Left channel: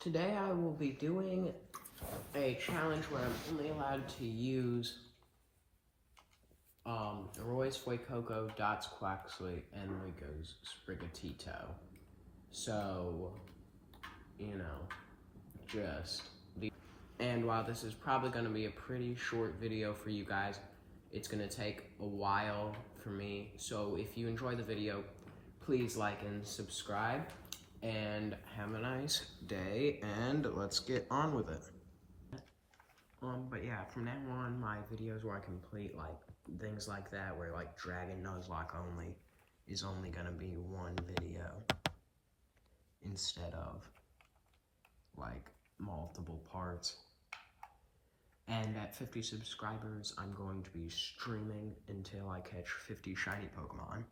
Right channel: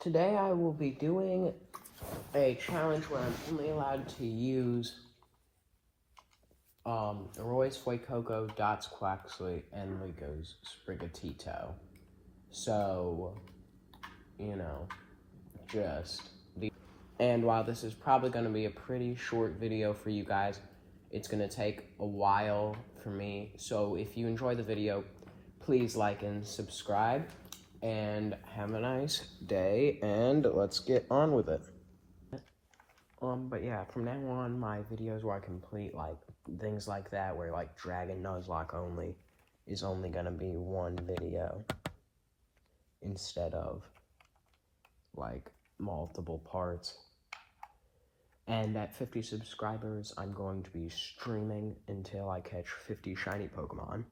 Today I will be doing a challenge where I'm only allowed to use Roy's Fuecoco, Dots Quaxley, and Rico's Sprigatito. So, just the. And while this is probably going to be a pretty short video for you guys, it's going to take a while for me. So if you enjoy the video, please like and subscribe. And have a nice day, and let's get on with it. But yeah, from now on, my videos where I complete, things like that, where, Dragon Nuzlocke only, is only gonna be one video, instead of, multiple parts. And at 50 subscribers, I'm going to be streaming until I catch 50 shiny Pokemon.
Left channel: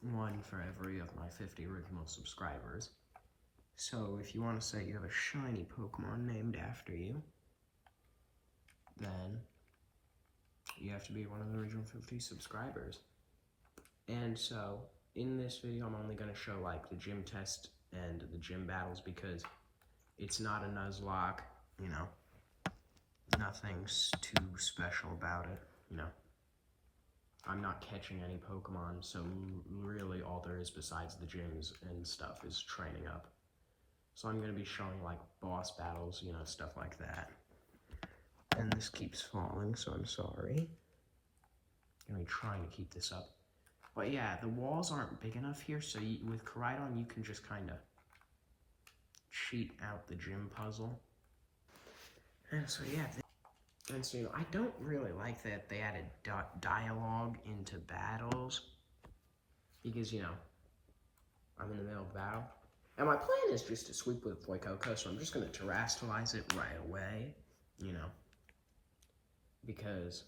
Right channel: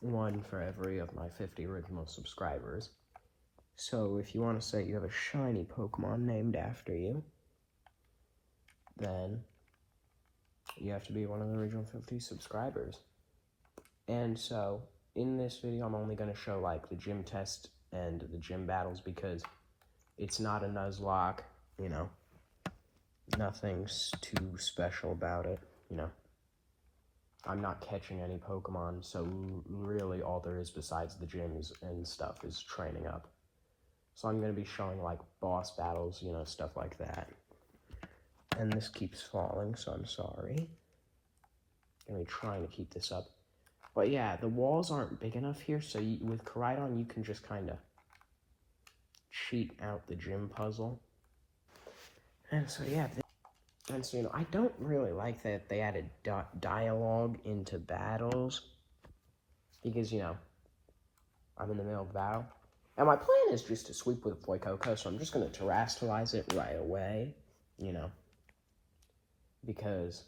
One for every of my 50 original subscribers. So if you want to say you have a shiny Pokemon named after you, then you have to be one of the original 50 subscribers. And so, in this video, I'm only going to show, the gym test and the gym battles, because it's not a Nuzlocke, nothing's too special about it, I'm not catching any Pokemon, so really all there is besides the gyms and stuff is training up. So I'm going to be showing, boss battles, stuff like that. And this keeps falling, so I'm sorry. I'm going to be trying to keep this up. But yeah, the walls aren't big enough here, so with Koraidon, you can just kind of cheat out the gym puzzle. And so yeah, and so, I don't really like that they added dialogue into battles, because, I'm in the middle of the battle. And my plan is just to sweep with Fuecoco, so I'm just going to terrestrialize it right away, because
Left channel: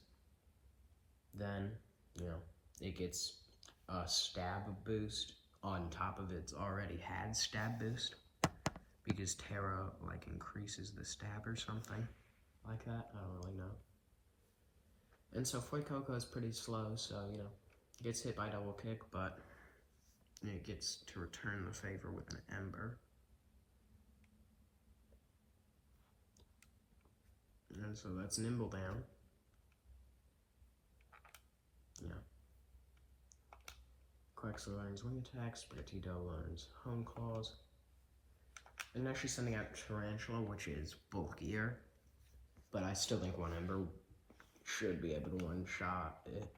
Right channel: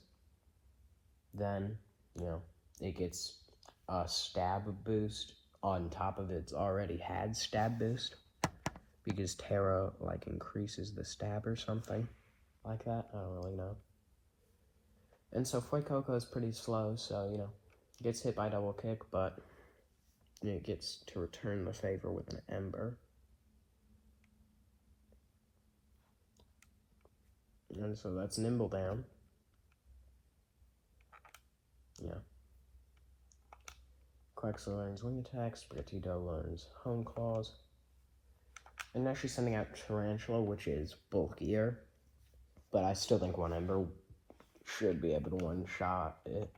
then, it gets a stab boost on top of its already had stab boost, because Terra, increases the stab or something like that. I don't really know. And so Fuecoco is pretty slow, so, gets hit by double kick, but it gets to return the favor with an Ember. And so that's Nimble down. Yeah. Quaxley learns Wing Attack, Sprigatito learns Hone Claws. And now she's sending out Tarantula, which is bulkier. But I still think one Ember should be able to one-shot it.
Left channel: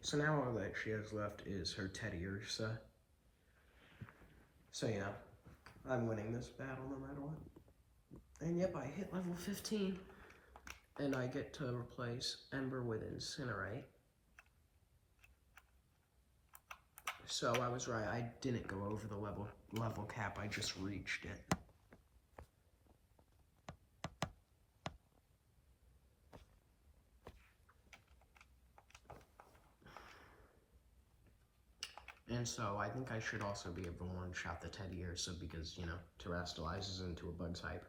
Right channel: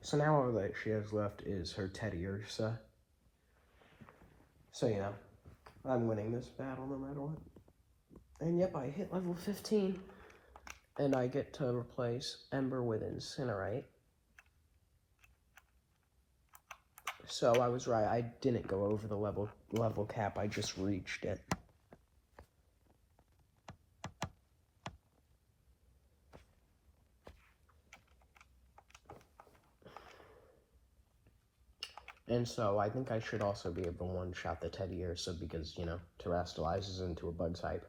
So now all that she has left is her Teddiursa. So, I'm winning this battle no matter what. And yep, I hit level 15. And I get to replace Ember with Incinerate. So I was right, I didn't go over the level cap, I just reached it. And so I think I should also be able to one-shot the Teddiursa because, terrestrializes into a bug type.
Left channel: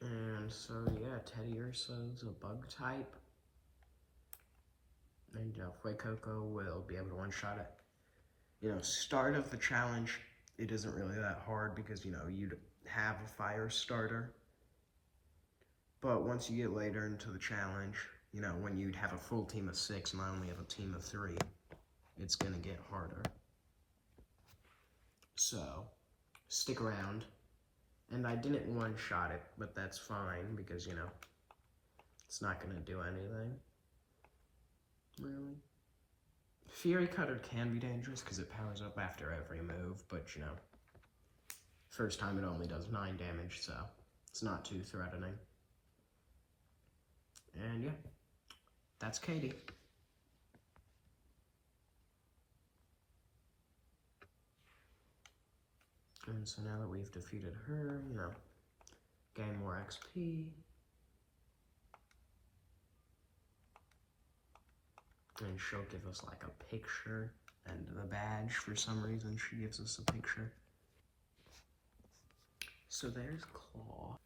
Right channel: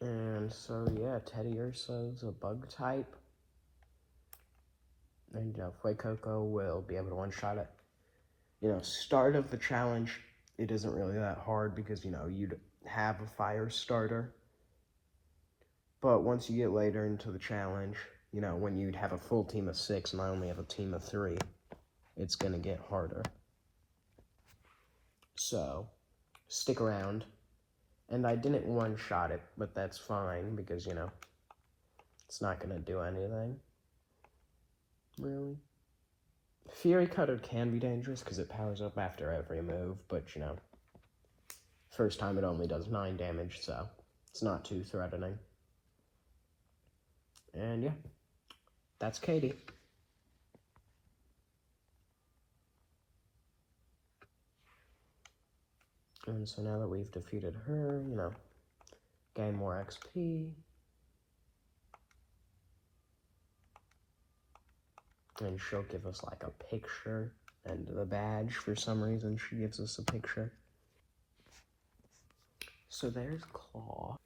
And so, yeah, Teddiursa is a bug type. And, Fuecoco will be able to one-shot it. Start of the challenge, it isn't really that hard because, you'd have a fire starter. But once you get later into the challenge, when you'd have a full team of 6 and I only have a team of 3, it's going to get harder. So, stick around. And I didn't one-shot it, but that's fine because, it's not going to do anything. Really? Fury Cutter can be dangerous because it powers up after every move, but, first time it only does 9 damage, so it's not too threatening. And yeah, that's Katie. And so now that we've defeated her, gain more XP. And she'll give us like a picture and the badge. For some reason, she gives us a picture. So there's Claw.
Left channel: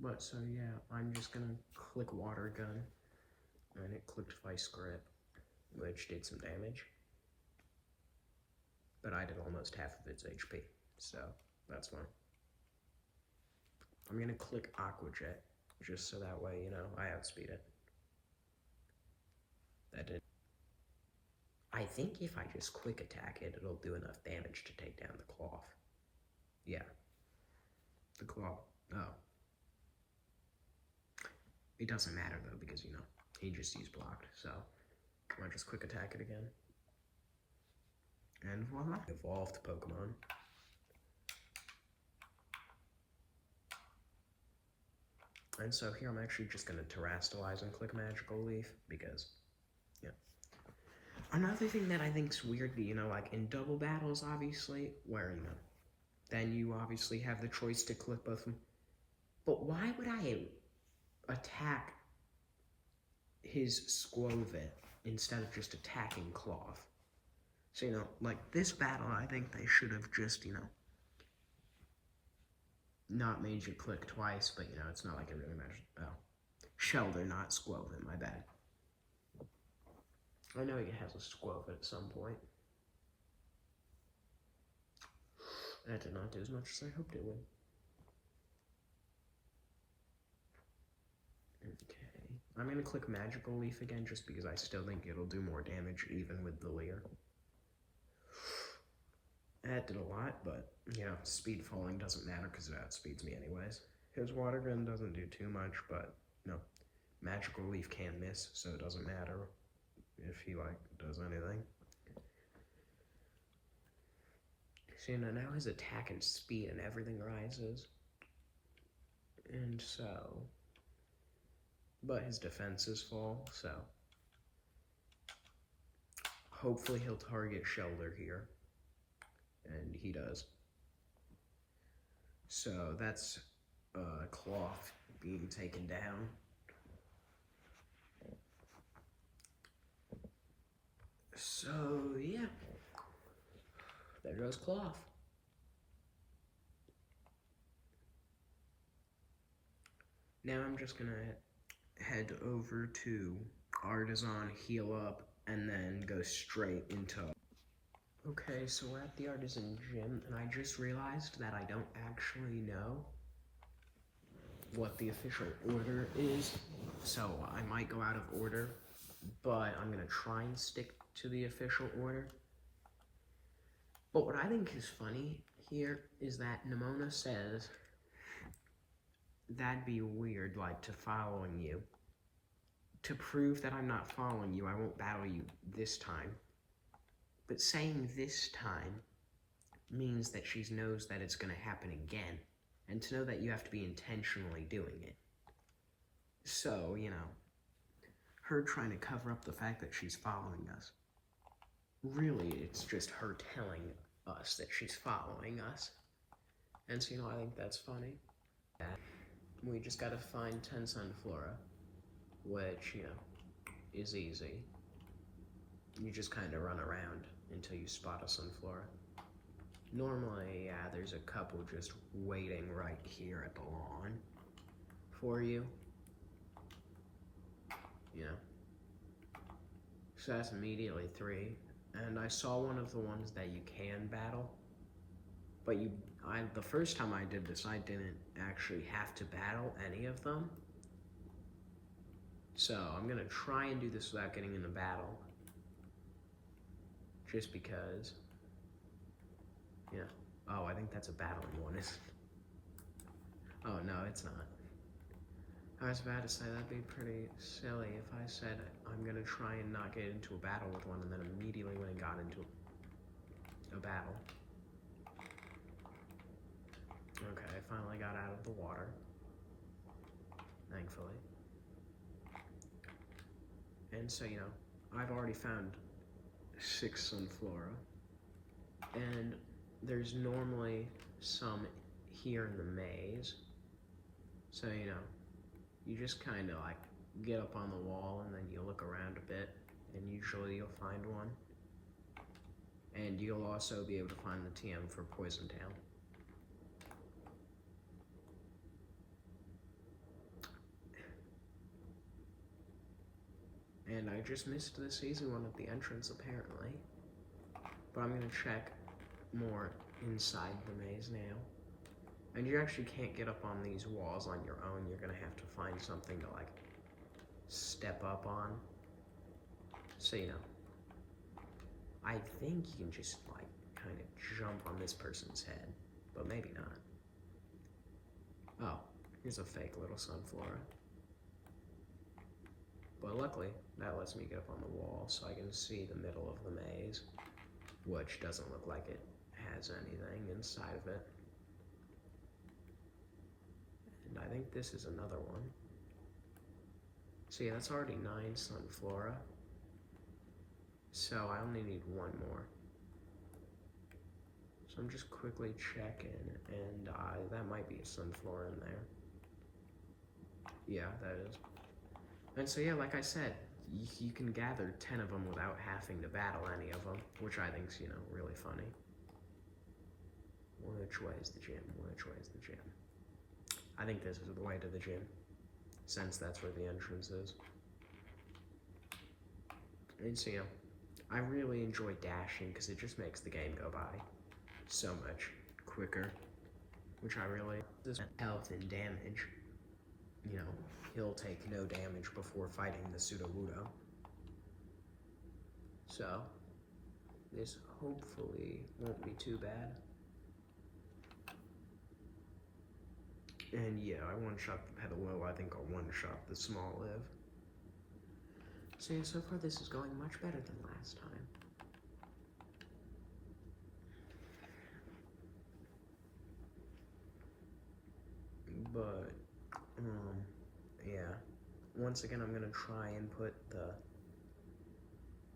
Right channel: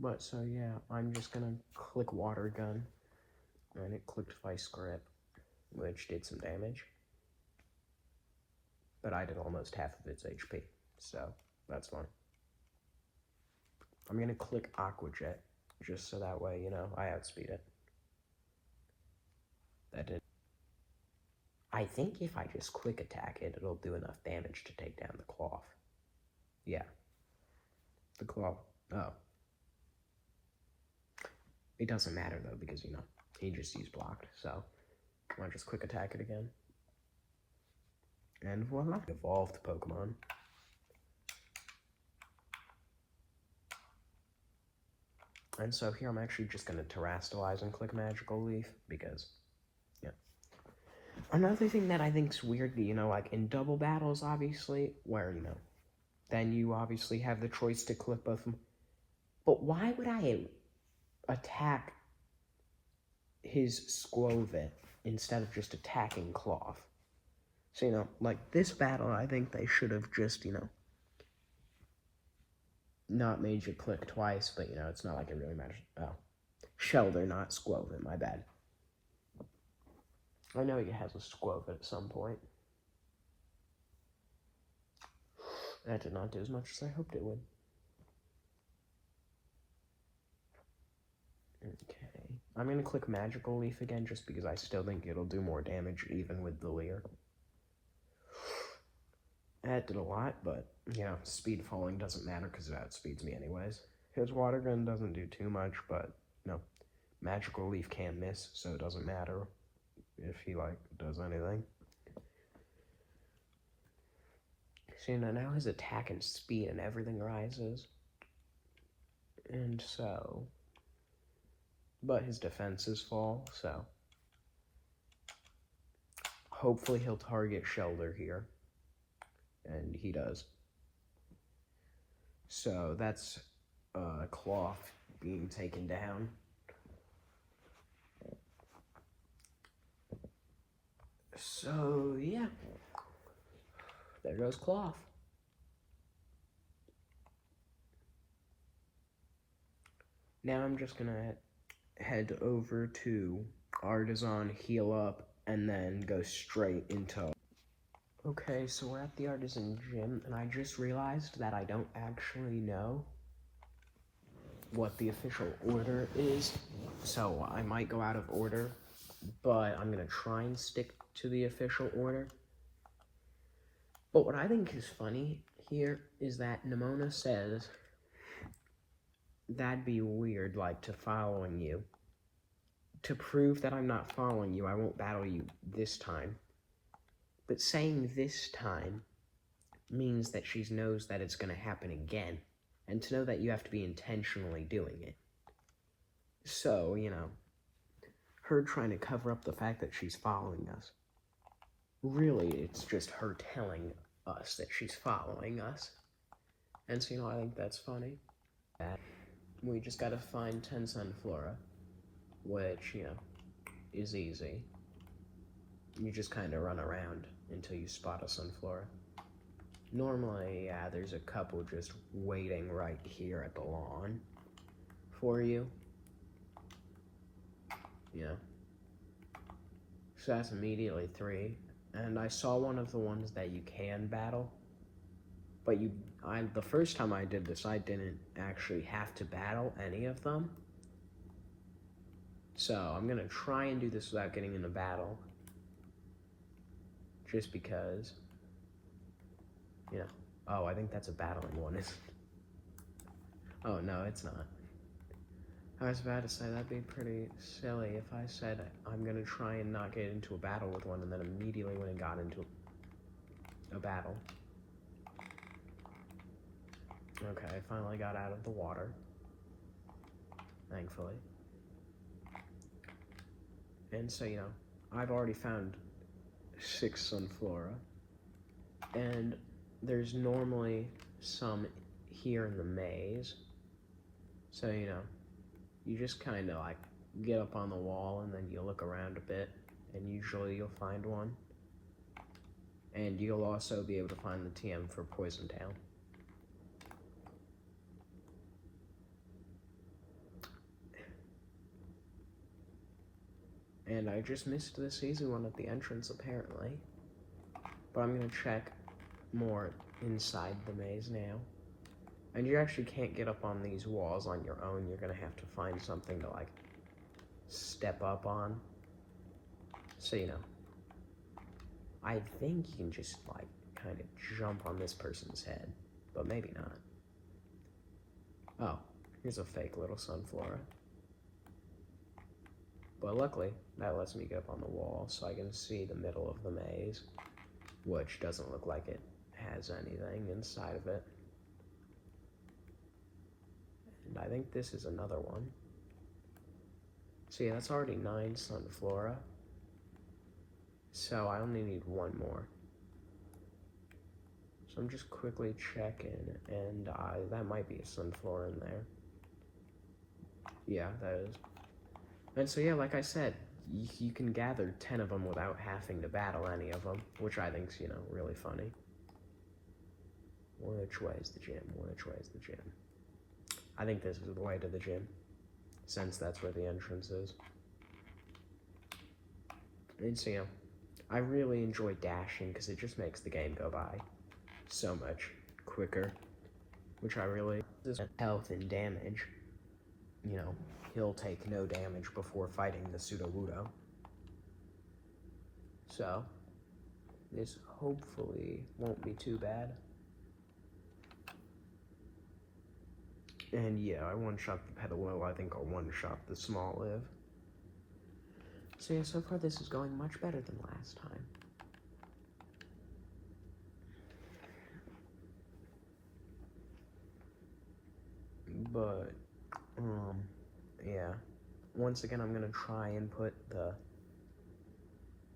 But so yeah, I'm just gonna click Water Gun. And it clicked Vice Grip, which did some damage. But I did almost half of its HP, so that's fine. I'm gonna click Aqua Jet, just so that way, you know, I outspeed it. That did. I think if I just quick attack it, it'll do enough damage to take down the Claw. Yeah. The Claw. Oh. It doesn't matter though, because, you know, he just used blocked, so I just quick attack it again. And voila. Evolved Pokemon. And so here I'm actually just going to Terrastalize and click Magical Leaf, because, yeah. Another thing that I think is weird, you know, like in double battles, obviously, where, you know, then you obviously have the choice to click both of them. But why would I attack his Skwovet instead of just attacking Cloth? So, you know, like this battle, I think they should have just, you know, not made you click twice, but, you know, it's not like it really matters. Oh. Shelter, not Skwovet, my bad. I know he has a Skwovet at some point. That did not do as much as I hoped it would. Okay. I'm going to click Magical Leaf again, just because I still think it'll do more damage, even with the Leer. That did a lot, but, yeah, speed falling doesn't matter, because it outspeeds me anyways. His Water Gun doesn't do too much, but, no. Magical Leaf can't miss, so it doesn't matter if he, like, does anything. So, you know, now his attack and speed and everything rises. And so... But his defenses fall, so... Hopefully he'll target Shelter here. And he does. So, that's Cloth being taken down. So, yeah. There goes Cloth. Now I'm just gonna head over to Artisan, heal up, and then go straight into... Okay, so we're at the Artisan Gym, and I just realized that I don't actually know what the official order is, so I might go out of order, but I'm gonna try and stick to the official order. But what I think is funny here is that Nemona says, that'd be weird, like, to following you. To prove that I'm not following you, I won't battle you this time. But saying this time means that she knows that it's going to happen again. And to know that you have to be intentionally doing it. So, you know, her trying to cover up the fact that she's following us. Really, it's just her telling us that she's following us. And so, you know, I think that's funny. We just gotta find 10 Sunflora, which, you know, is easy. You just kind of run around until you spot a Sunflora. Normally, yeah, there's a couple just waiting right here at the lawn for you. You know. So that's immediately 3. And I saw one of the ones that you can battle. But the first time I did this, I didn't actually have to battle any of them. So I'm gonna try and do this without getting in a battle. Just because, you know. Oh, I think that's a battling one, isn't it? Oh, no, it's not. I was about to say that'd be pretty silly if I said I'm gonna try and not get into a battle with one and then immediately when it got into a battle. Okay, I finally got out of the water. Thankfully. And so, you know, I've already found 6 Sunflora. And there's normally some here in the maze. So, you just kind of like get up on the wall and then you look around a bit, and usually you'll find one. And you'll also be able to find the TM for Poison Town. And I just missed this easy one at the entrance, apparently. But I'm going to check more inside the maze now. And you actually can't get up on these walls on your own. You're going to have to find something to, like, step up on. So, I think you can just, like, kind of jump on this person's head. But maybe not. Oh, here's a fake little Sunflora. But luckily, that lets me get up on the wall so I can see the middle of the maze, which doesn't look like it has anything inside of it. And I think this is another one. So yeah, that's already 9 Sunflora. So I only need one more. So I'm just quickly checking, and that might be a Sunflora in there. Yeah, that is. And so yeah, like I said, you can gather 10 of them without having to battle any of them, which I think's, really funny. Which way is the gym? Which way is the gym? I think this is the way to the gym, since that's where the entrance is. And so, I really enjoy dashing because it just makes the game go by so much quicker, which I really, this health and damage, he'll take no damage before fighting the Sudowoodo. So, this hopefully won't be too bad. And yeah, I one-shot the Petalil. I think I'll one-shot the Smoliv. So yeah, so far this is going much better than last time. But, yeah. Once again, I'm gonna try and put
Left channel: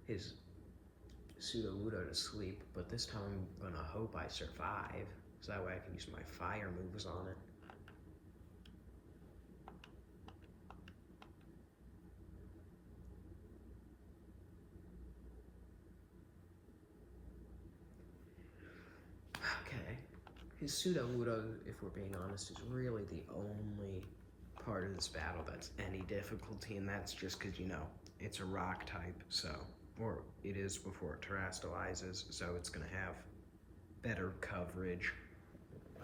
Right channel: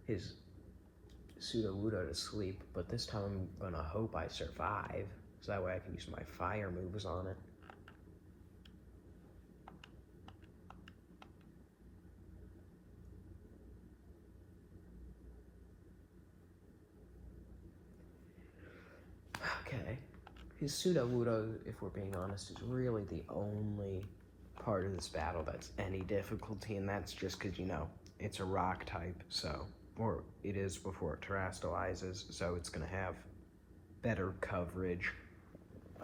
his Sudowoodo to sleep, but this time I'm gonna hope I survive, so that way I can use my fire moves on it. Okay. His Sudowoodo, if we're being honest, is really the only part of this battle that's any difficulty, and that's just because, it's a rock type, so, or it is before it terastallizes, so it's going to have better coverage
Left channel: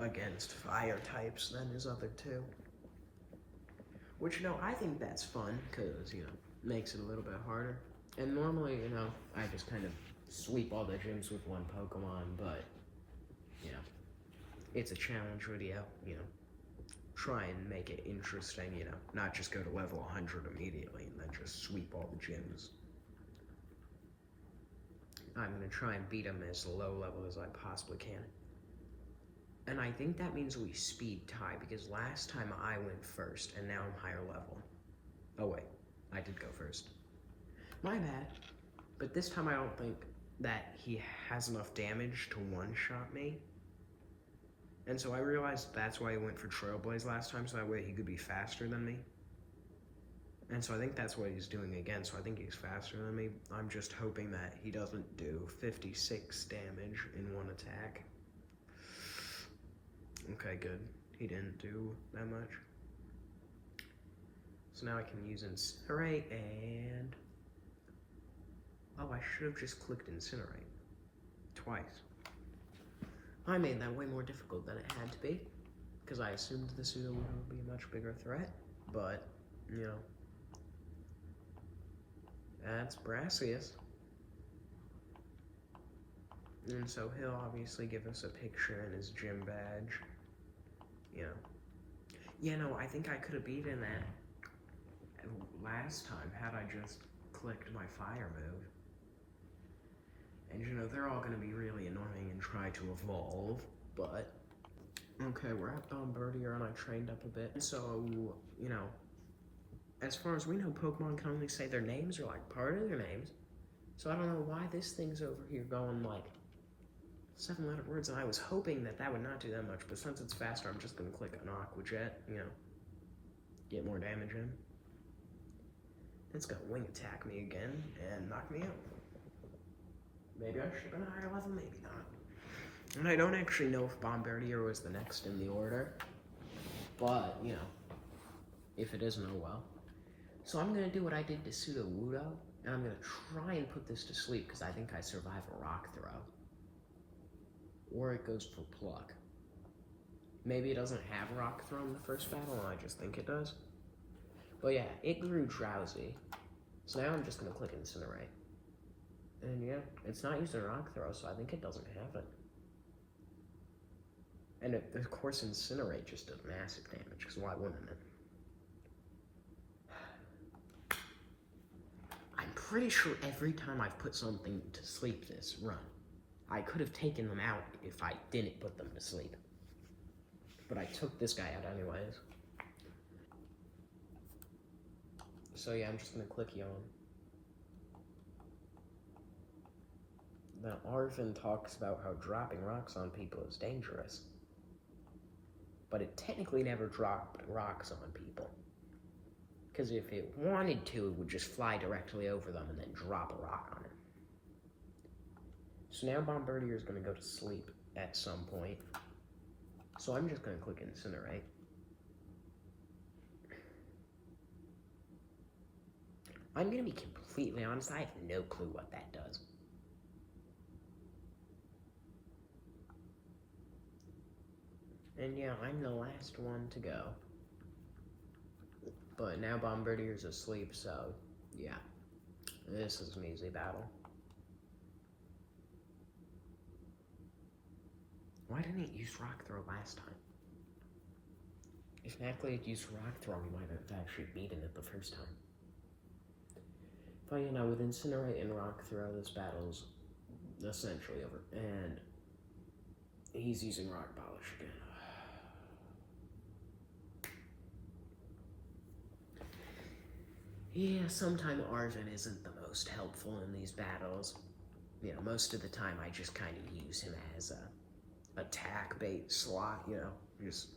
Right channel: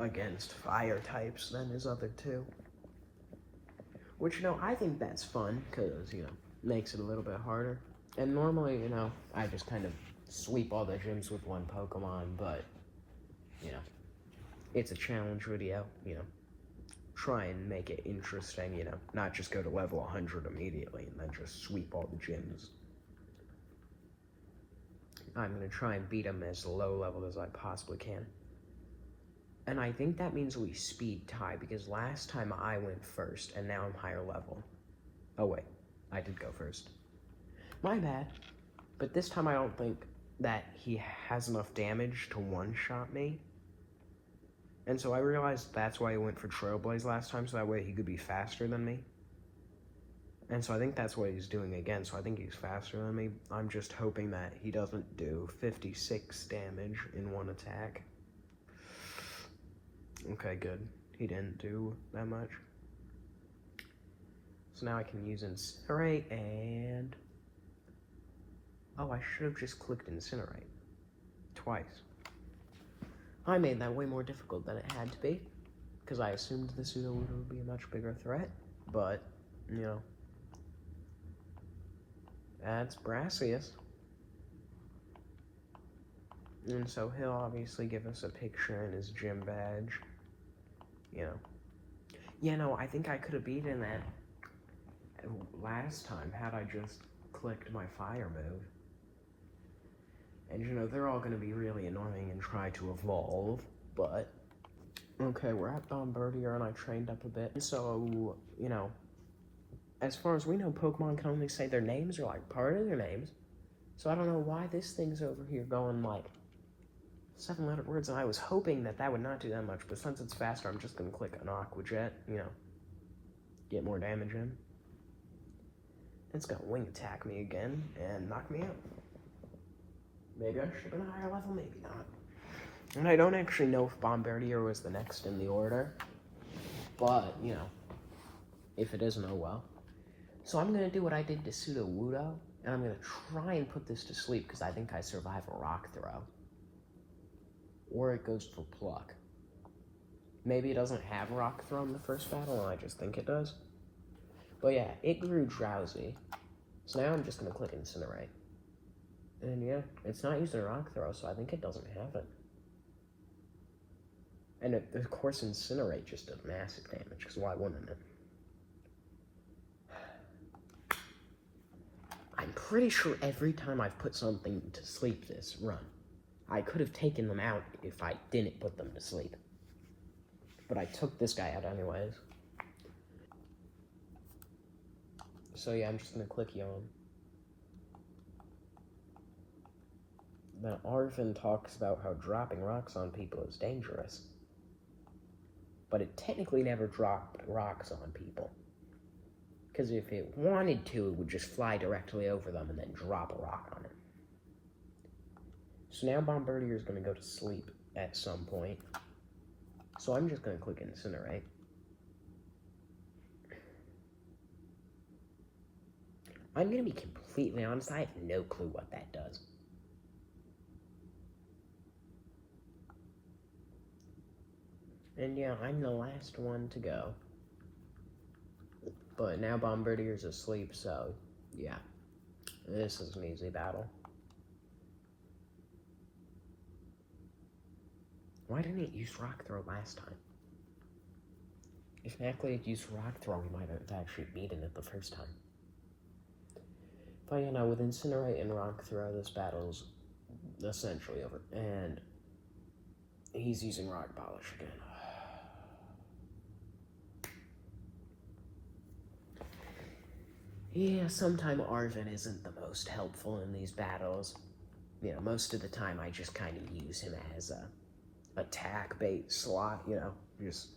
against fire types than his other two. Which, I think that's fun, because, makes it a little bit harder. And normally, I just kind of sweep all the gyms with one Pokemon, but, it's a challenge video, try and make it interesting, not just go to level 100 immediately and then just sweep all the gyms. I'm going to try and beat him as low level as I possibly can. And I think that means we speed tie, because last time I went first, and now I'm higher level. Oh wait, I did go first. My bad. But this time I don't think that he has enough damage to one-shot me. And so I realized that's why he went for Trailblaze last time, so that way he could be faster than me. And so I think that's what he's doing again, so I think he's faster than me. I'm just hoping that he doesn't do 56 damage in one attack. Okay, good. He didn't do that much. So now I can use Incinerate and... Oh, I should have just clicked Incinerate. Twice. I made that way more difficult than it had to be, because I assumed the Sudowoodo would be a much bigger threat, but, that's Brassius. And so he'll obviously give us a picture in his gym badge, I think I could have beaten that last time had I just clicked my fire move. And, they're all going to be really annoying and try to evolve, but... Okay, we're at Don Birdier, and I trained up a bit. So, as far as we know, Pokemon can only say their names, or, part of their names. So I don't know why this thing's over here going, 7-letter words, and I was hoping that that would not do that much, but since it's faster, I'm just going to click an Aqua Jet, get more damage in. It's gonna wing attack me again and knock me out. Maybe I should have been a higher level, maybe not. And I don't actually know if Bombardier was the next in the order, but, you know, if it isn't, oh well. So I'm gonna do what I did to Sudowoodo, and I'm gonna try and put this to sleep, because I think I survive a rock throw. Or it goes for pluck. Maybe it doesn't have rock throw in the first battle, and I just think it does. But yeah, it grew drowsy. So now I'm just gonna click Incinerate. And yeah, it's not using rock throw, so I think it doesn't have it. And of course Incinerate just does massive damage, because why wouldn't it? I'm pretty sure every time I've put something to sleep this run, I could have taken them out if I didn't put them to sleep. But I took this guy out anyways. So yeah, I'm just gonna click Yawn. Now Arven talks about how dropping rocks on people is dangerous. But it technically never dropped rocks on people. Because if it wanted to, it would just fly directly over them and then drop a rock on it. So now Bombardier is going to go to sleep at some point. So I'm just going to click Incinerate. I'm going to be completely honest, I have no clue what that does. And yeah, I'm the last one to go. But now Bombardier's asleep, so yeah. This is an easy battle. Why didn't it use Rock Throw last time? If Nacli had used Rock Throw, we might have actually beaten it the first time. But you know, with Incinerate and Rock Throw, this battle's essentially over. And he's using Rock Polish again. Yeah, sometimes Arven isn't the most helpful in these battles. You know, most of the time I just kind of use him as a attack bait slot, you know, just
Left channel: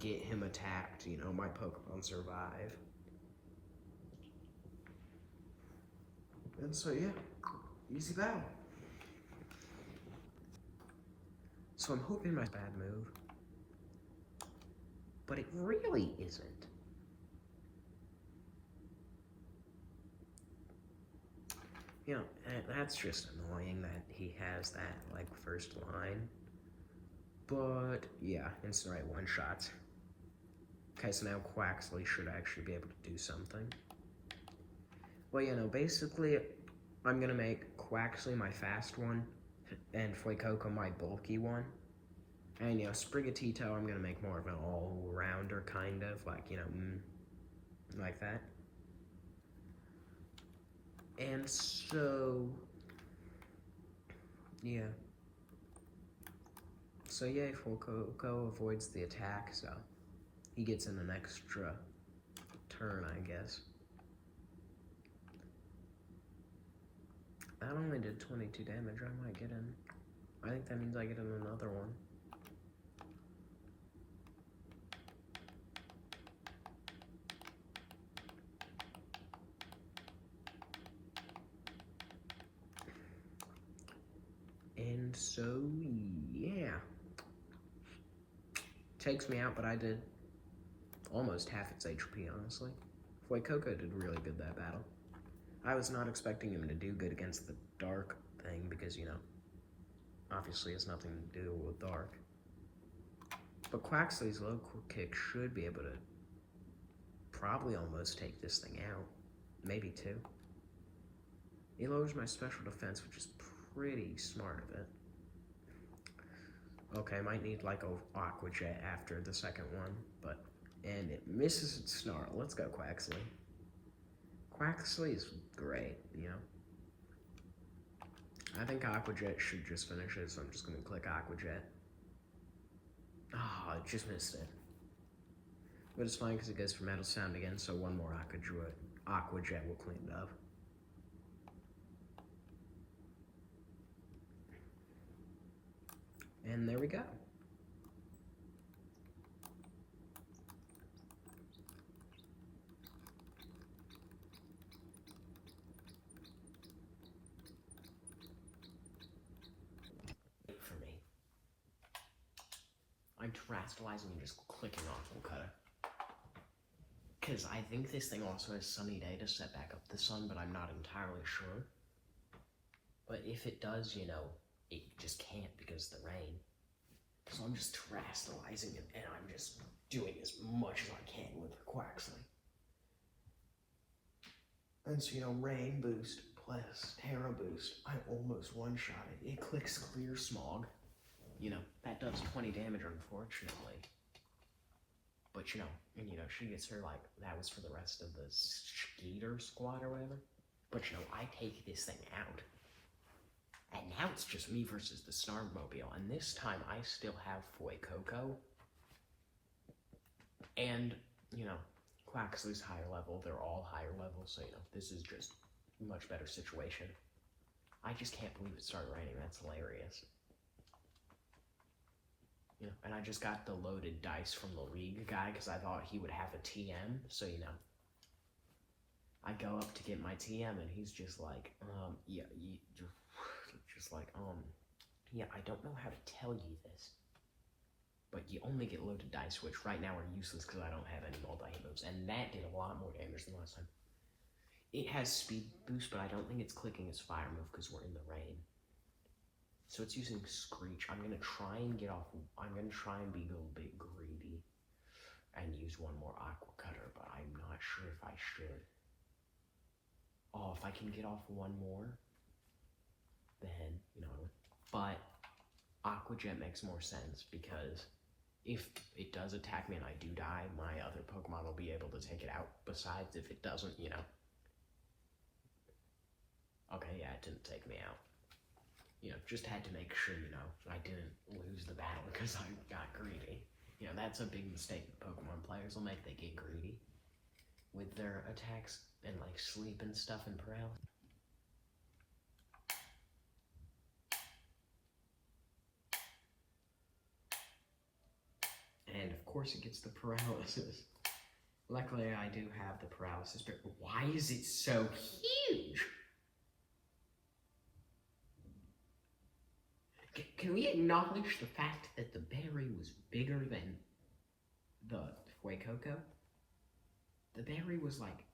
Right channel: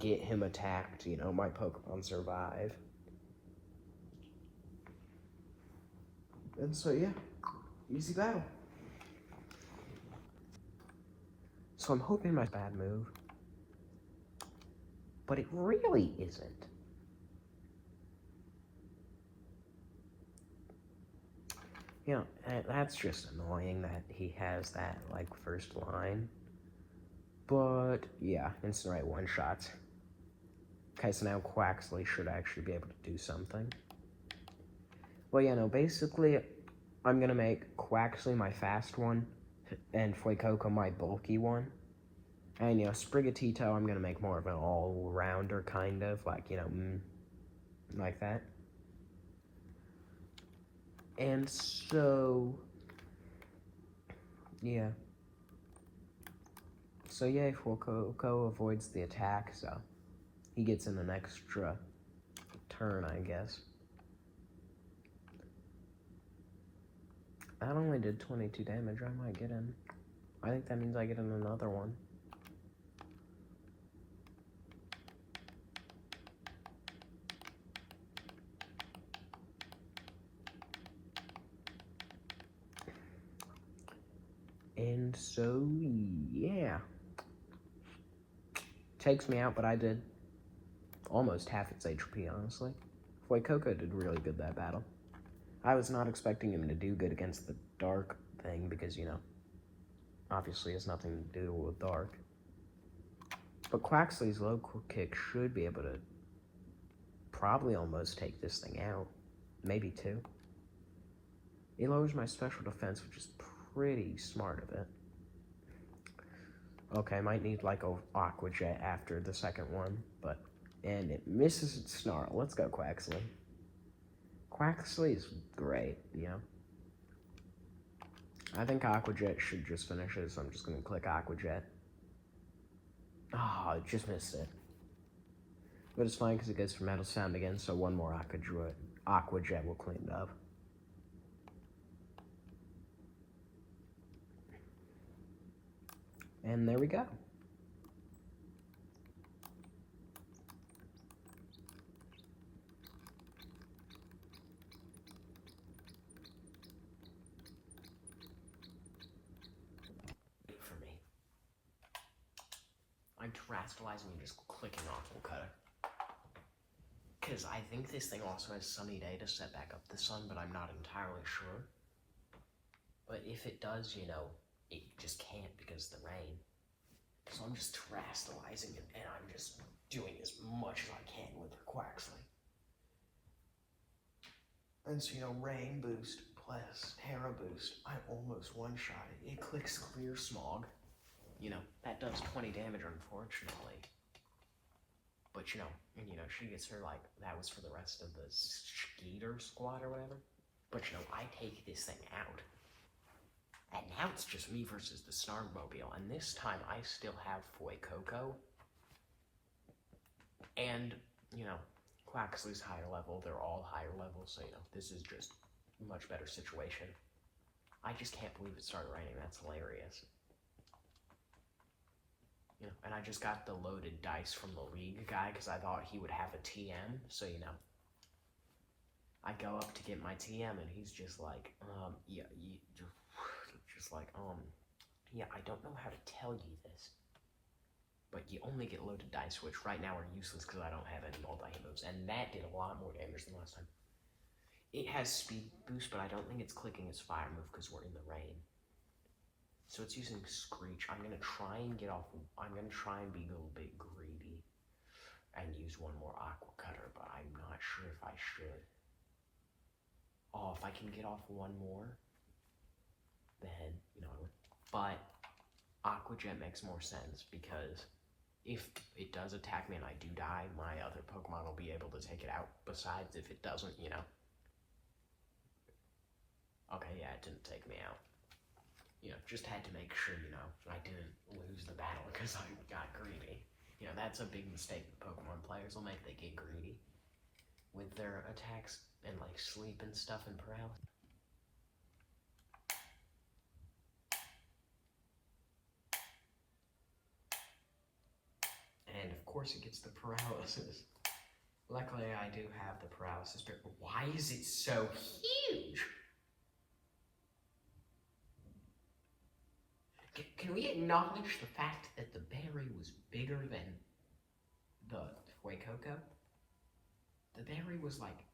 get him attacked, you know, my Pokemon survive. And so yeah, easy battle. So I'm hoping my bad move, but it really isn't. You know, that's just annoying that he has that, like, first line. But, yeah, Incinerate one-shots. Okay, so now Quaxly should actually be able to do something. Well, yeah, no, basically, I'm gonna make Quaxly my fast one, and Fuecoco my bulky one. And, you know, Sprigatito, I'm gonna make more of an all-rounder, kind of, like, you know, like that. And so, yeah. So yeah, Fuecoco avoids the attack, so he gets in an extra turn, I guess. That only did 22 damage, I might get in. I think that means I get in another one. And so, yeah. Takes me out, but I did almost half its HP, honestly. Fuecoco did really good that battle. I was not expecting him to do good against the dark thing, because, you know, obviously has nothing to do with dark. But Quaxly's low kick should be able to probably almost take this thing out. Maybe two. It lowers my special defense, which is pretty smart of it. Okay, might need like a Aqua Jet after the second one, but and it misses its Snarl. Let's go, Quaxly. Quaxly is great, you know. I think Aqua Jet should just finish it, so I'm just gonna click Aqua Jet. Oh, it just missed it. But it's fine because it goes for Metal Sound again, so one more Aqua Jet will clean it up. And there we go. I'm terastallizing and just clicking Aqua Cutter. Because I think this thing also has Sunny Day to set back up the sun, but I'm not entirely sure. But if it does, you know, it just can't because of the rain. So I'm just terastallizing it, and I'm just doing as much as I can with the Quaxly. And so, you know, rain boost plus Terra boost, I almost one-shot it. It clicks Clear Smog. You know, that does 20 damage, unfortunately. But, you know, and, you know, she gets her, like, that was for the rest of the Skeeter squad or whatever. But, you know, I take this thing out. And now it's just me versus the Snargmobile. And this time I still have Fuecoco. And, you know, Quaxly's higher level. They're all higher level. So, you know, this is just a much better situation. I just can't believe it started raining. That's hilarious. You know, and I just got the loaded dice from the League guy because I thought he would have a TM. So, you know, I go up to get my TM and he's just like, yeah, just like, yeah, I don't know how to tell you this, but you only get loaded dice, which right now are useless because I don't have any multi-hit moves, and that did a lot more damage than last time. It has speed boost, but I don't think it's clicking its fire move because we're in the rain. So it's using Screech. I'm gonna try and get off. I'm gonna try and be a little bit greedy and use one more Aqua Cutter, but I'm not sure if I should. Oh, if I can get off one more, then, you know, but Aqua Jet makes more sense because if it does attack me and I do die, my other Pokemon will be able to take it out. Besides, if it doesn't, you know. Okay, yeah, it didn't take me out. You know, just had to make sure, you know, I didn't lose the battle because I got greedy. You know, that's a big mistake that Pokemon players will make. They get greedy with their attacks and, like, sleep and stuff and paralysis. And, of course, it gets the paralysis. Luckily, I do have the paralysis, but why is it so huge? Can we acknowledge the fact that the berry was bigger than the Fuecoco? The berry was like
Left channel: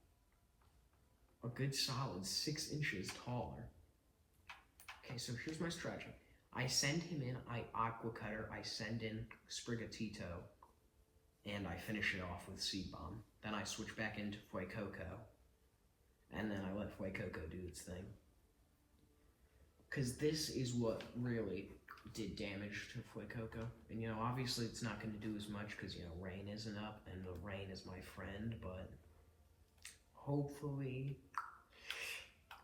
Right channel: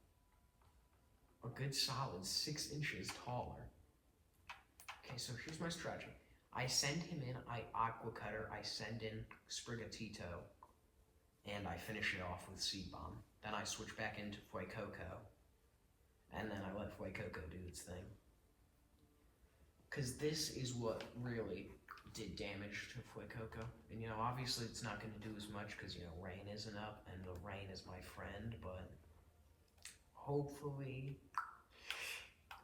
a good solid 6 inches taller. Okay, so here's my strategy. I send him in, I Aqua Cutter, I send in Sprigatito, and I finish it off with Seed Bomb. Then I switch back into Fuecoco, and then I let Fuecoco do its thing. Because this is what really did damage to Fuecoco. And, you know, obviously it's not going to do as much because, you know, rain isn't up, and the rain is my friend, but hopefully,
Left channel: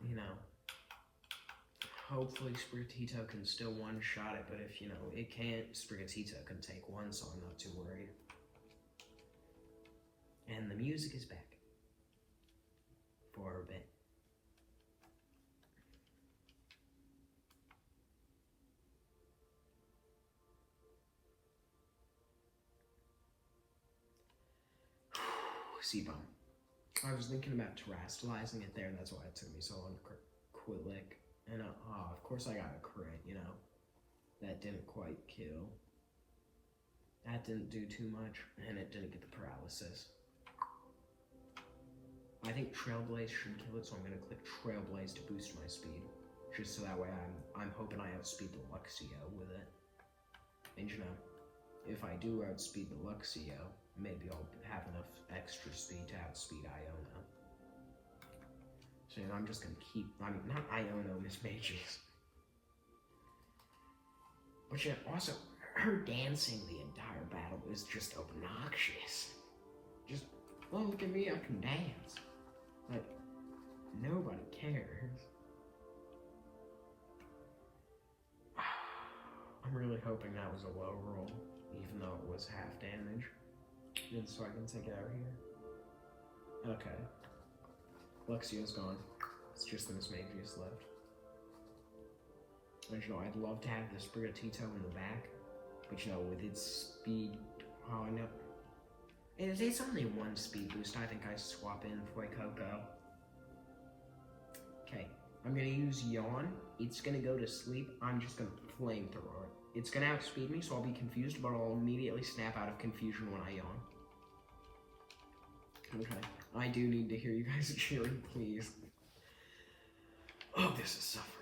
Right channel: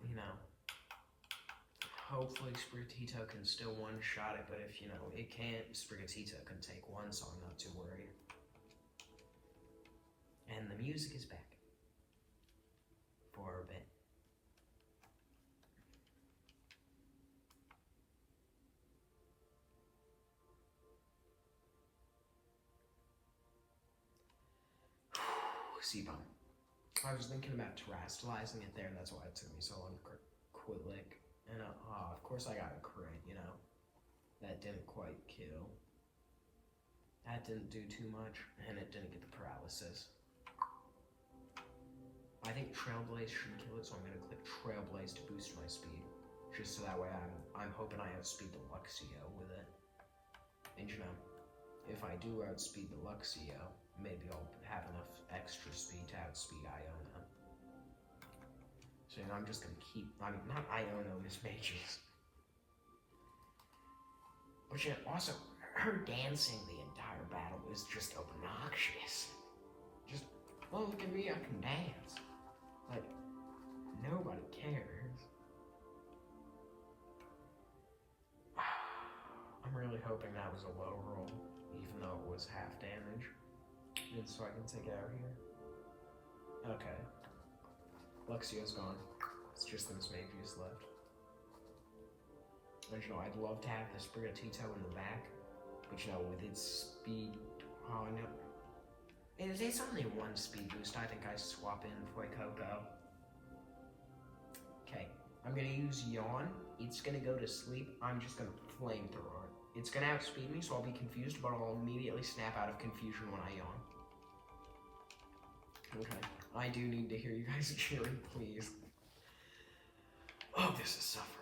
you know, hopefully Sprigatito can still one-shot it, but if, you know, it can't, Sprigatito can take one, so I'm not too worried. And the music is back. For a bit. Seed Bomb. I was thinking about terastallizing it there, and that's why it took me so long to Quillick. And of course I got a crit, you know. That didn't quite kill. That didn't do too much, and it didn't get the paralysis. I think Trailblaze should kill it, so I'm gonna click Trailblaze to boost my speed. Just so that way I'm hoping I outspeed the Luxio with it. And you know, if I do outspeed the Luxio, maybe I'll have enough extra speed to outspeed Iono. So I'm just gonna keep, I mean, not Iono, Miss Mages. But yet, also, her dancing the entire battle is just obnoxious. Just, oh, look at me, I can dance. Like, nobody cares. I'm really hoping that was a low roll, even though it was half damage. And so I can take it out here. Okay. Luxio's gone. It's just the Miss Magius left. And you know, I'd love to have the Sprigatito in the back, but you know, with its speed hauling up. And if it's only one speed boost, I think I swap in Fuecoco. Okay, I'm gonna use Yawn. It's gonna go to sleep. I'm just gonna flamethrower it. It's gonna outspeed me, so I'll be confused, but I'll immediately snap out of confusion when I yawn. Okay, I do need to hear you guys cheering, please. Oh, this is suffering.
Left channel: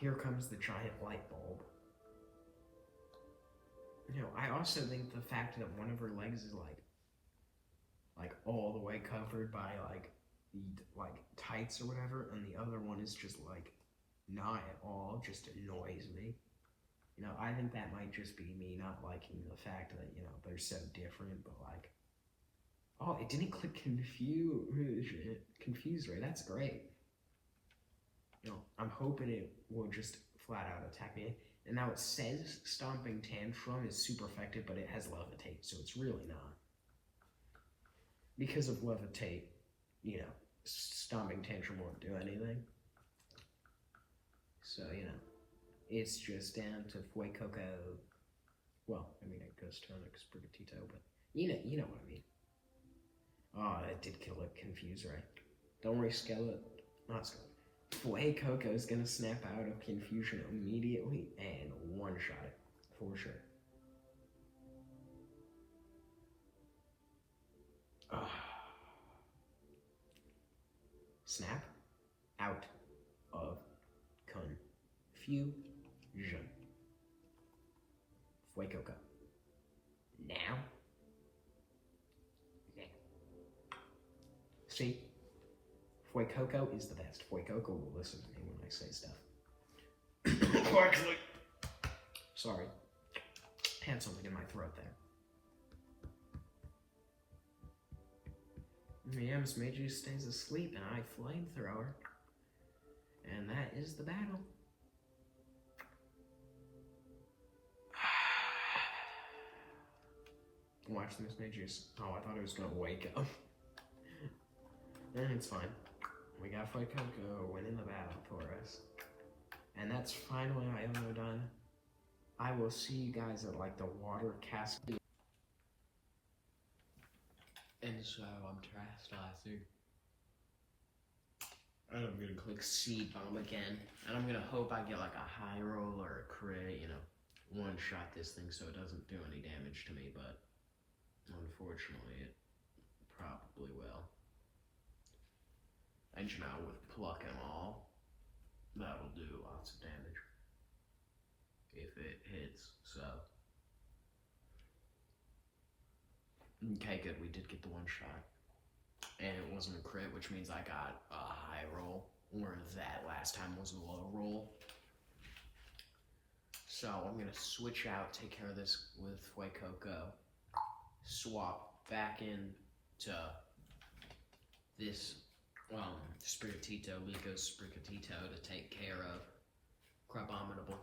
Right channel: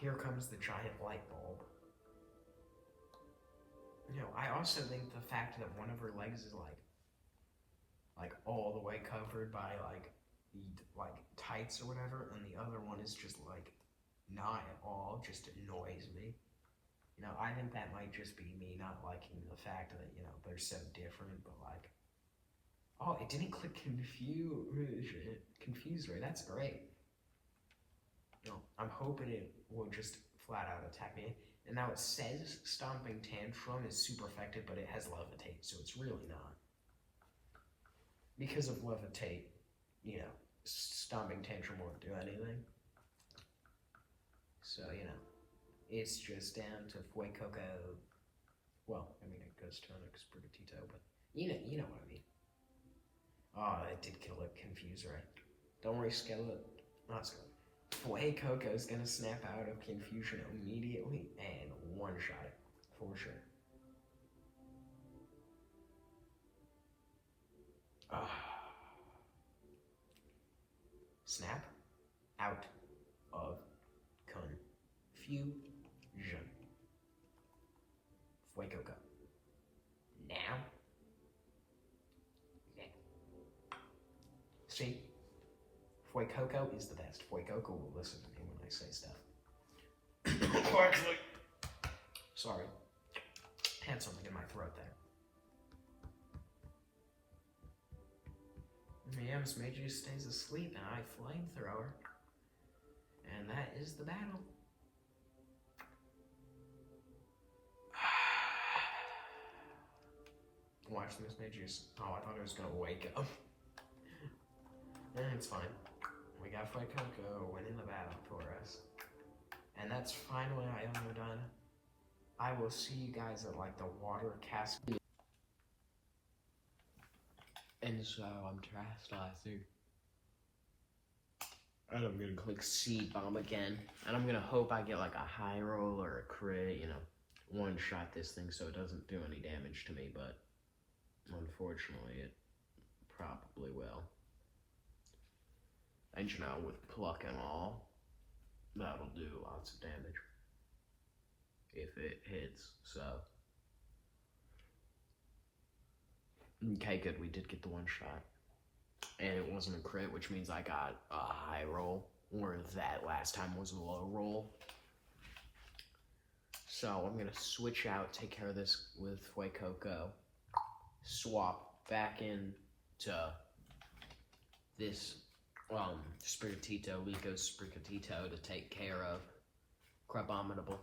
Here comes the giant light bulb. I also think the fact that one of her legs is like all the way covered by like tights or whatever, and the other one is just like not at all, just annoys me. I think that might just be me not liking the fact that they're so different, but like, oh, it didn't click confuse her. That's great. I'm hoping it will just flat out attack me. And now it says Stomping Tantrum is super effective, but it has Levitate, so it's really not. Because of Levitate, Stomping Tantrum won't do anything. So, it's just down to Fuecoco. Well, I mean, it goes to an Sprigatito, but you know what I mean. Oh, that did kill it. Confuse, right? Don't worry, Skeleton. Not Skeleton. Fuecoco is gonna snap out of confusion immediately and one-shot it, for sure. Snap out of confusion. Fuecoco. Now. See? Fuecoco is the best. Fuecoco will listen to me when I say stuff. Actually, sorry. Had something in my throat there. Meow's Mage stays asleep and I flamethrower. And that is the battle. Watch this Mage's. Oh, I thought it was gonna wake up. It's fine. We got Fuecoco winning the battle for us. And that's finally Iono done. I will see you guys at like the water castle. And so I'm chastising. And I'm gonna click Seed Bomb again. And I'm gonna hope I get like a high roll or a crit, one shot this thing so it doesn't do any damage to me, but unfortunately it probably will. And with pluck and all, that'll do lots of damage. If it hits, so. Okay, good, we did get the one shot. And it wasn't a crit, which means I got a high roll, where that last time was a low roll. So I'm gonna switch out, take care of this with Fuecoco, swap back into this Sprigatito, Liko Sprigatito to take care of Crabominable.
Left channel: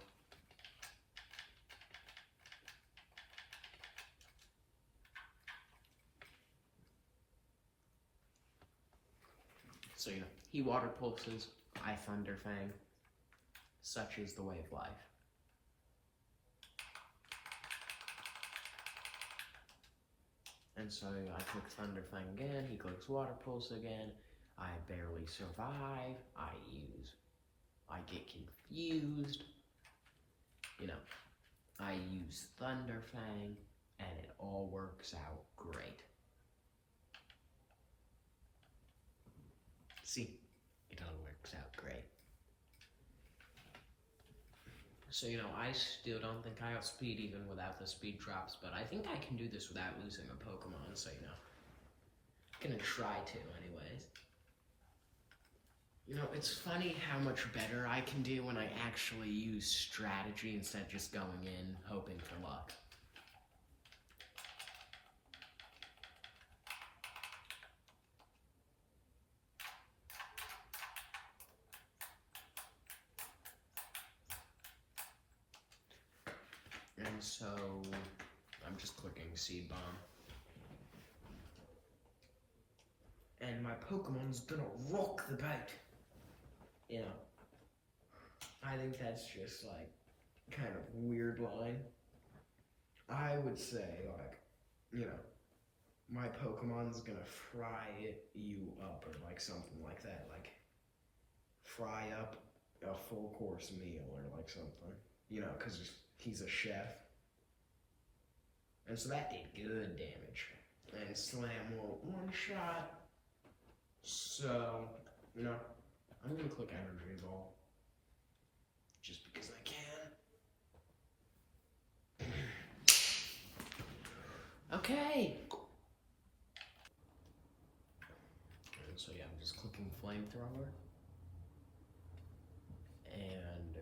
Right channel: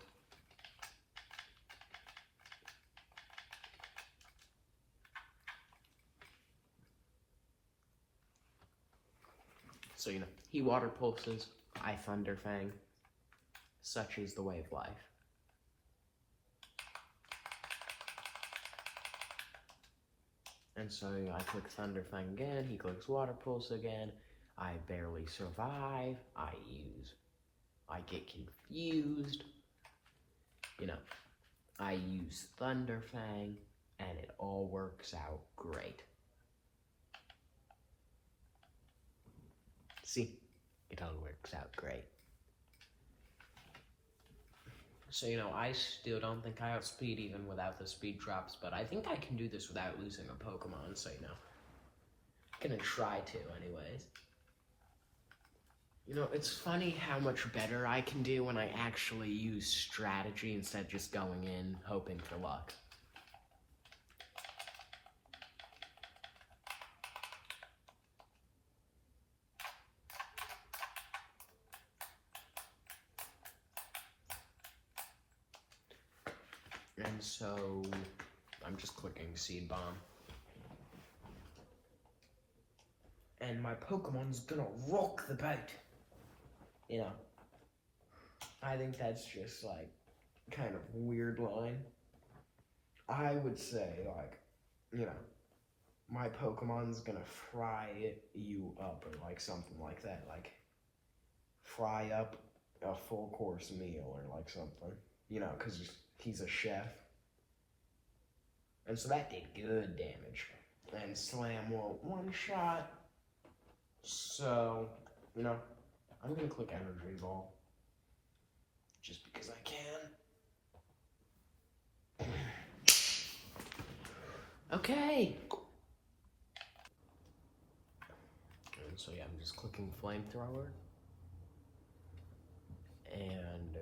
So, he water pulses, I Thunder Fang. Such is the way of life. And so I click Thunder Fang again, he clicks Water Pulse again. I barely survive, I get confused, I use Thunder Fang, and it all works out great. See, it all works out great. So, I still don't think I outspeed even without the speed drops, but I think I can do this without losing a Pokemon, so, I'm gonna try to anyways. It's funny how much better I can do when I actually use strategy instead of just going in hoping for luck. And so, I'm just clicking Seed Bomb. And my Pokemon's gonna rock the boat. Yeah. I think that's just like kind of weird line. I would say, like, you know, my Pokemon's gonna fry you up or like something like that. Like, fry up a full course meal or like something. You know, because he's a chef. And so that did good damage. And Slam will one shot. So, you know, I'm gonna click Energy Ball. Just because I can. Okay. And so yeah, I'm just clicking Flamethrower. And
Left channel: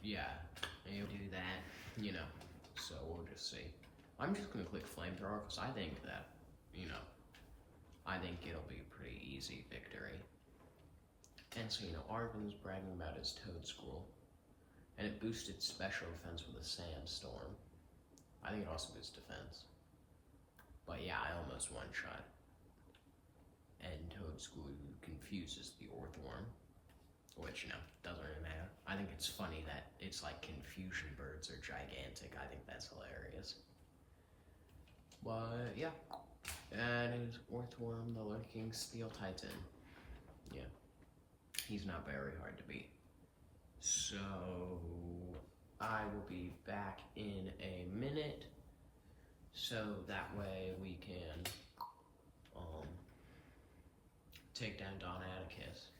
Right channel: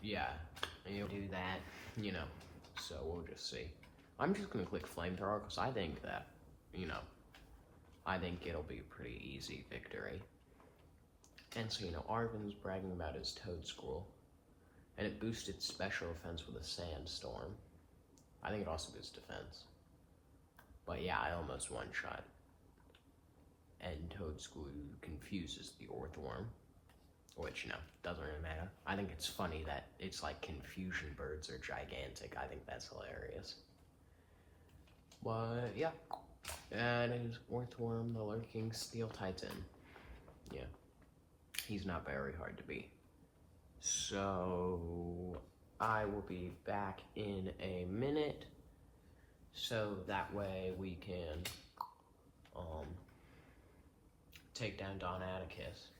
yeah, and you'll do that, you know. So we'll just see. I'm just gonna click Flamethrower because I think that, you know, I think it'll be a pretty easy victory. And so, you know, Arven's bragging about his Toedscool, and it boosted special defense with a Sandstorm. I think it also boosts defense. But yeah, I almost one-shot. And Toedscool confuses the Orthworm, which, you know, doesn't really matter. I think it's funny that it's like Confusion Birds are gigantic. I think that's hilarious. But yeah, and his Orthworm, the Lurking Steel Titan. Yeah, he's not very hard to beat. So I will be back in a minute, so that way we can take down Don Atticus.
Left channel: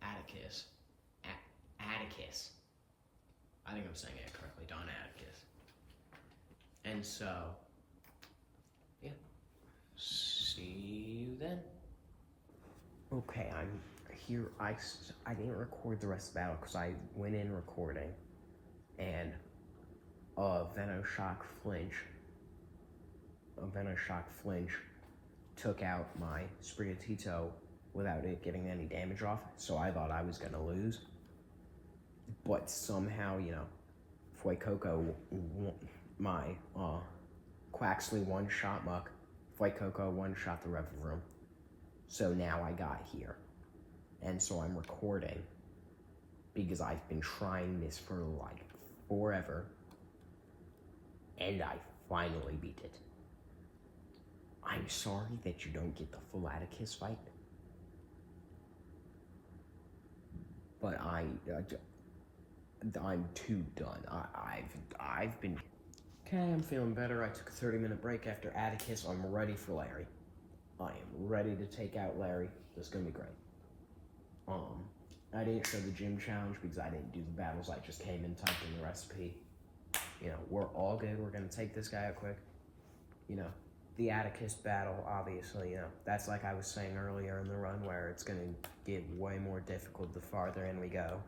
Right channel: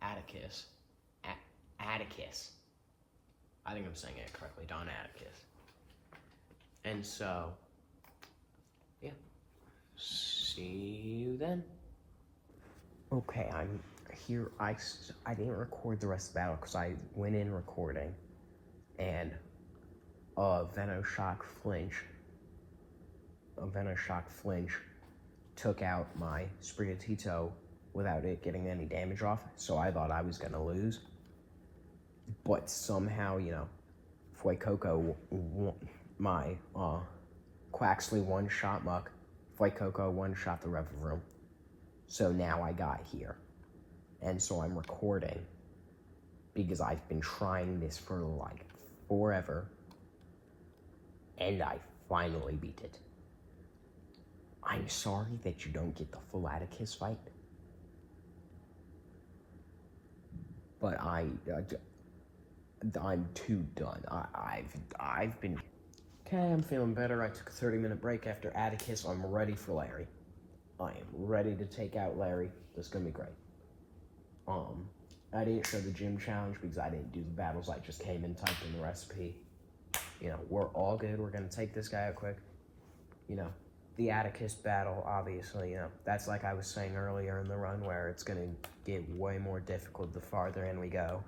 Atticus. I think I'm saying it correctly, Don Atticus. And so, yeah, see you then. Okay, I'm here. I didn't record the rest of the battle because I went in recording, and Venoshock Flinch took out my Sprigatito without it getting any damage off, so I thought I was going to lose. But somehow, you know, Fuecoco, my Quaxley one-shot Muck, Fuecoco one-shot the Revavroom. So now I got here. And so I'm recording because I've been trying this for like forever. And I finally beat it. I'm sorry that you don't get the full Atticus fight. But I'm too done. I've been... Okay, I'm feeling better. I took a 30-minute break after Atticus. I'm ready for Larry. I am ready to take out Larry. This is gonna be great. I didn't show the gym challenge because I didn't do the battles. I just came and typed in the recipe. You know, we're all good. We're gonna take this guy out quick. You know, the Atticus battle, obviously, you know, that's like I was saying earlier in the run where it's gonna get way more difficult the farther in we go.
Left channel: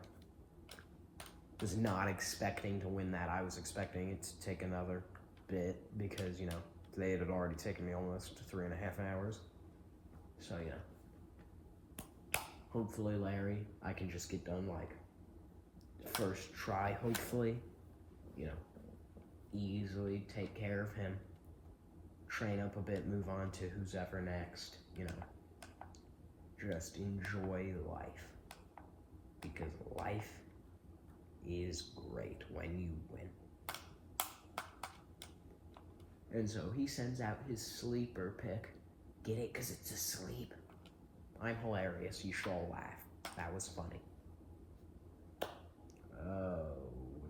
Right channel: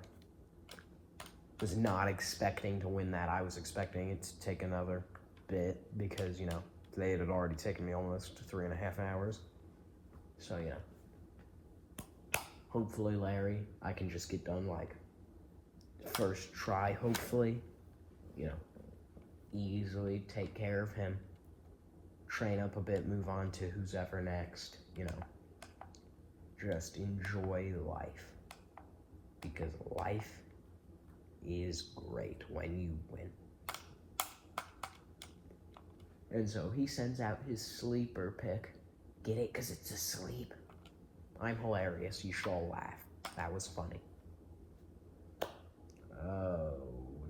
Was not expecting to win that. I was expecting it to take another bit because, you know, today it had already taken me almost 3.5 hours. So, yeah. Hopefully, Larry, I can just get done, like, first try, hopefully. You know, easily take care of him. Train up a bit, move on to who's ever next, you know. Just enjoy life. Because life is great when you win. And so he sends out his sleeper pick. Get it? Because it's asleep. I'm hilarious. You should all laugh. That was funny. Oh,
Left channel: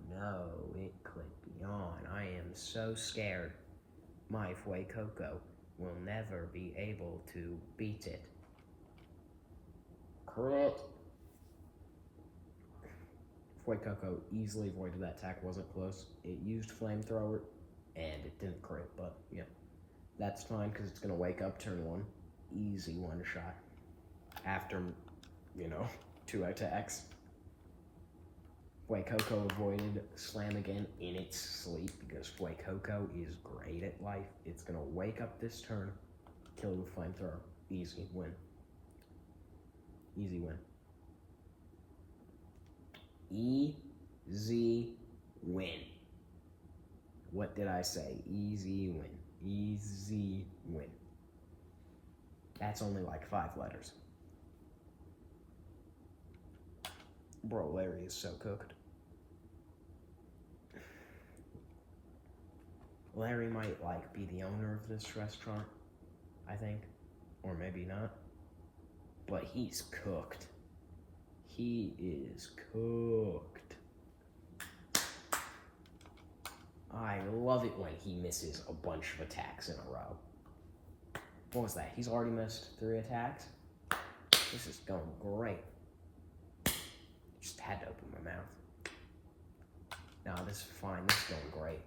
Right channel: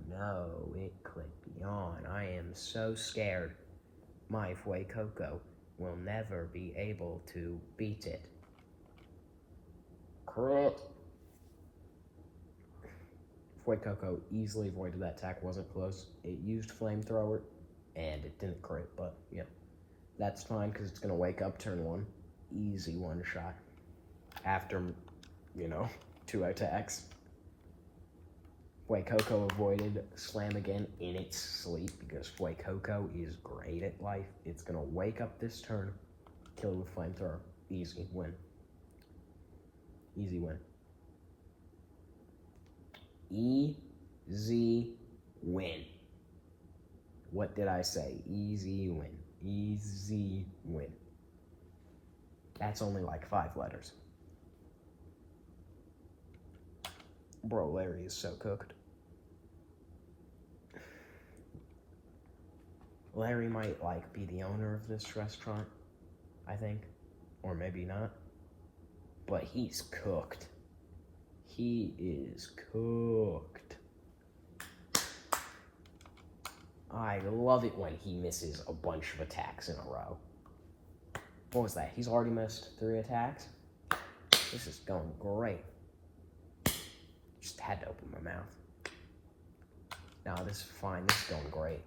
no. It clicked me on. I am so scared. My Fuecoco will never be able to beat it. Crit. Fuecoco easily avoided that attack. Wasn't close. It used Flamethrower, and it didn't crit, but, yeah. That's fine, because it's going to wake up turn 1. Easy one-shot. After, you know, 2 attacks. Fuecoco avoided Slam again in its sleep, because Fuecoco is great at life. It's going to wake up this turn, kill with Flamethrower. Easy win. Easy win. Easy win. What did I say? Easy win. Easy win. That's only like 5 letters. Bro, Larry is so cooked. Larry might, like, be the owner of this restaurant, I think. Or maybe not. But he's cooked. He is cooked. I love it when he misses a bunch of attacks in a row. What was that? He's already missed 3 attacks? This is going great. Just had to open my mouth. No, this is fine. This is going great.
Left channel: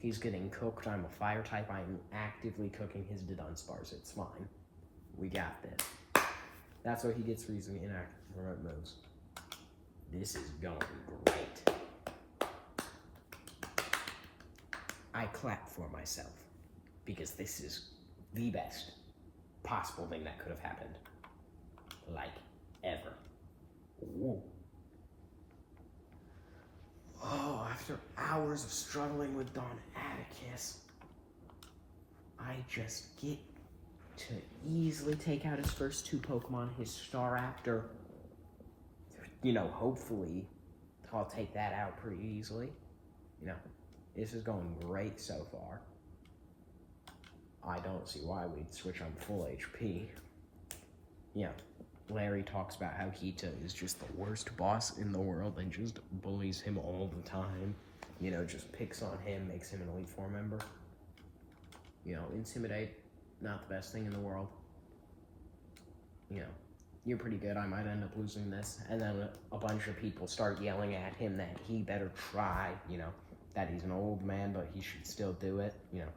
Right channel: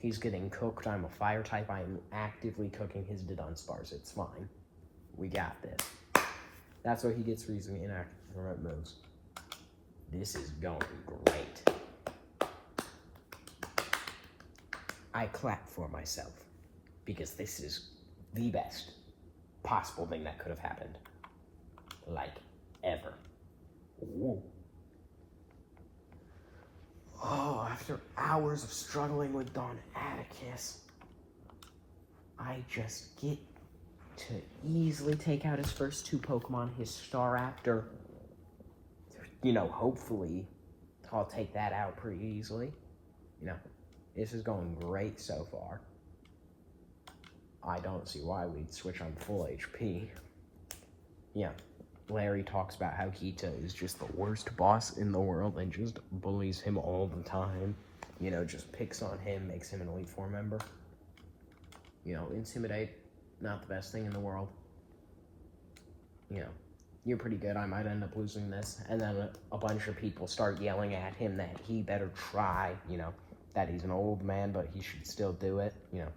He's getting cooked. I'm a fire type. I'm actively cooking his Dunsparce. It's fine. We got this. That's what he gets for using inactive remote moves. This is going great. I clap for myself because this is the best possible thing that could have happened. Like, ever. Ooh. Oh, after hours of struggling with Don Atticus, I just get to easily take out his first 2 Pokemon, his Staraptor. You know, hopefully, I'll take that out pretty easily. You know, this is going great so far. I don't see why we'd switch on full HP. Yeah, Larry talks about how Hito is just the worst boss in the world and just bullies him all the time. You know, just picks on him, makes him an Elite Four member. You know, Intimidate, not the best thing in the world. You know, you're pretty good, I might end up losing this. And then a bunch of people start yelling at him that he better try, you know, that he's an old man, but he should still do it, you know.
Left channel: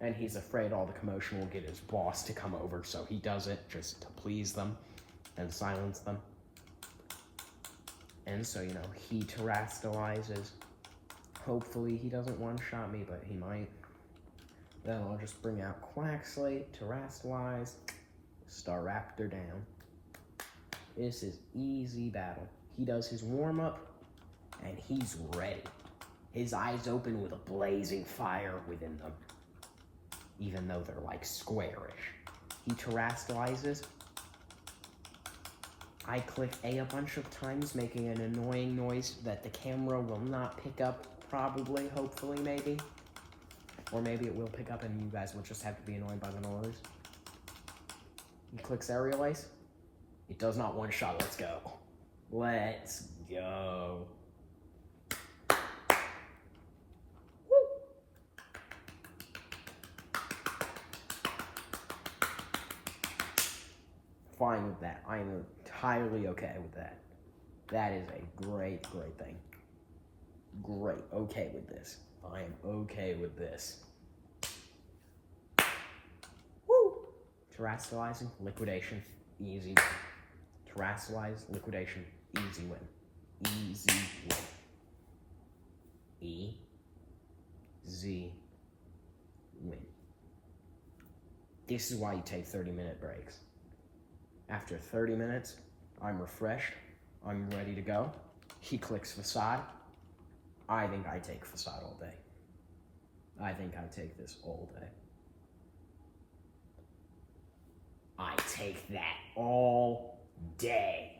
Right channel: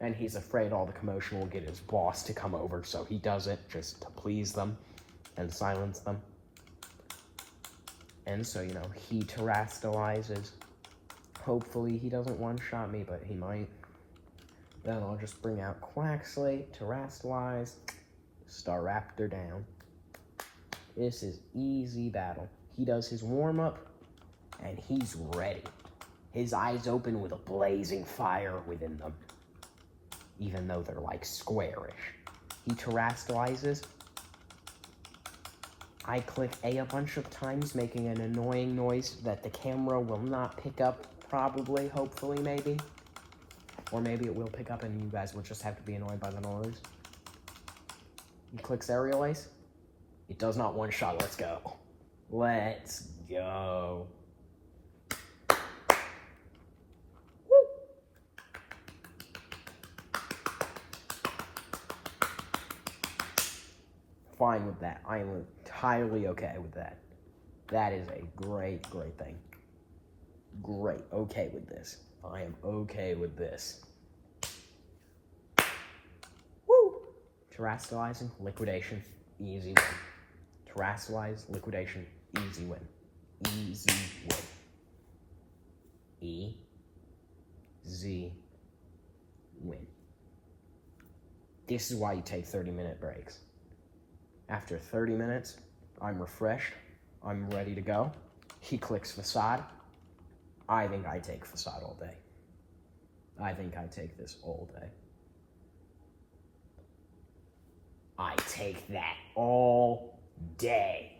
And he's afraid all the commotion will get his boss to come over, so he does it just to please them and silence them. And so, you know, he terastallizes. Hopefully he doesn't one-shot me, but he might. Then I'll just bring out Quaxley, terastallize, Staraptor down. This is easy battle. He does his warm-up, and he's ready. His eyes open with a blazing fire within them, even though they're like squarish. He terastallizes. I click A bunch of times, making an annoying noise that the camera will not pick up, probably, hopefully, maybe. Or maybe it will pick up and you guys will just have to be annoyed by the noise. He clicks Aerial Ace. It does not one-shot. Let's go. Let's go. Fine with that. I am entirely okay with that. That is a great, great thing. Great. Okay with this. I am okay with this. Woo! Terastallizing, liquidation, easy. Terastallize, liquidation, easy win. Easy win. E-Z win. This is why you take 30-minute breaks. After 30 minutes, I'm refreshed, I'm ready to go. He clicks Facade. I think I take Facade all day. I think I take this all day. I take that all day.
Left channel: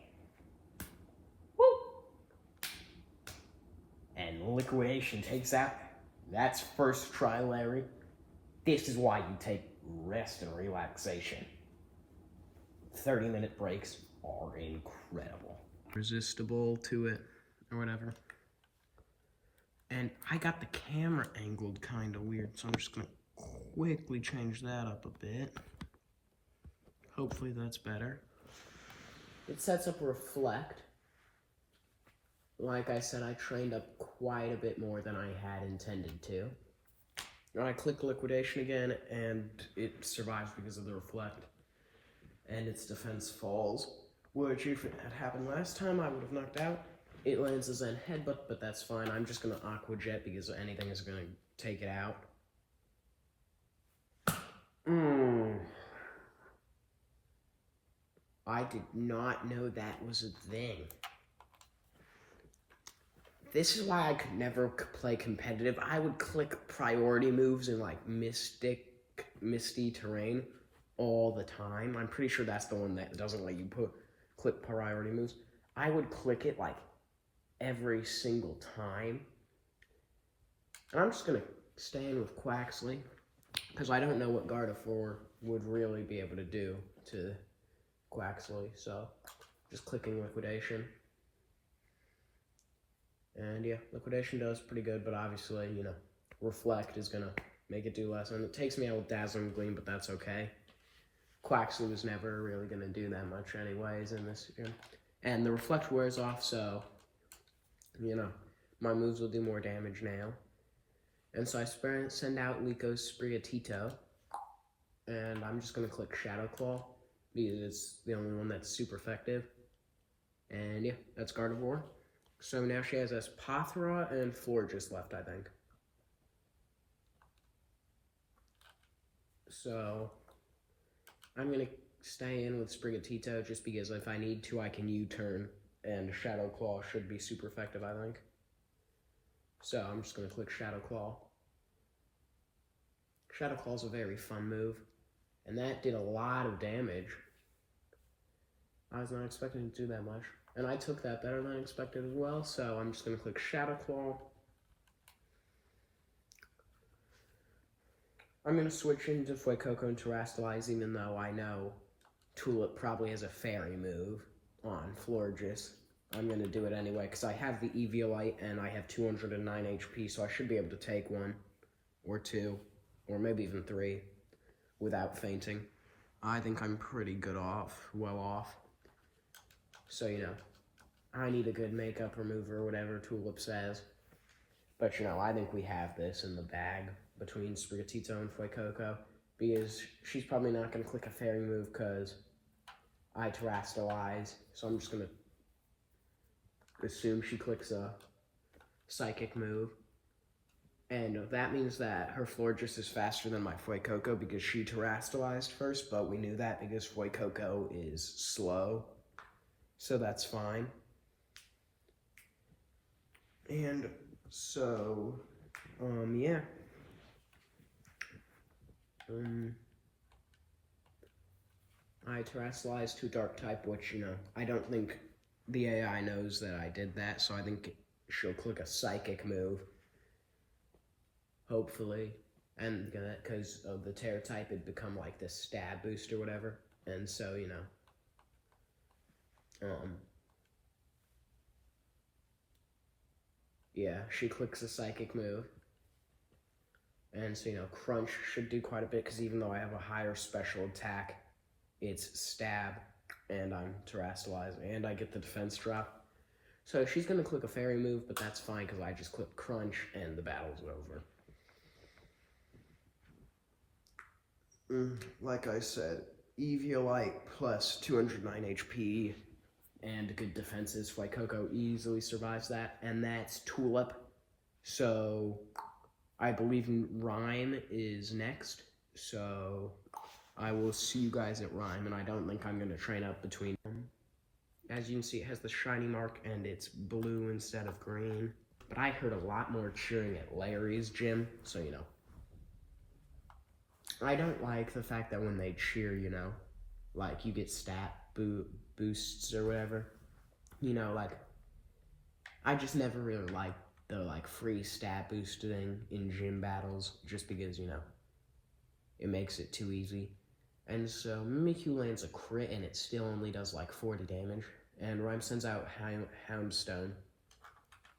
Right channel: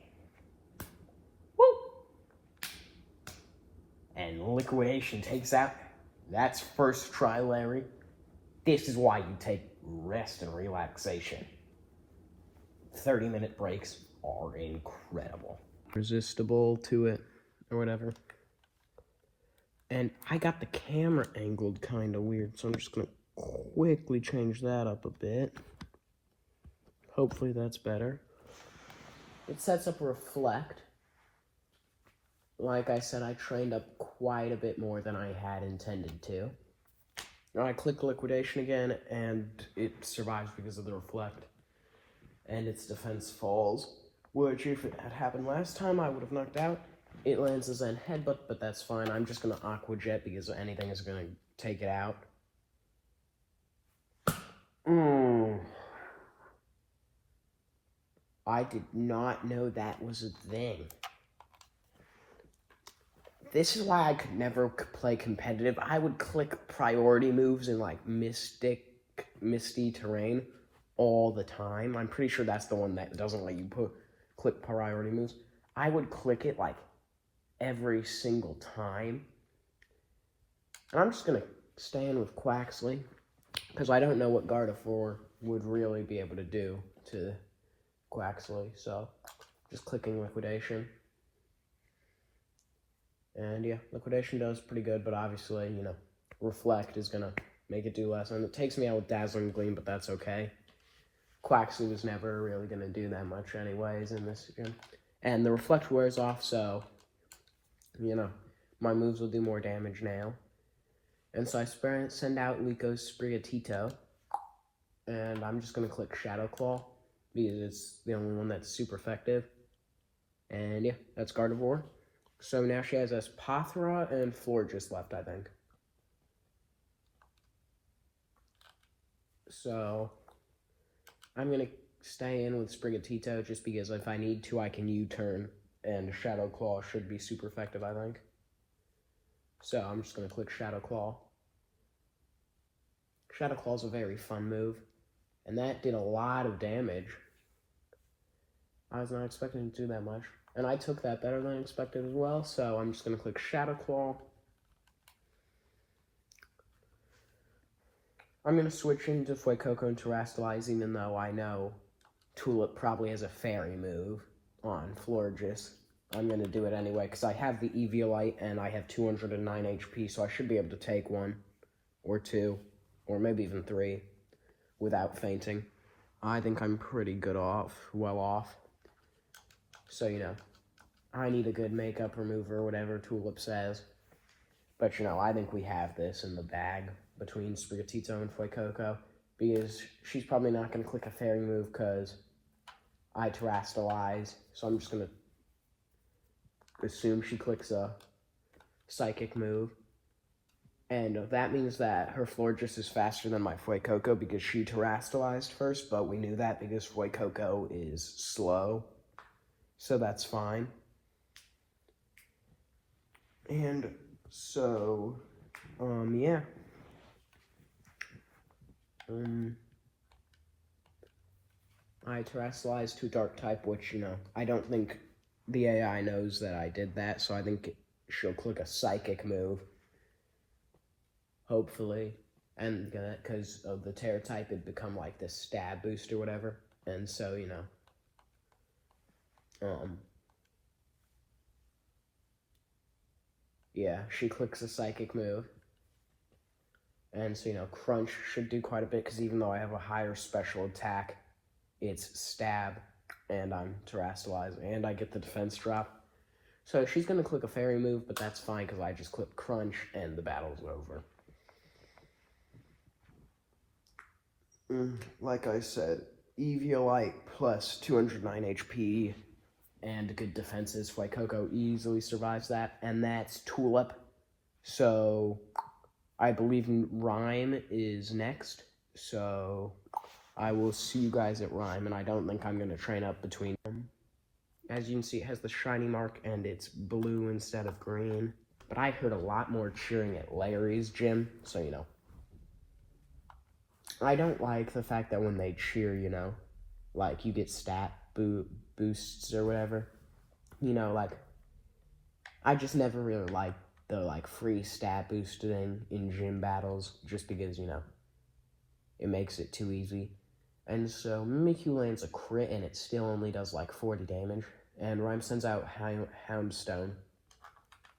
Woo! And liquidation takes out. That's first try, Larry. This is why you take rest and relaxation. 30-minute breaks are incredible. Resistible to it, or whatever. And I got the camera angled kind of weird, so I'm just gonna quickly change that up a bit. Hopefully that's better. It sets up Reflect. Like I said, I trained up quite a bit more than I had intended to. I click Liquidation again, and it survives because of the Reflect. And its defense falls, which if it had happened last time, I would have knocked out. It lands a Zen Headbutt, but that's fine. I'm just gonna Aqua Jet because anything is gonna take it out. I did not know that was a thing. This is why I could never play competitive. I would click priority moves in like Misty Terrain all the time. I'm pretty sure that's the one that doesn't let you click priority moves. I would click it like every single time. And I'm just gonna staying with Quaxley, because I don't know what Gardevoir would really be able to do to Quaxley, so just clicking Liquidation. And yeah, Liquidation does pretty good, but obviously, you know, Reflect is going to make it do less. And it takes me out with Dazzling Gleam, but that's okay. Quaxley was never really going to do that much anyways in this game. And the Reflect wears off, so, you know, my moves will do more damage now. And so I send out Lico's Sprigatito, and I'm just going to click Shadow Claw, because it's the only one that's super effective. And yeah, that's Gardevoir. So now she has Espathra and Florges left, I think. So I'm going to stay in with Sprigatito just because if I need to, I can U-turn, and Shadow Claw should be super effective, I think. So I'm just going to click Shadow Claw. Shadow Claw is a very fun move, and that did a lot of damage. I was not expecting to do that much, and I took that better than expected as well, so I'm just going to click Shadow Claw. I'm going to switch into Fuecoco and Terrastalize, even though I know Tulip probably has a Fairy move on Florges. I'm going to do it anyway, because I have the Eviolite, and I have 209 HP, so I should be able to take 1 or 2, or maybe even 3, without fainting. I think I'm pretty well off. So, you know, I need a good makeup remover, whatever Tulip says. But, you know, I think we have this in the bag between Sprigatito and Fuecoco, because she's probably not going to click a Fairy move, because I Terrastalize, so I'm just going to assume she clicks a Psychic move. And that means that her Florges is faster than my Fuecoco because she Terrastalized first, but we knew that because Fuecoco is slow, so that's fine. And so, yeah. I Terrastalized to Dark type, which, you know, I don't think the AI knows that I did that, so I think she'll click a Psychic move. Hopefully. And because of the Terra type, it'd become like this stab boost or whatever. And so, you know. Yeah, she clicks a Psychic move. And so, you know, Crunch should do quite a bit, because even though I have a higher special attack, it's Stab, and I'm Terrastalizing, and I get the defense drop. So she's going to click a Fairy move, but that's fine, because I just click Crunch, and the battle's over. Like I said, Eviolite plus 209 HP and good defenses. Fuecoco easily survives that, and that's Tulip. So I believe Rhyme is next, so I will see you guys at Rhyme, and I don't think I'm going to train up between them. As you can see, it has the shiny mark, and it's blue instead of green. But I heard a lot more cheering at Larry's gym, so, you know. I don't like the fact that when they cheer, you know, like, you get stat boosts or whatever. You know, like, I just never really liked the, like, free stat boosting in gym battles, just because, you know, it makes it too easy. And so Mimikyu lands a crit, and it still only does, like, 40 damage. And Rhyme sends out Houndstone.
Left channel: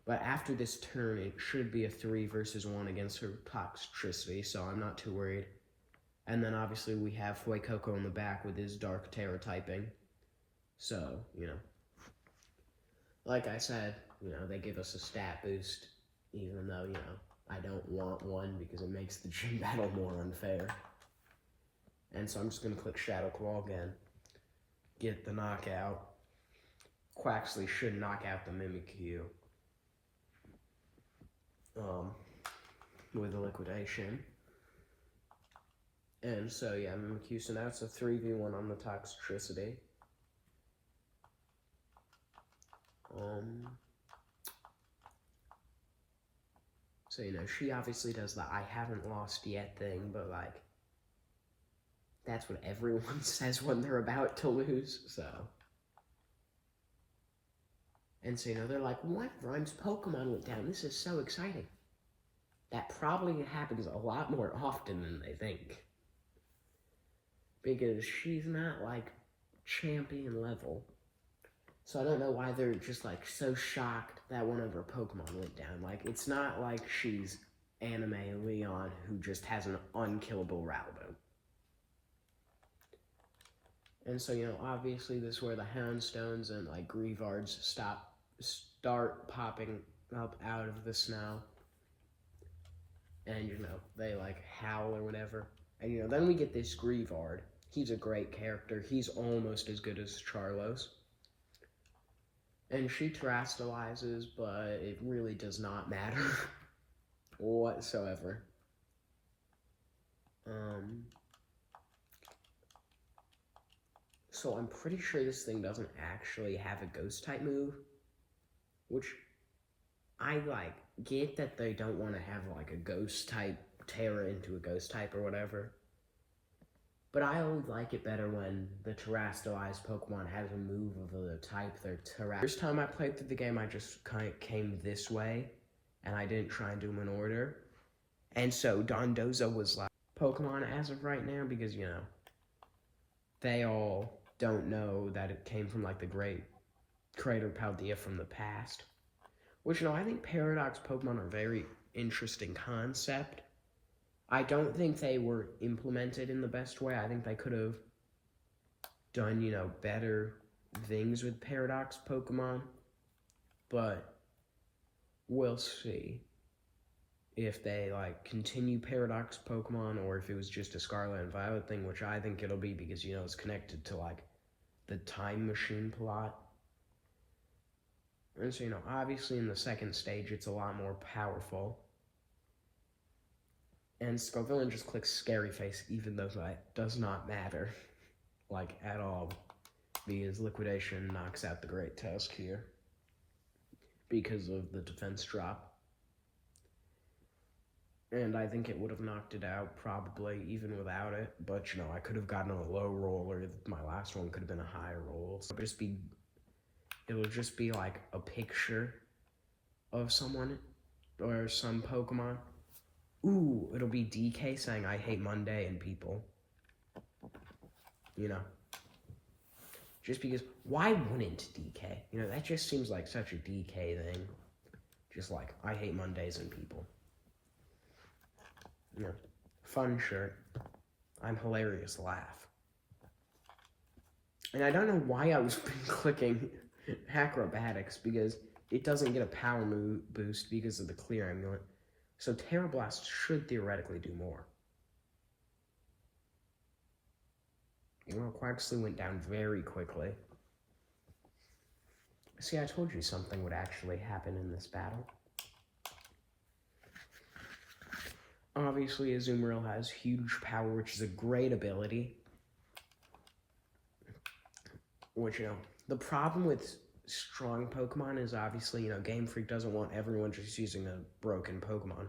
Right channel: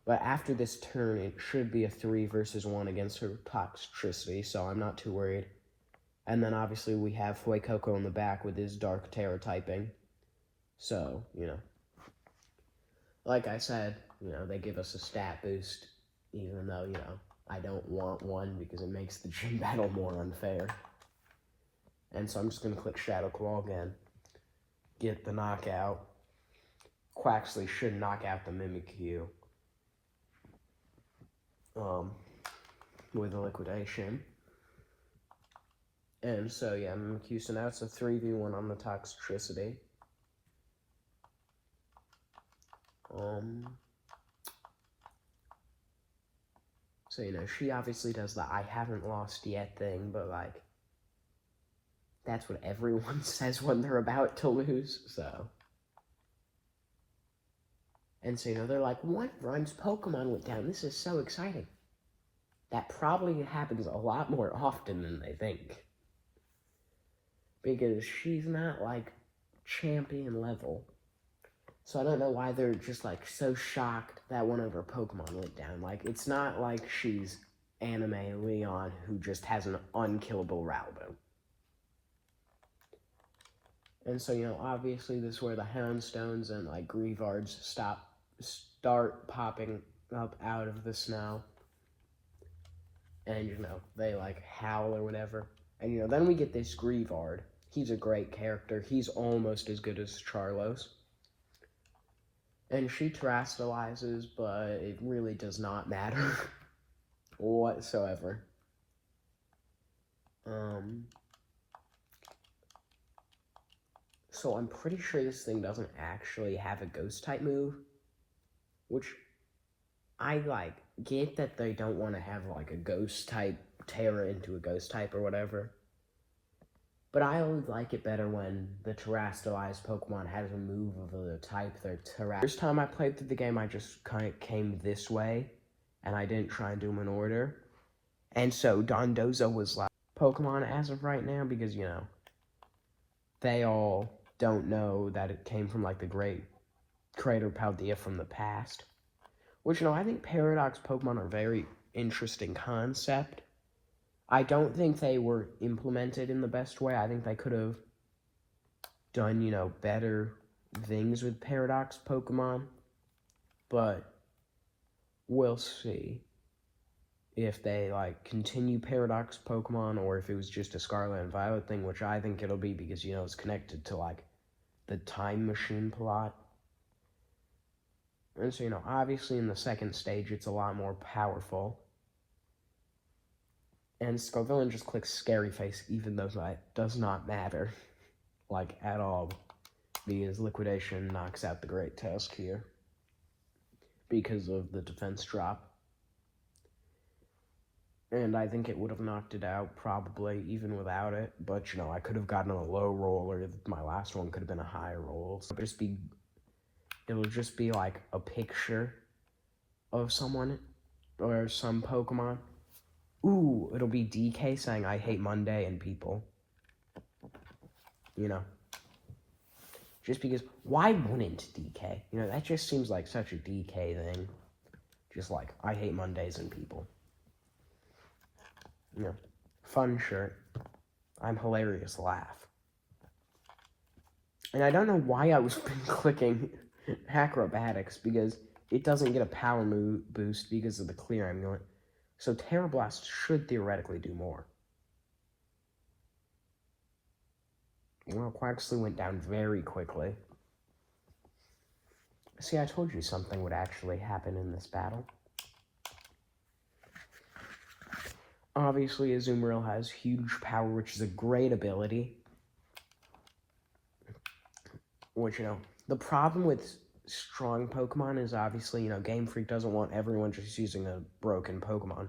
But after this turn, it should be a 3 versus 1 against her Toxtricity, so I'm not too worried. And then obviously we have Fuecoco in the back with his Dark Terror typing. So, you know. Like I said, you know, they give us a stat boost, even though, you know, I don't want one because it makes the gym battle more unfair. And so I'm just going to click Shadow Claw again. Get the knockout. Quaxley should knock out the Mimikyu. With a Liquidation. And so, yeah, Mimikyu, so now it's a 3v1 on the Toxtricity. So, you know, she obviously does the I haven't lost yet thing, but, like, that's what everyone says when they're about to lose, so. And so, you know, they're like, what? Rhyme's Pokemon went down. This is so exciting. that probably happens a lot more often than they think. Because she's not, like, champion level. So I don't know why they're just, like, so shocked that one of her Pokemon went down. Like, it's not like she's Anime Leon, who just has an unkillable Raldo. And so, obviously this is where the Houndstones and, like, Greavards start popping up out of the snow. And, they, like, howl or whatever. And, then we get this Greavard. He's a great character. He's almost as good as Charlos. And she terastallizes, but it really does not matter whatsoever. So I'm pretty sure this thing doesn't actually have a Ghost-type move, which I, like, get that they don't want to have, like, a Ghost-type Terra into a Ghost-type or whatever. But I always like it better when the terastallized Pokemon has a move of the type they're terrestrial. First time I played through the game, I just kind of came this way, and I didn't try and do them in order. And so Dondozo was like Pokemon as of right now because, they all don't know that it came from, like, the great Crater Paldea from the past. Which, I think Paradox Pokemon are a very interesting concept. I don't think they were implemented in the best way. I think they could have done, better things with Paradox Pokemon. But we'll see if they, like, continue Paradox Pokemon or if it was just a Scarlet and Violet thing, which I think it'll be because, it's connected to, like, the Time Machine plot. And so, obviously in the second stage, it's a lot more powerful. And Scarvillain just clicks Scary Face, even though that does not matter, like, at all, because Liquidation knocks out the Great Tusk here, because of the defense drop. And I think it would have knocked it out, probably, even without it, but, I could have gotten a low roll, or my last one could have been a high roll. So it'll just be, like, a picture of someone, or some Pokemon. Ooh, it'll be DK saying, I hate Monday and people. Just because, why wouldn't DK? That just seems like such a DK thing. Just like, I hate Mondays and people. Fun shirt. I'm hilarious, laugh. And I don't know why I was clicking Acrobatics, because it doesn't get a power move boost because of the Clear Amulet. So Terra Blast should theoretically do more. Quaxley went down very quickly. See, I told you something would actually happen in this battle. Obviously, Azumarill has huge power, which is a great ability. Which, the problem with strong Pokemon is obviously, Game Freak doesn't want everyone just using a broken Pokemon.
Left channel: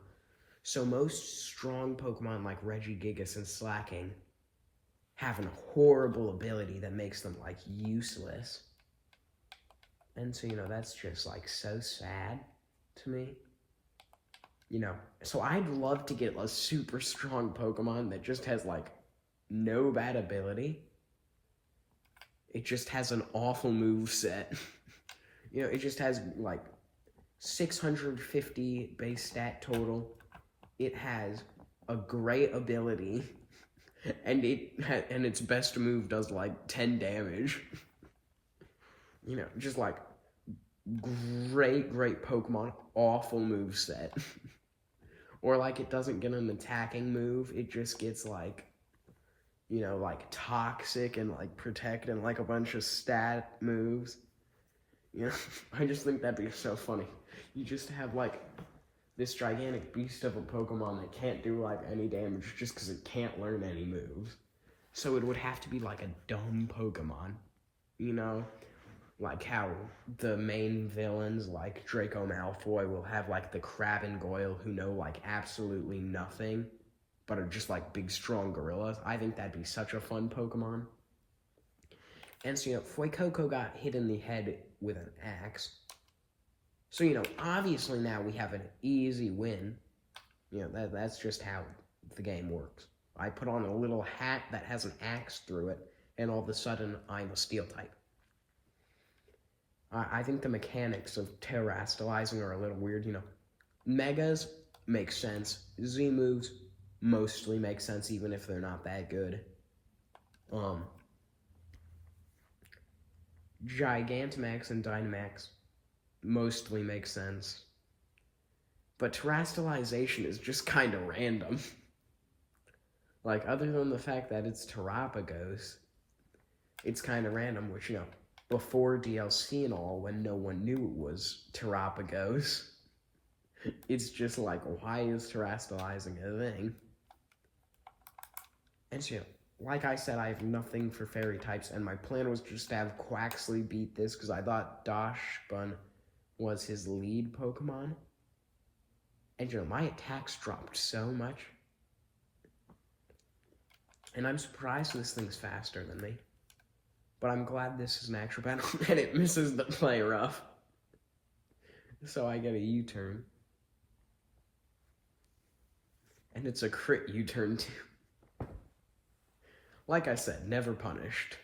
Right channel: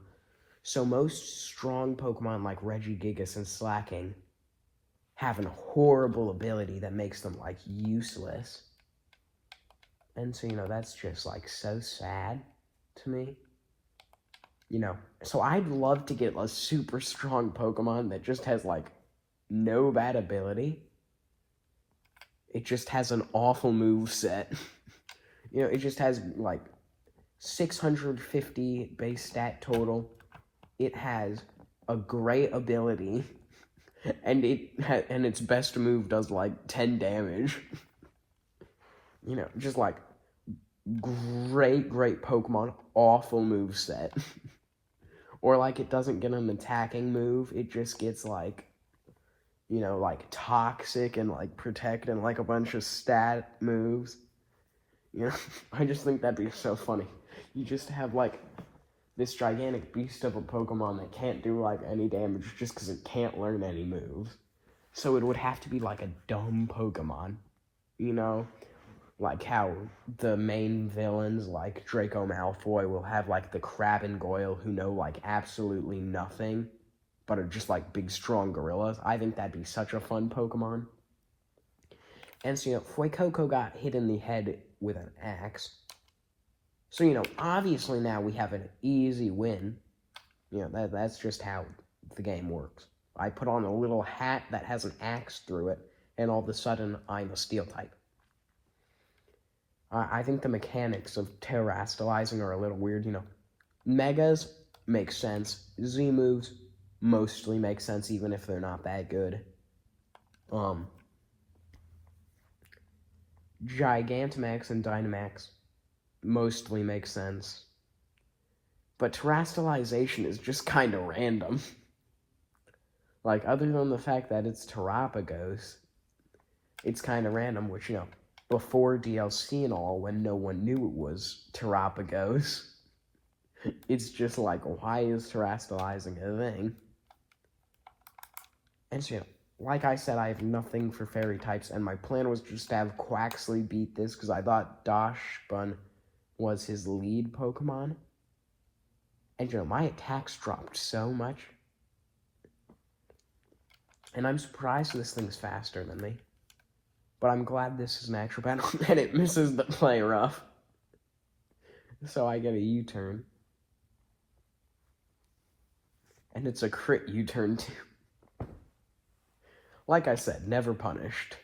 So most strong Pokemon like Regigigas and Slacking have a horrible ability that makes them, like, useless. And so, that's just, like, so sad to me. So I'd love to get a super strong Pokemon that just has, like, no bad ability. It just has an awful moveset. It just has, like, 650 base stat total. It has a great ability, and its best move does, like, 10 damage. Just, like, great Pokemon, awful moveset. Or, like, it doesn't get an attacking move, it just gets, like, like, Toxic and, like, Protect and, like, a bunch of stat moves. I just think that'd be so funny. You just have, like, this gigantic beast of a Pokemon that can't do, like, any damage just because it can't learn any moves. So it would have to be, like, a dumb Pokemon, Like how the main villains, like Draco Malfoy, will have, like, the Crab and Goyle who know, like, absolutely nothing, but are just, like, big, strong gorillas. I think that'd be such a fun Pokemon. And so, Fuecoco got hit in the head with an axe. So, obviously now we have an easy win. You know, that's just how the game works. I put on a little hat that has an axe through it, and all of a sudden, I'm a steel type. I think the mechanics of terastallizing are a little weird, you know. Megas make sense. Z moves mostly make sense, even if they're not that good. Gigantamax and Dynamax mostly make sense. But terastallization is just kind of random. Like, other than the fact that it's Terapagos, it's kind of random, which, you know, before DLC and all, when no one knew it was Terapagos, it's just like, why is terastallizing a thing? And so, you know, like I said, I have nothing for fairy types, and my plan was just to have Quaxly beat this, because I thought Dachshund was his lead Pokemon. And, you know, my attacks dropped so much. And I'm surprised this thing's faster than me. But I'm glad this is an actual battle, and it misses the play rough. So I get a U-turn. And it's a crit U-turn, too. Like I said, never punished.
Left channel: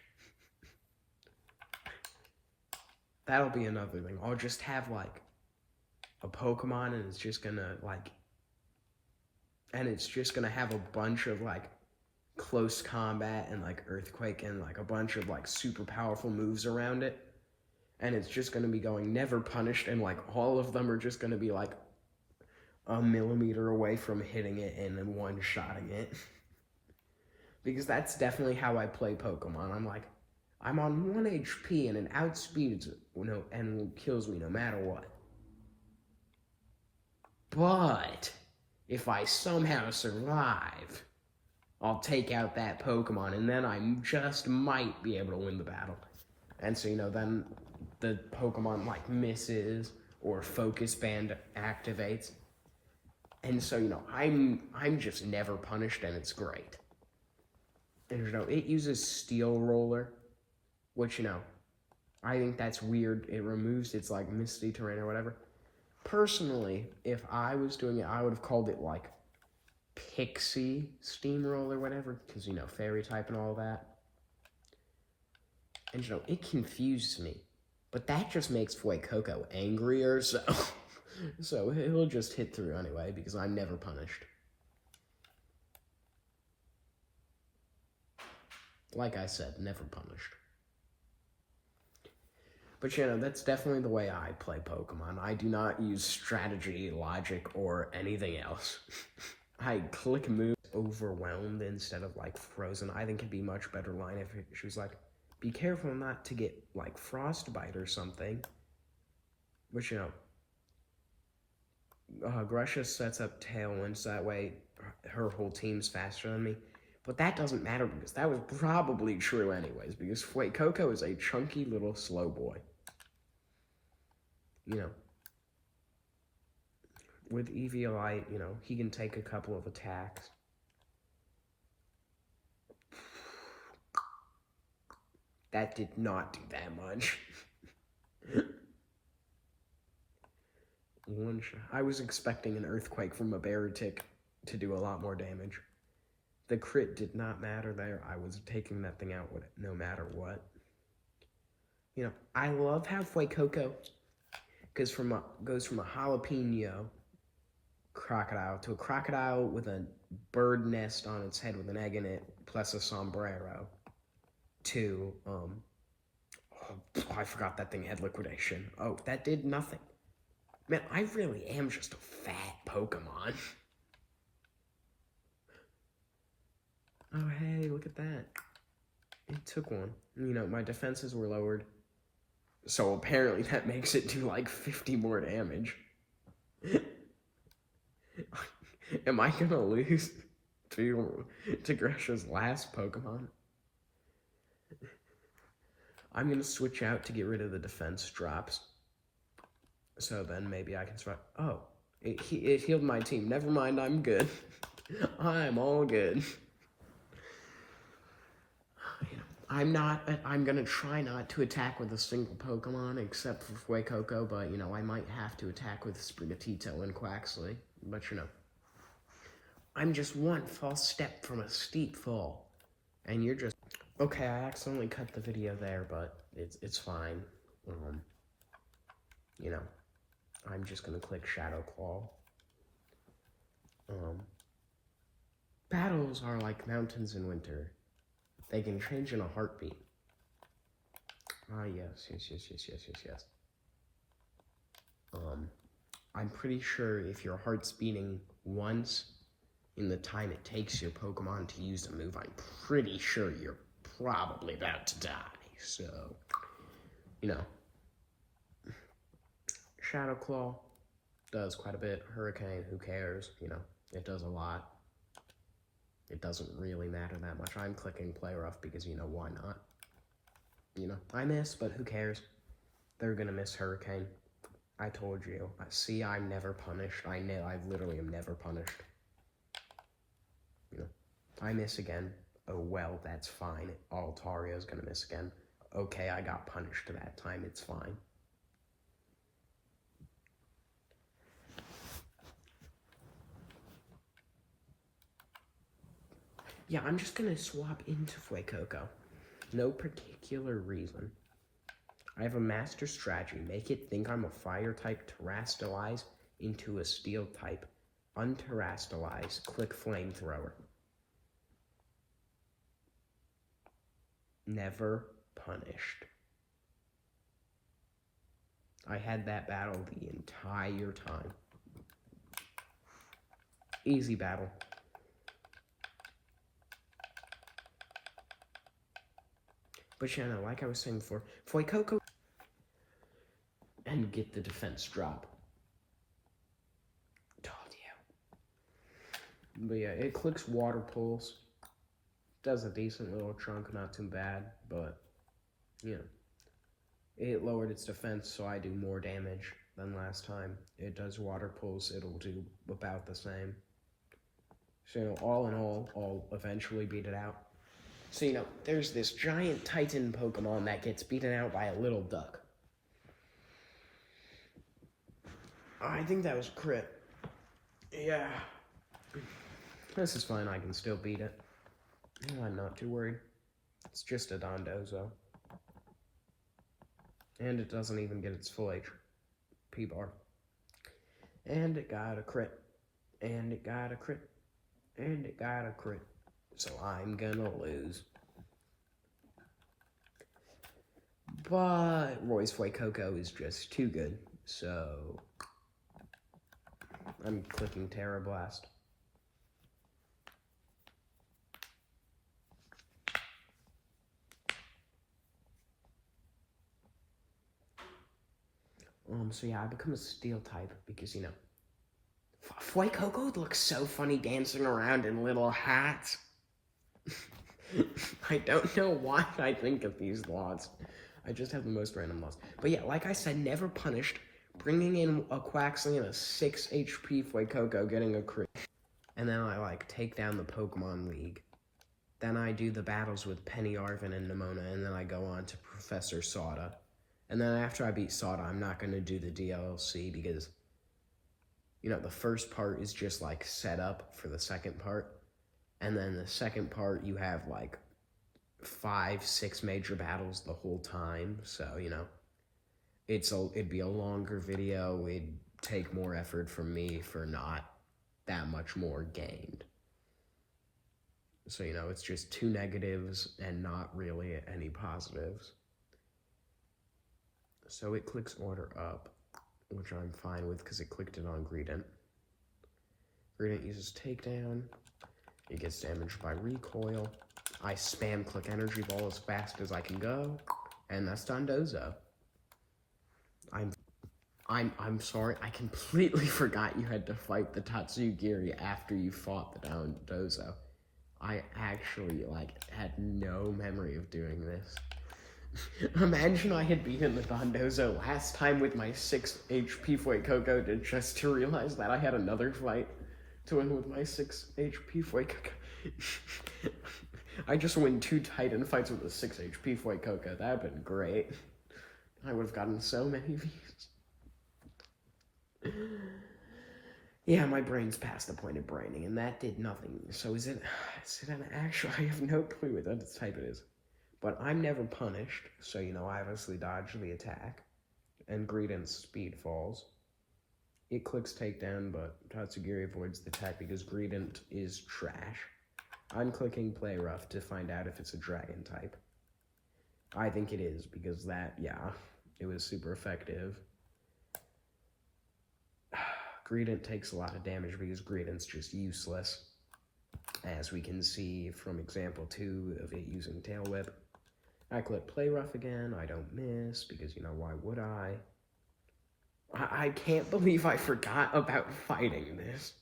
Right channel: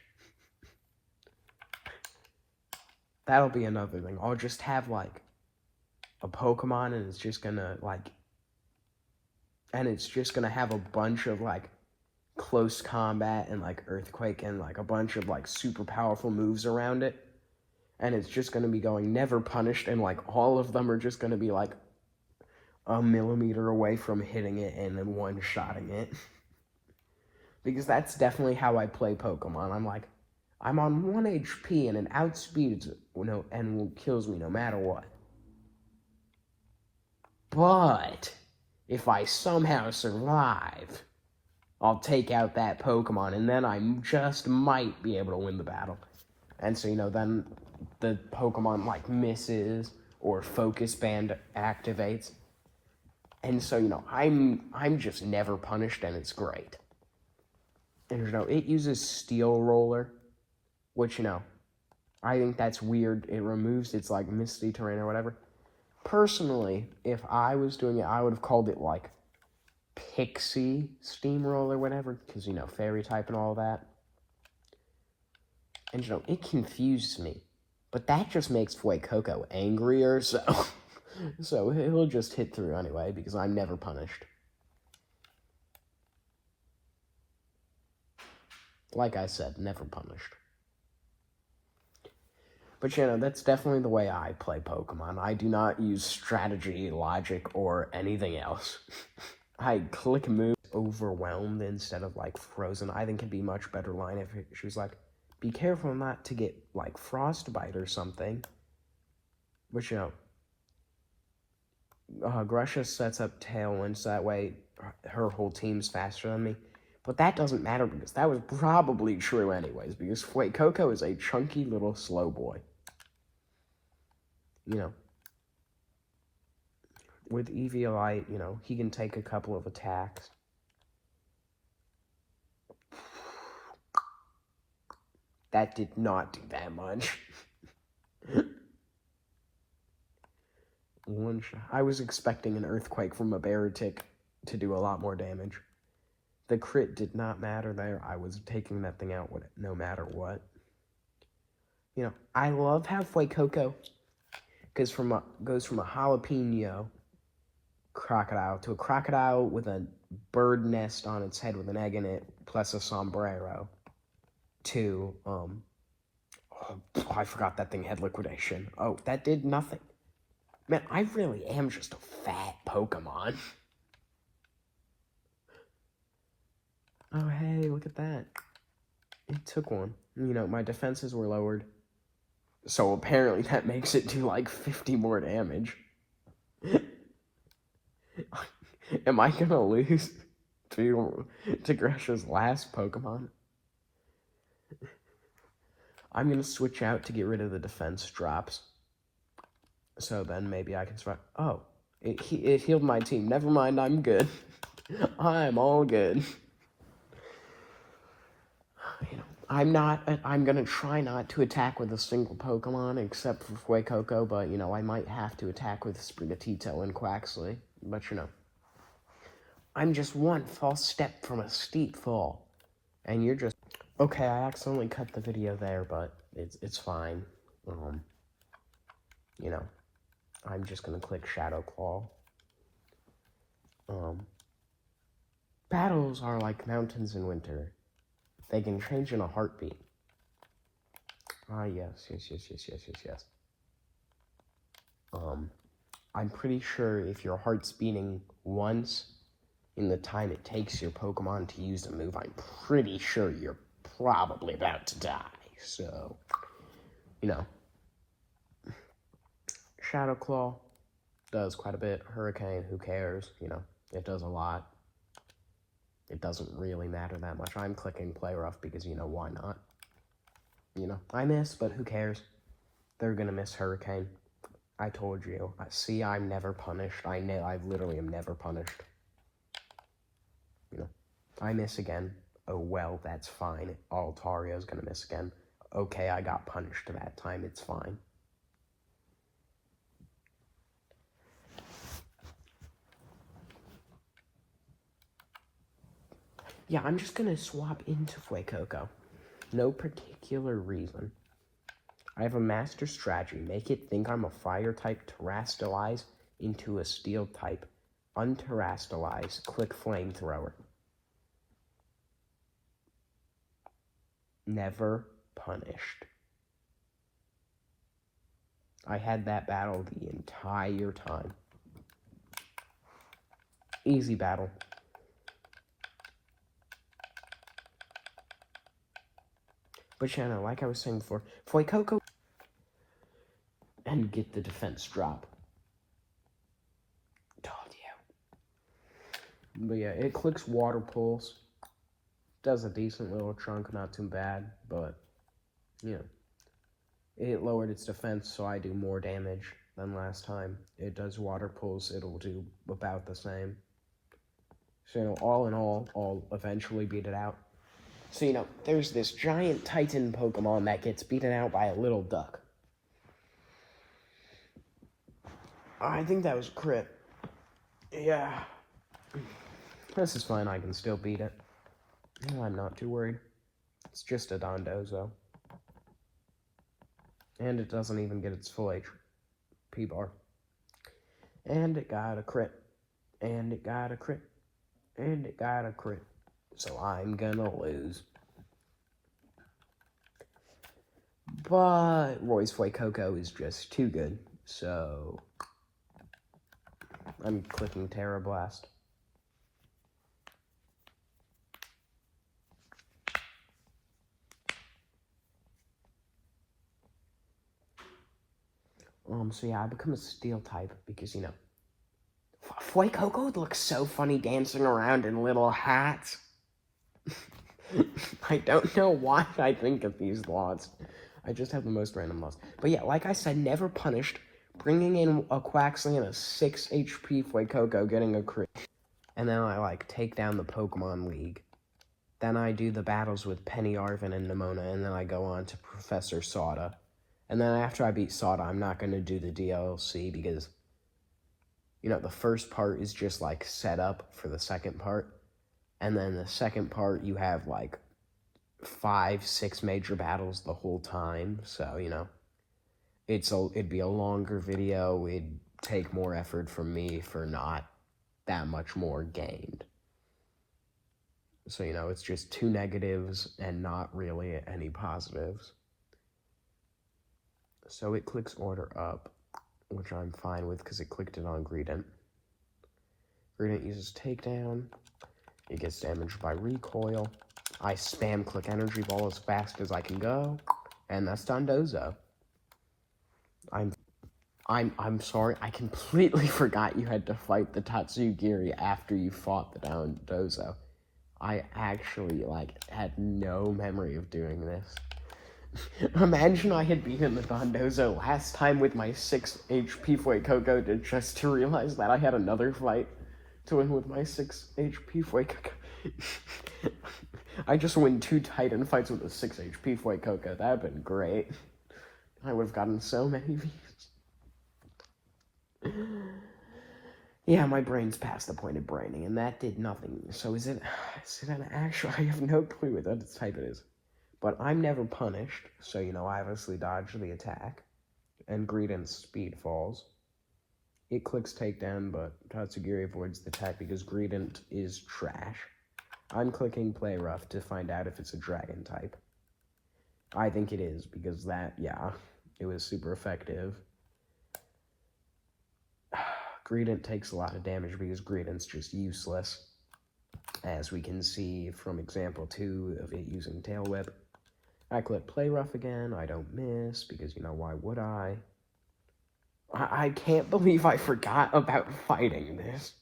That'll be another thing. I'll just have, like, a Pokemon, and it's just gonna, like... And it's just gonna have a bunch of, like, close combat and, like, Earthquake and, like, a bunch of, like, super powerful moves around it. And it's just gonna be going never punished, and, like, all of them are just gonna be, like, a millimeter away from hitting it and then one-shotting it. Because that's definitely how I play Pokemon. I'm like, I'm on 1 HP and it outspeeds it, and kills me no matter what. But if I somehow survive, I'll take out that Pokemon, and then I just might be able to win the battle. And so, you know, then the Pokemon, like, misses, or Focus Band activates. And so, you know, I'm just never punished, and it's great. And, you know, it uses Steel Roller, which, you know, I think that's weird. It removes its, like, Misty Terrain or whatever. Personally, if I was doing it, I would have called it, like, Pixie Steamroller or whatever, because, you know, Fairy type and all that. And, you know, it confused me. But that just makes Fuecoco angrier, so... So he'll just hit through anyway, because I'm never punished. Like I said, never punished. But, you know, that's definitely the way I play Pokemon. I do not use strategy, logic, or anything else. I click move overwhelmed instead of, like, frozen. I think it'd be a much better line if she was like, be careful not to get, like, frostbite or something. But, you know, Grusha sets up Tailwind, so that way her whole team's faster than me. But that doesn't matter, because that was probably true anyways, because Fuecoco is a chunky little slow boy. You know, with Eviolite, you know, he can take a couple of attacks. That did not do that much. One shot. I was expecting an Earthquake from a Baratic to do a lot more damage. The crit did not matter there. I was taking that thing out no matter what. You know, I love how Fuecoco goes from a jalapeno crocodile to a crocodile with a bird nest on its head with an egg in it, plus a sombrero, to, I forgot that thing had liquidation. Oh, that did nothing. Man, I really am just a fat Pokemon. Oh, hey, look at that. It took one. You know, my defenses were lowered. So apparently that makes it do like 50 more damage. Am I gonna lose to Grusha's last Pokemon? I'm gonna switch out to get rid of the defense drops. So then maybe I can survive. Oh, it healed my team. Never mind, I'm good. I'm all good. You know, I'm gonna try not to attack with a single Pokemon except for Fuecoco, but, you know, I might have to attack with Sprigatito and Quaxly. But, you know, I'm just one false step from a steep fall. And you're just... Okay, I accidentally cut the video there, but it's fine. You know, I'm just gonna click Shadow Claw. Battles are like mountains in winter. They can change in a heartbeat. Ah, yes. I'm pretty sure if your heart's beating once in the time it takes your Pokemon to use a move, I'm pretty sure you're probably about to die. So, you know, Shadow Claw does quite a bit. Hurricane, who cares? You know, it does a lot. It doesn't really matter that much. I'm clicking Play Rough because, you know, why not? You know, I miss, but who cares? They're gonna miss Hurricane. I told you. See, I'm never punished. I literally am never punished. You know, I miss again. Oh, well, that's fine. Altario's gonna miss again. Okay, I got punished that time. It's fine. Yeah, I'm just gonna swap into Fuecoco. No particular reason. I have a master strategy. Make it think I'm a fire type, terrastalize into a steel type, unterrastalize, click flamethrower. Never punished. I had that battle the entire time. Easy battle. But yeah, no, like I was saying before, Fuecoco and get the defense drop. Told you. But yeah, it clicks Water Pulse. Does a decent little chunk, not too bad, but yeah. It lowered its defense, so I do more damage than last time. It does Water Pulse, it'll do about the same. So, you know, all in all, I'll eventually beat it out. So, you know, there's this giant Titan Pokemon that gets beaten out by a little duck. I think that was a crit. Yeah. This is fine, I can still beat it. I'm not too worried. It's just a Dondozo. And it doesn't even get its full HP bar. And it got a crit. And it got a crit. And it got a crit. So I'm gonna lose. But Roy's Fuecoco is just too good. So I'm clicking Terra Blast. So yeah, I become a steel type because, you know, Fuecoco looks so funny dancing around in little hats. I don't know why I think of these laws. I just have the most random laws. But yeah, like I said, never punished. Bringing in a Quaxly and a 6 HP Fuecoco, getting a crit. And then I, like, take down the Pokemon League. Then I do the battles with Penny Arvin and Nemona, and then I go on to Professor Sauda. And then after I beat Sauda, I'm not going to do the DLC because, you know, the first part is just, like, set up for the second part. And then the second part, you have, like, 5-6 major battles the whole time. So, you know, it'd be a longer video. It'd take more effort from me for not that much more gained. So, you know, it's just 2 negatives and not really any positives. So it clicks Order Up, which I'm fine with because it clicked it on Greedent. Greedent uses Takedown. It gets damaged by Recoil. I spam click Energy Ball as fast as I can go, and that's Dondozo. I'm sorry, I completely forgot you had to fight the Tatsugiri after you fought the Dondozo. I actually, like, had no memory of doing this. Imagine I had beaten the Dondozo last time with my 6 HP Fuecoco just to realize that I had another fight to win with my 6 HP Fuecoco. I just win 2 Titan fights with a 6 HP Fuecoco. That would have been great. I would have gotten so many views. Yeah, my brain's past the point of braining, and that did nothing. So is it an actual? I have no clue what that type it is. But I'm never punished, so, I obviously dodge the attack. And Greedent's speed falls. It clicks takedown, but Tatsugiri avoids the attack because Greedent is trash. I'm clicking play rough to find out if it's a dragon type. I think it is, because it was super effective. Greedent takes a lot of damage because Greedent's just useless, as we can see from example 2 of it using Tail Whip. I click play rough again, I don't miss, because, why would I? I can't believe I forgot about fighting this.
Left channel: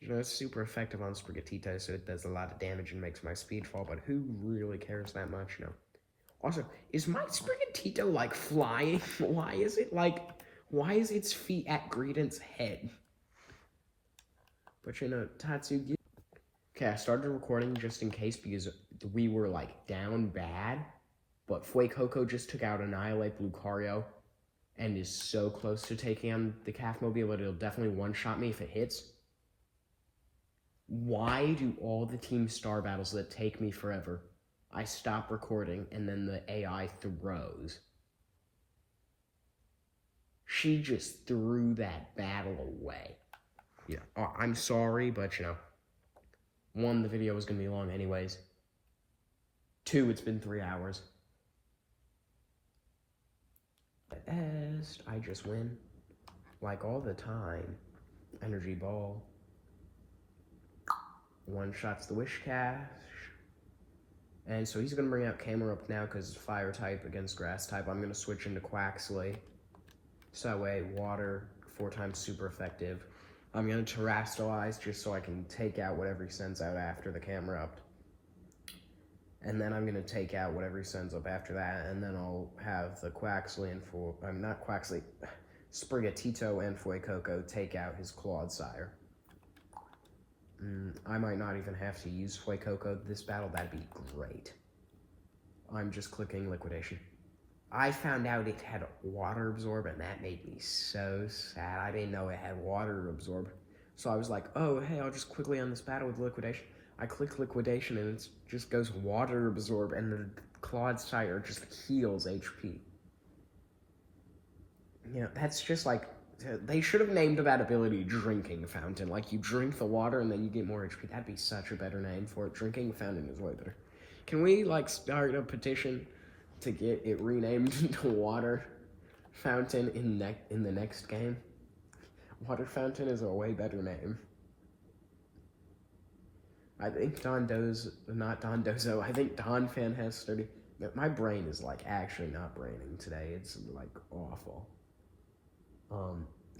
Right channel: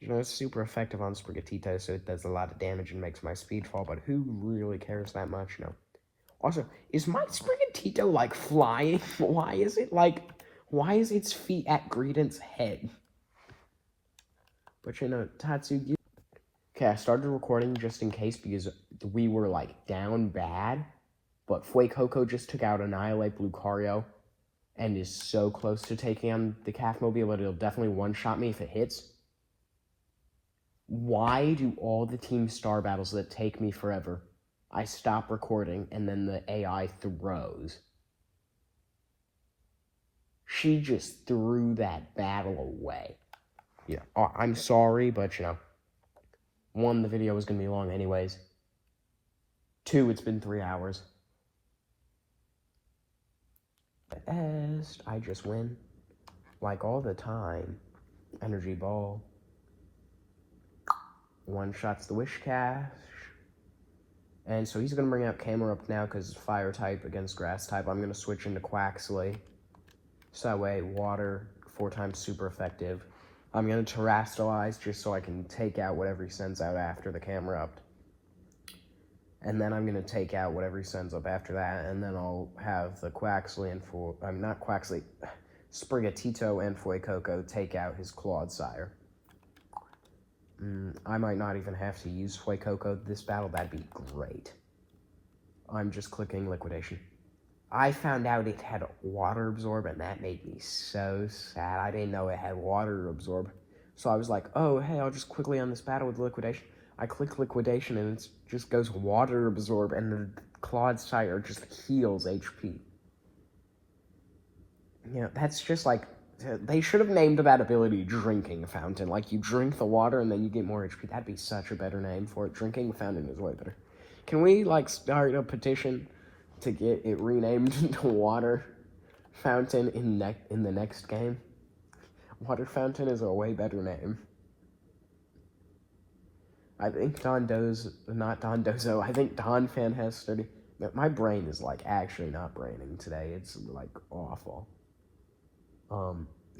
It's super effective on Sprigatito, so it does a lot of damage and makes my speed fall, but who really cares that much? No. Also, is my Sprigatito, flying? Why is its feet at Greedent's head? But, Tatsugi... Okay, I started recording just in case because we were, down bad, but Fuecoco just took out Annihilate Lucario and is so close to taking on the Cafmobile that it'll definitely one-shot me if it hits. Why do all the Team Star battles that take me forever, I stop recording and then the AI throws? She just threw that battle away. I'm sorry, but, 1, the video was going to be long anyways. 2, it's been 3 hours. I just win. All the time. Energy Ball. One-shots the Whiscash. And so he's going to bring out Camerupt now because it's Fire type against Grass type. I'm going to switch into Quaxley. So that way, Water, 4 times super effective. I'm going to Terrastallize just so I can take out whatever he sends out after the Camerupt. And then I'm going to take out whatever he sends up after that, and then I'll have the Quaxley and Sprigatito and Fuecoco take out his Clodsire. I might not even have to use Fuecoco this battle, that'd be great. I'm just clicking Liquidation. I found out it had Water Absorb, and that made me so sad. I didn't know it had Water Absorb. So I was like, oh, hey, I'll just quickly end this battle with Liquidation. I click Liquidation, and it just goes Water Absorb, and the Clodsire just heals HP. That's just they should have named that ability Drinking Fountain. You drink the water, and then you get more HP. That'd be such a better name for it. Drinking Fountain is way better. Can we, start a petition to get it renamed to Water Fountain in the next game? Water Fountain is a way better name. I think Dondozo, I think Donphan has 30. My brain is, actually not braining today. It's, awful.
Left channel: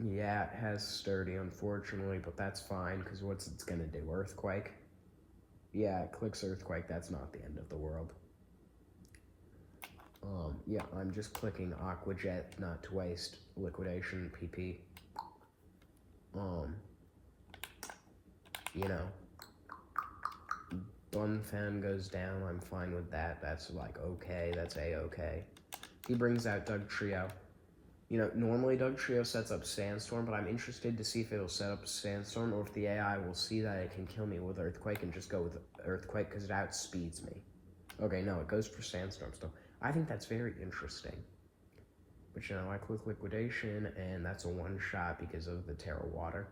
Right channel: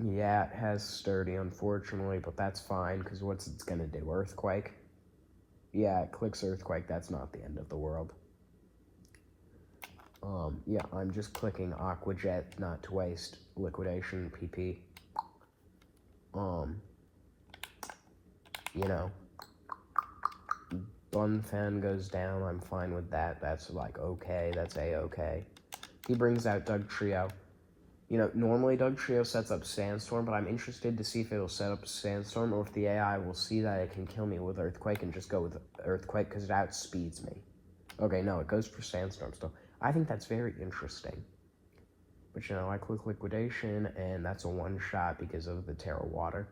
Yeah, it has Sturdy, unfortunately, but that's fine, because what's it's gonna do? Earthquake? Yeah, it clicks Earthquake, that's not the end of the world. Yeah, I'm just clicking Aqua Jet, not to waste Liquidation, PP. Donphan goes down, I'm fine with that. That's okay, that's A-okay. He brings out Dugtrio. Normally Dugtrio sets up Sandstorm, but I'm interested to see if it'll set up Sandstorm or if the AI will see that it can kill me with Earthquake and just go with Earthquake because it outspeeds me. Okay, no, it goes for Sandstorm still. I think that's very interesting. But, I click Liquidation, and that's a one-shot because of the Terra Water.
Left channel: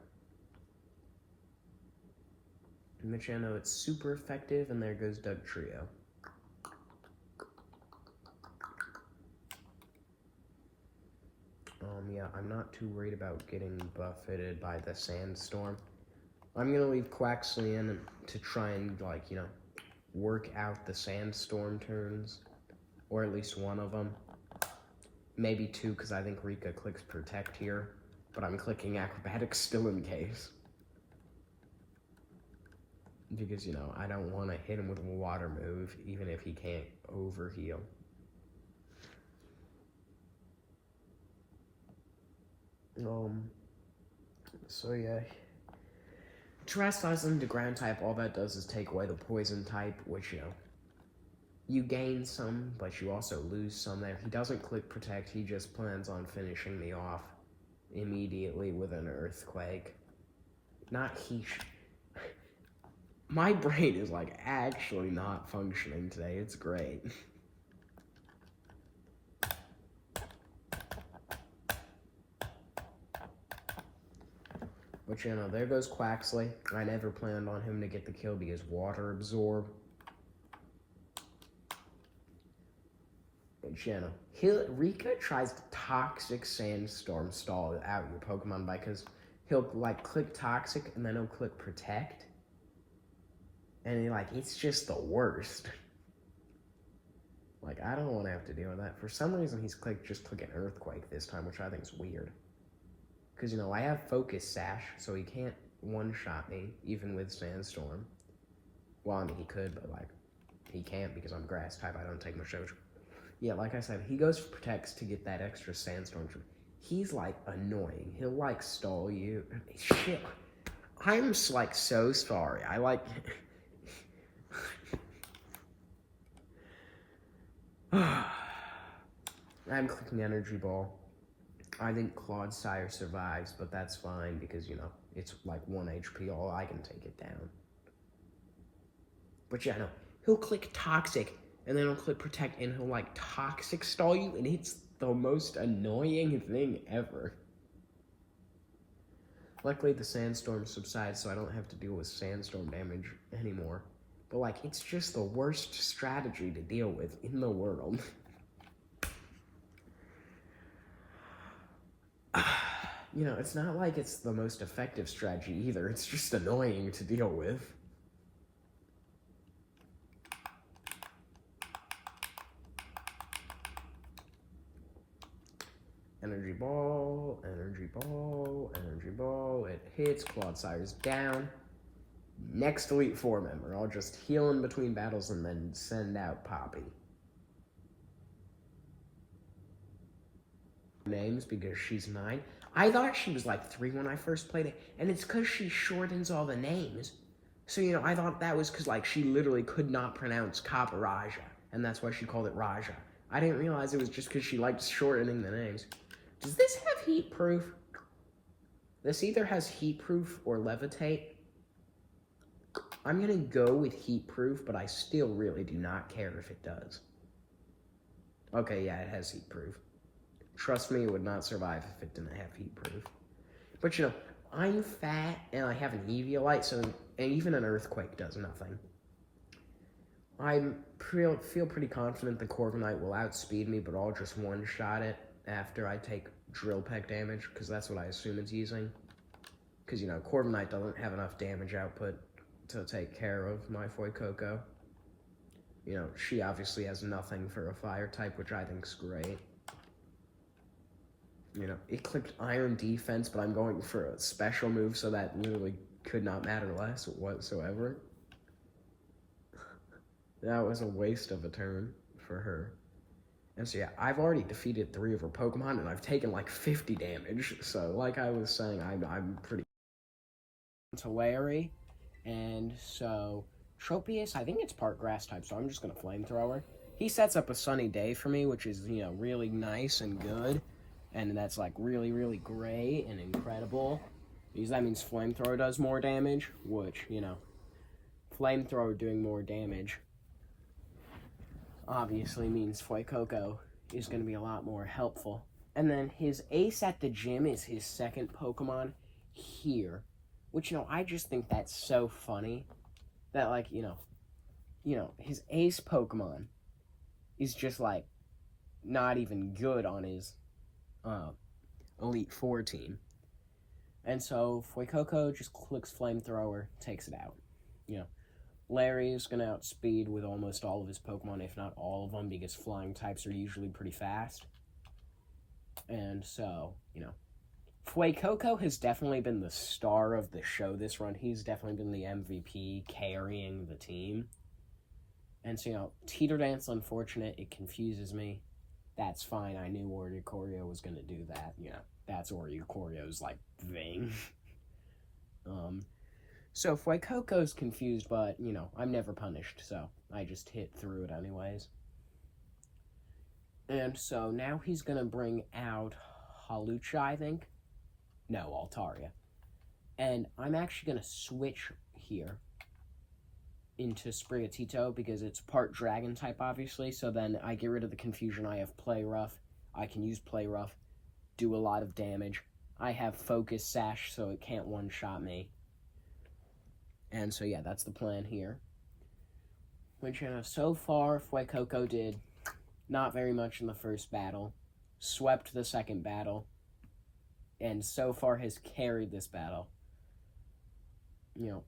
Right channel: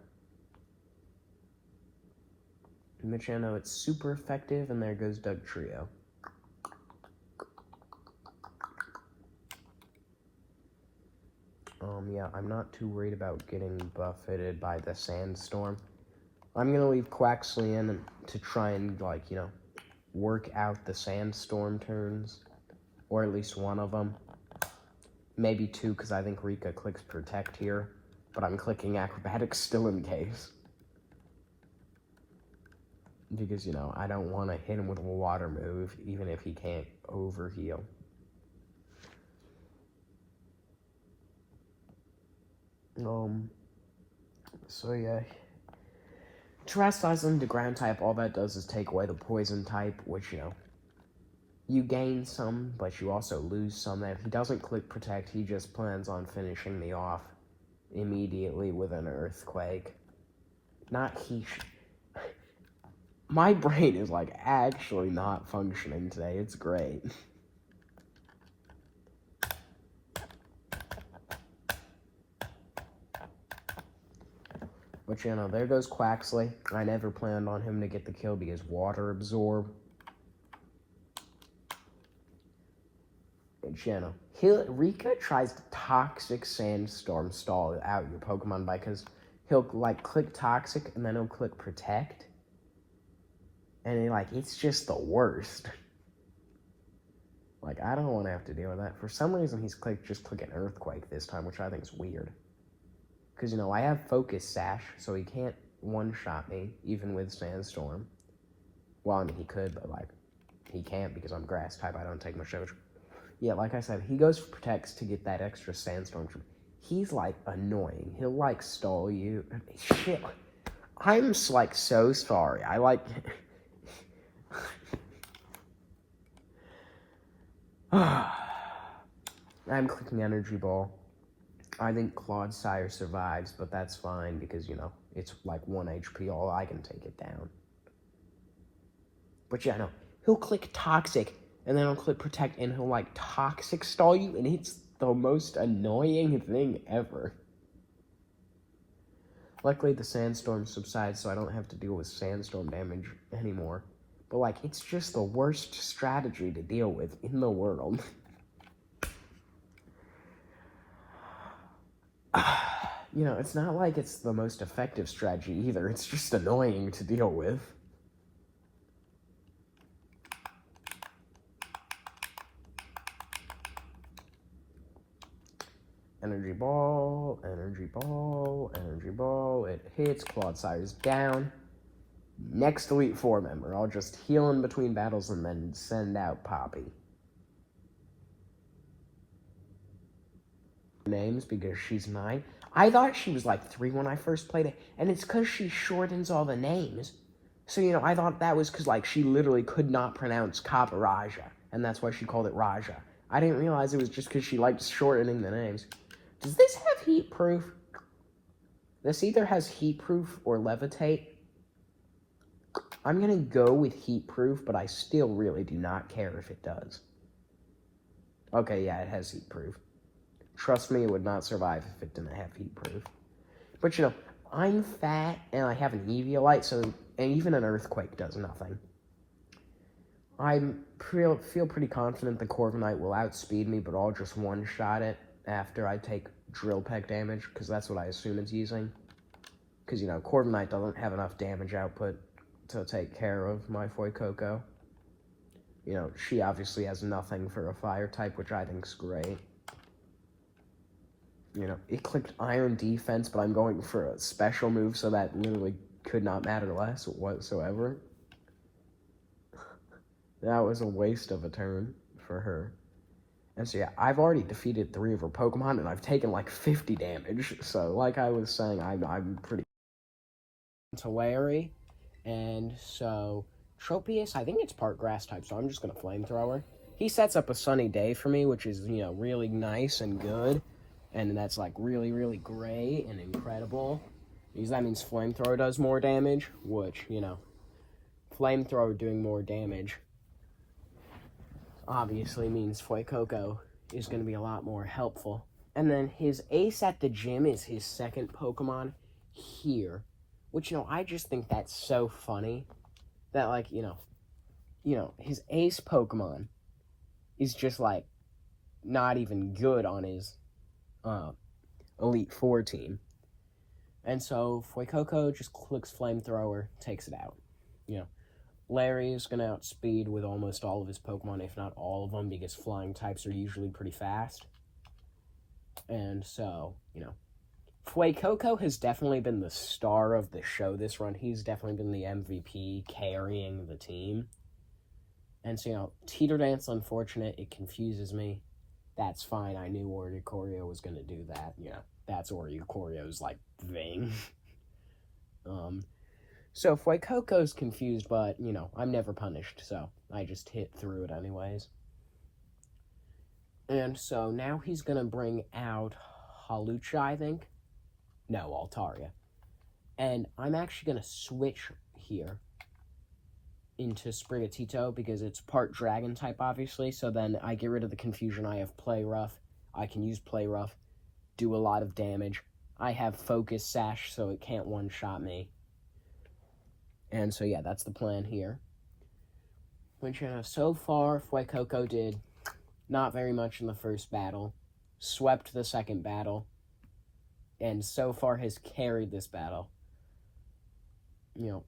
But, it's super effective, and there goes Dugtrio. Yeah, I'm not too worried about getting buffeted by the Sandstorm. I'm gonna leave Quaxley in to try and, work out the Sandstorm turns. Or at least one of them. Maybe 2, because I think Rika clicks Protect here. But I'm clicking Acrobatics still in case. Because, I don't want to hit him with a water move, even if he can't overheal. So yeah. Terrastallize into Ground type, all that does is take away the Poison type, which, you gain some, but you also lose some there. He doesn't click Protect, he just plans on finishing me off. immediately with an earthquake. Not he. My brain is like actually not functioning today. It's great. But you know, there goes Quaxley. I never planned on him to get the kill because water absorb. But you know, Rika tries to Toxic Sandstorm stall out your Pokemon because he'll like click Toxic and then he'll click Protect. And it's just the worst. Like, I don't want to have to deal with that. For some reason, he's just clicking Earthquake this time, which I think is weird. Because, you know, I have Focus Sash, so he can't one-shot me, even with Sandstorm. Well, I mean, he could, but, like, he can't because I'm Grass type. I don't take much damage. Yeah, like I said, he goes for Protects to get that extra Sandstorm. He's, like, annoying. He'll, like, stall you. Shit. I'm, like, so sorry. I'm clicking Energy Ball. I think Clodsire survives, but that's fine because, you know, it's like 1 HP, all I can take it down. But yeah, no, he'll click Toxic, and then he'll click Protect, and he'll, like, Toxic stall you, and it's the most annoying thing ever. Luckily, the Sandstorm subsides, so I don't have to deal with Sandstorm damage anymore. But, like, it's just the worst strategy to deal with in the world. You know, it's not like it's the most effective strategy either. It's just annoying to deal with. Energy Ball, Energy Ball, Energy Ball. It hits. Clodsire's down. Next Elite Four member. I'll just heal in between battles and then send out Poppy. Names because she's 9. I thought she was like 3 when I first played it, and it's because she shortens all the names. So, you know, I thought that was because, like, she literally could not pronounce Kappa-Raja, and that's why she called it Raja. I didn't realize it was just because she liked shortening the names. Does this have heat proof? This either has heat proof or levitate. I'm gonna go with heat proof, but I still really do not care if it does. Okay, yeah, it has heat proof. Trust me, it would not survive if it didn't have heat proof. But, you know, I'm fat, and I have an Eviolite, and even an Earthquake does nothing. I feel pretty confident the Corviknight will outspeed me, but I'll just one-shot it after I take Drill Peck damage, because that's what I assume it's using. Because, you know, Corviknight doesn't have enough damage output to take care of my Fuecoco. You know, she obviously has nothing for a Fire type, which I think's great. You know, it clicked Iron Defense, but I'm going for a special move, so that literally could not matter less whatsoever. That was a waste of a turn for her. And so, yeah, I've already defeated 3 of her Pokemon, and I've taken, like, 50 damage. So, like I was saying, I'm pretty... To Larry, and so, Tropius, I think it's part Grass type, so I'm just gonna Flamethrower. He sets up a Sunny Day for me, which is, you know, really nice and good. And that's, like, really, really great and incredible. Because that means Flamethrower does more damage, which, you know, Flamethrower doing more damage obviously means Fuecoco is going to be a lot more helpful. And then his Ace at the Gym is his second Pokemon here. Which, you know, I just think that's so funny. That, like, you know, his Ace Pokemon is just, like, not even good on his Elite Four team. And so Fuecoco just clicks Flamethrower, takes it out. You know, Larry is going to outspeed with almost all of his Pokemon, if not all of them, because flying types are usually pretty fast. And so, you know, Fuecoco has definitely been the star of the show this run. He's definitely been the MVP, carrying the team. And so, you know, Teeter Dance, unfortunate, it confuses me. That's fine. I knew Oricorio was going to do that. You know, that's Oricorio's, like, thing. So Fuecoco's confused, but, you know, I'm never punished, so I just hit through it anyways. And so now he's going to bring out Hawlucha, I think. No, Altaria. And I'm actually going to switch here into Sprigatito because it's part dragon type, obviously. So then I get rid of the confusion. I have Play Rough. I can use Play Rough, do a lot of damage. I have Focus Sash, so it can't one-shot me. And so, yeah, that's the plan here. Which, so far, Fuecoco did not very much in the first battle, swept the second battle, and so far has carried this battle.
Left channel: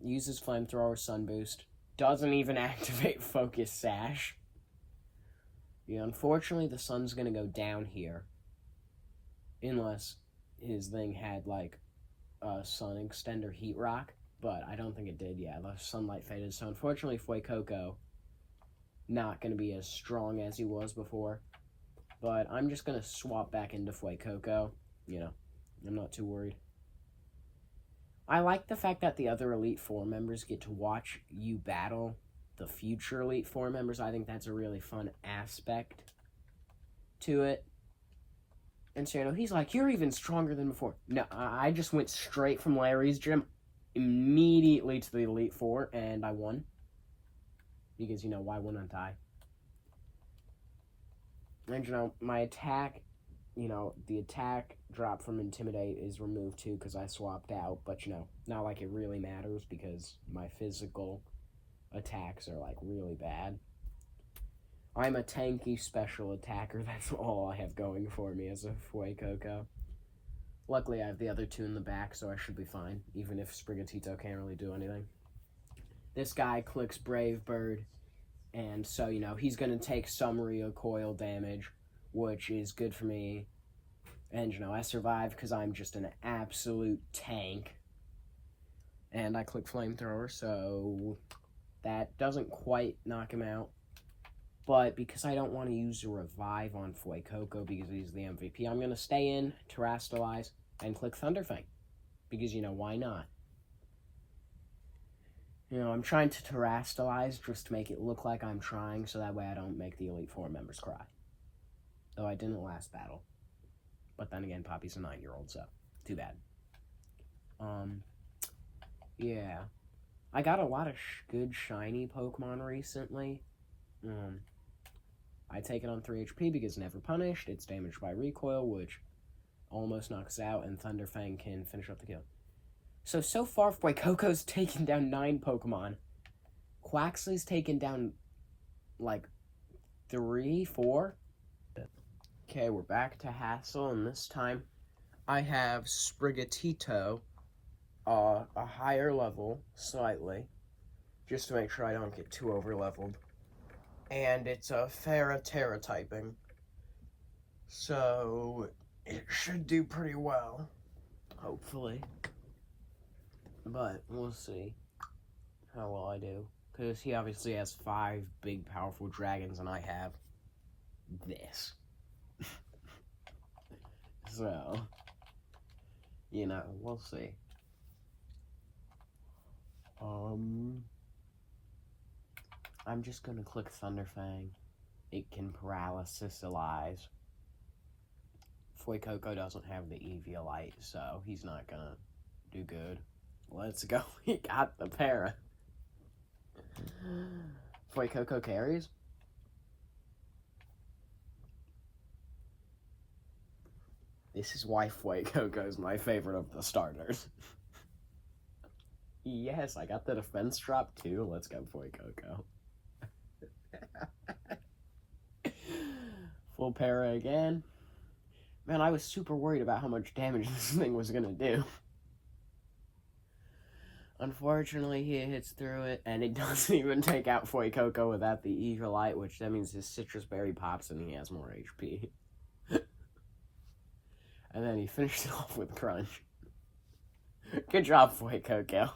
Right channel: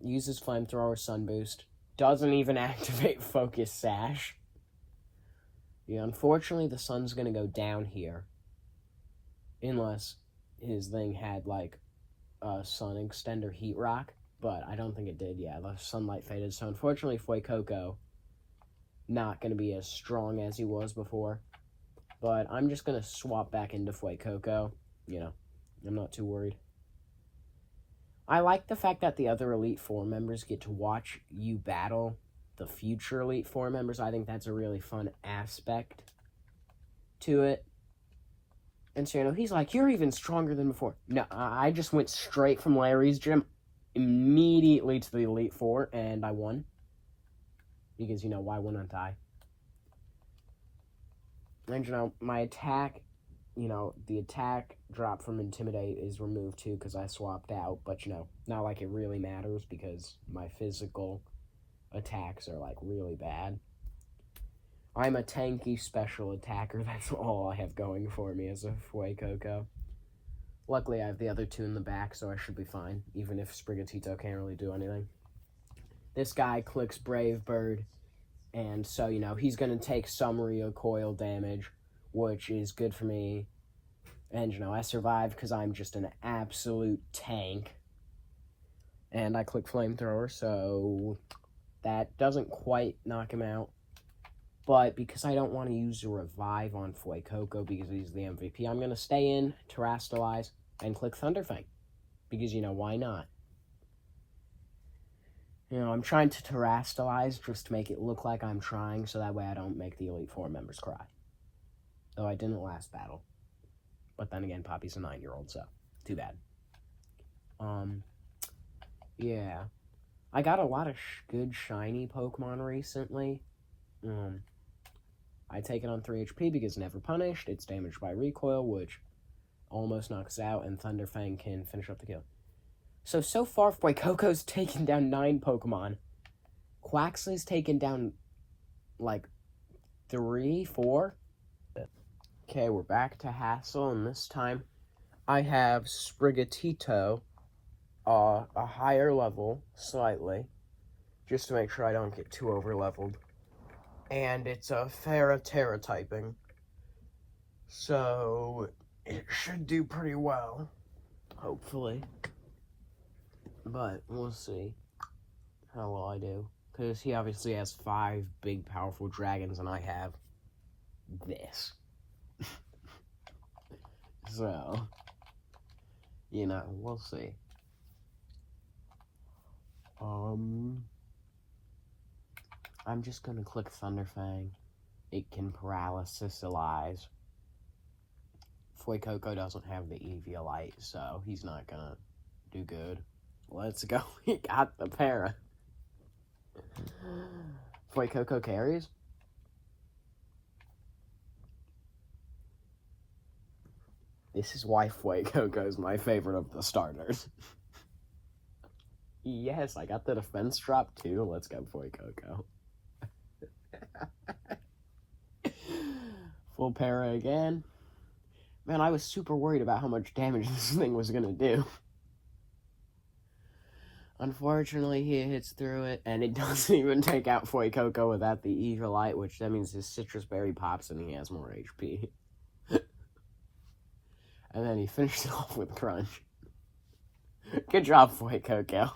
Uses Flamethrower, Sun Boost, doesn't even activate Focus Sash. Unfortunately, the sun's going to go down here, unless his thing had, like, a Sun Extender Heat Rock, but I don't think it did. Yeah, the sunlight faded, so unfortunately, Fuecoco not going to be as strong as he was before, but I'm just going to swap back into Fuecoco. I'm not too worried. I like the fact that the other Elite Four members get to watch you battle the future Elite Four members. I think that's a really fun aspect to it. And so, he's like, you're even stronger than before. No, I just went straight from Larry's gym immediately to the Elite Four, and I won. Because, why wouldn't I? And, my attack, the attack drop from Intimidate is removed too because I swapped out. But, not like it really matters because my physical attacks are, like, really bad. I'm a tanky special attacker. That's all I have going for me as a Fuecoco. Luckily, I have the other two in the back, so I should be fine, even if Sprigatito can't really do anything. This guy clicks Brave Bird, and so, he's going to take some recoil damage, which is good for me. And, I survive because I'm just an absolute tank. And I click Flamethrower, so that doesn't quite knock him out. But because I don't want to use a Revive on Fuecoco because he's the MVP, I'm going to stay in, Terrastalize, and click Thunderfang. Because, why not? I'm trying to Terrastalize just to make it look like I'm trying, so that way I don't make the Elite Four members cry. Though I didn't last battle. But then again, Poppy's a 9-year-old, so too bad. Yeah. I got a lot of good shiny Pokemon recently. I take it on 3 HP because Never Punished, it's damaged by recoil, which almost knocks out, and Thunderfang can finish up the kill. So far, Fuecoco's taken down 9 Pokemon. Quaxly's taken down, like, 3, 4. Okay, we're back to Hassel, and this time I have Sprigatito, a higher level, slightly, just to make sure I don't get too over-leveled. And it's a Ferroterra typing, so it should do pretty well, hopefully. But we'll see how well I do. Because he obviously has 5 big, powerful dragons, and I have this. So, we'll see. I'm just gonna click Thunderfang. It can Paralysis-alize. Fuecoco doesn't have the Eviolite, so he's not gonna do good. Let's go. He got the para. Fuecoco carries. This is why Fuecoco is my favorite of the starters. Yes, I got the defense drop too. Let's go, Fuecoco. Full para again. Man, I was super worried about how much damage this thing was gonna do. Unfortunately, he hits through it, and it doesn't even take out Fuecoco without the Eviolite, which that means his Citrus Berry pops and he has more HP. And then he finishes it off with Crunch. Good job, Fuecoco.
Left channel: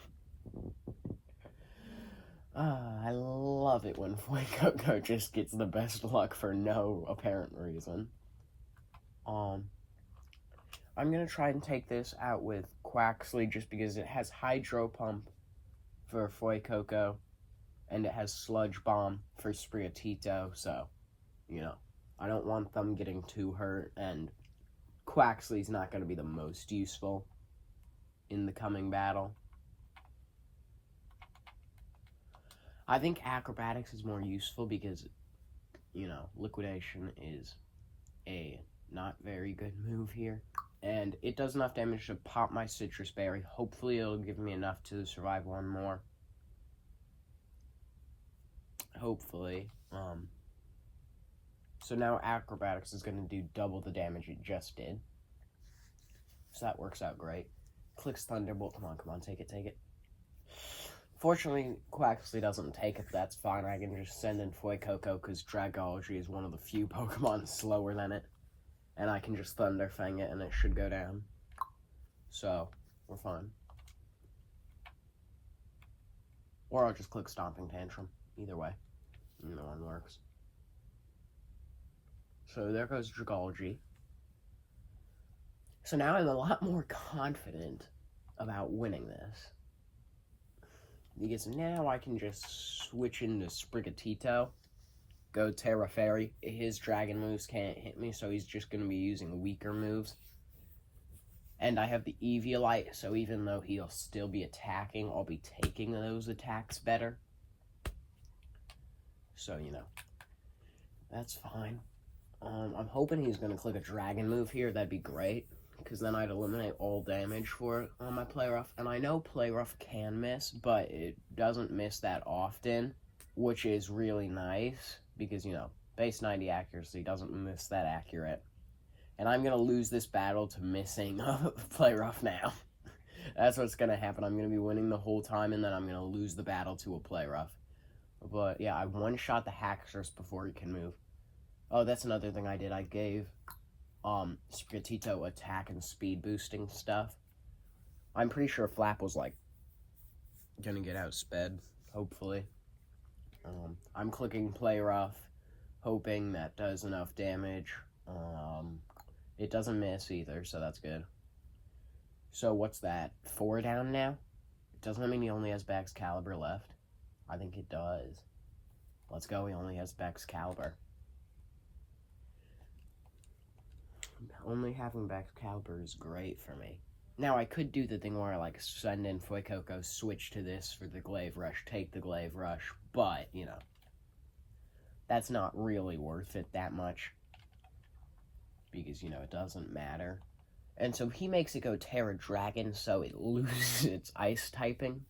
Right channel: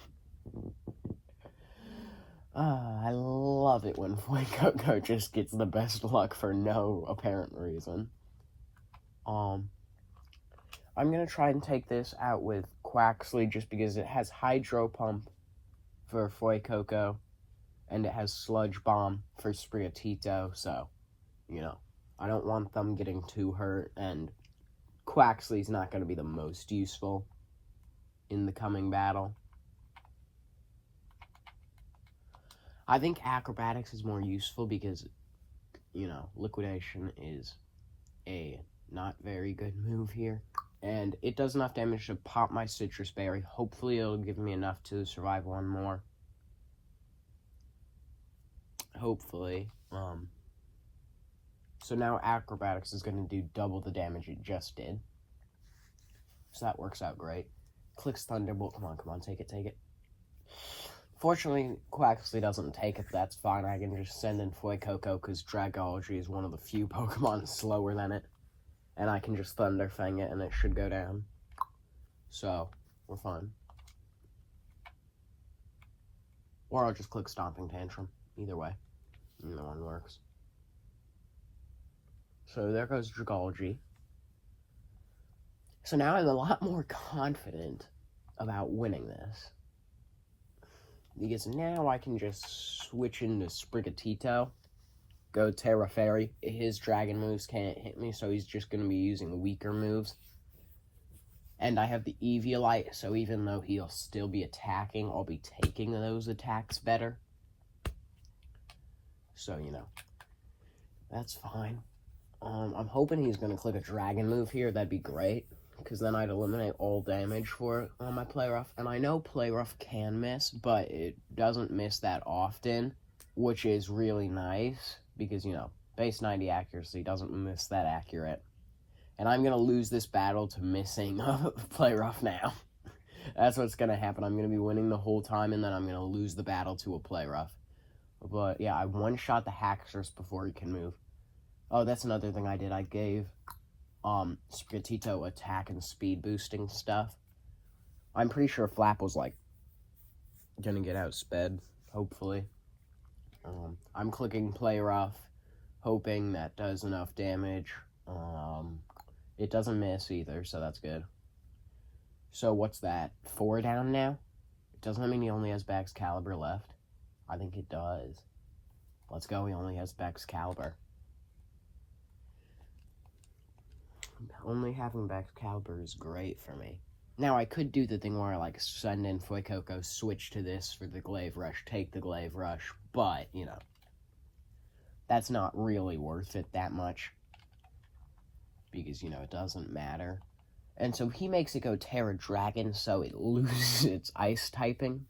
I love it when Fuecoco just gets the best luck for no apparent reason. I'm gonna try and take this out with Quaxly just because it has Hydro Pump for Fuecoco, and it has Sludge Bomb for Sprigatito, so, I don't want them getting too hurt, and Quaxly's not gonna be the most useful. in the coming battle. I think Acrobatics is more useful because, you know, Liquidation is a not very good move here. And it does enough damage to pop my Citrus Berry. Hopefully it'll give me enough to survive one more. Hopefully. So now Acrobatics is going to do double the damage it just did. So that works out great. Clicks Thunderbolt. Come on, take it. Fortunately, Quaxley doesn't take it, but that's fine. I can just send in Fuecoco because Dragology is one of the few Pokemon slower than it. And I can just Thunder Fang it and it should go down. So, we're fine. Or I'll just click Stomping Tantrum. Either way. Either one works. So there goes Dragology. So now I'm a lot more confident about winning this. Because now I can just switch into Sprigatito, go Terra Fairy. His dragon moves can't hit me, so he's just going to be using weaker moves. And I have the Eviolite, so even though he'll still be attacking, I'll be taking those attacks better. So, you know, that's fine. I'm hoping he's going to click a dragon move here. That'd be great, because then I'd eliminate all damage for it on my Playrough. And I know Playrough can miss, but it doesn't miss that often, which is really nice, because, you know, base 90 accuracy doesn't miss that accurate. And I'm going to lose this battle to missing Playrough now. That's what's going to happen. I'm going to be winning the whole time, and then I'm going to lose the battle to a Playrough. But, yeah, I one-shot the Haxorus before he can move. Oh, that's another thing I did. I gave Sprigatito attack and speed boosting stuff. I'm pretty sure Flap was, like, gonna get outsped, hopefully. I'm clicking Play Rough, hoping that does enough damage. It doesn't miss either, so that's good. So what's that? 4 down now? Doesn't that mean he only has Baxcalibur left? I think it does. Let's go, he only has Baxcalibur. Only having Baxcalibur is great for me. Now, I could do the thing where I, like, send in Fuecoco, switch to this for the Glaive Rush, take the Glaive Rush, but, you know, that's not really worth it that much. Because, you know, it doesn't matter. And so he makes it go Terra Dragon, so it loses its Ice typing.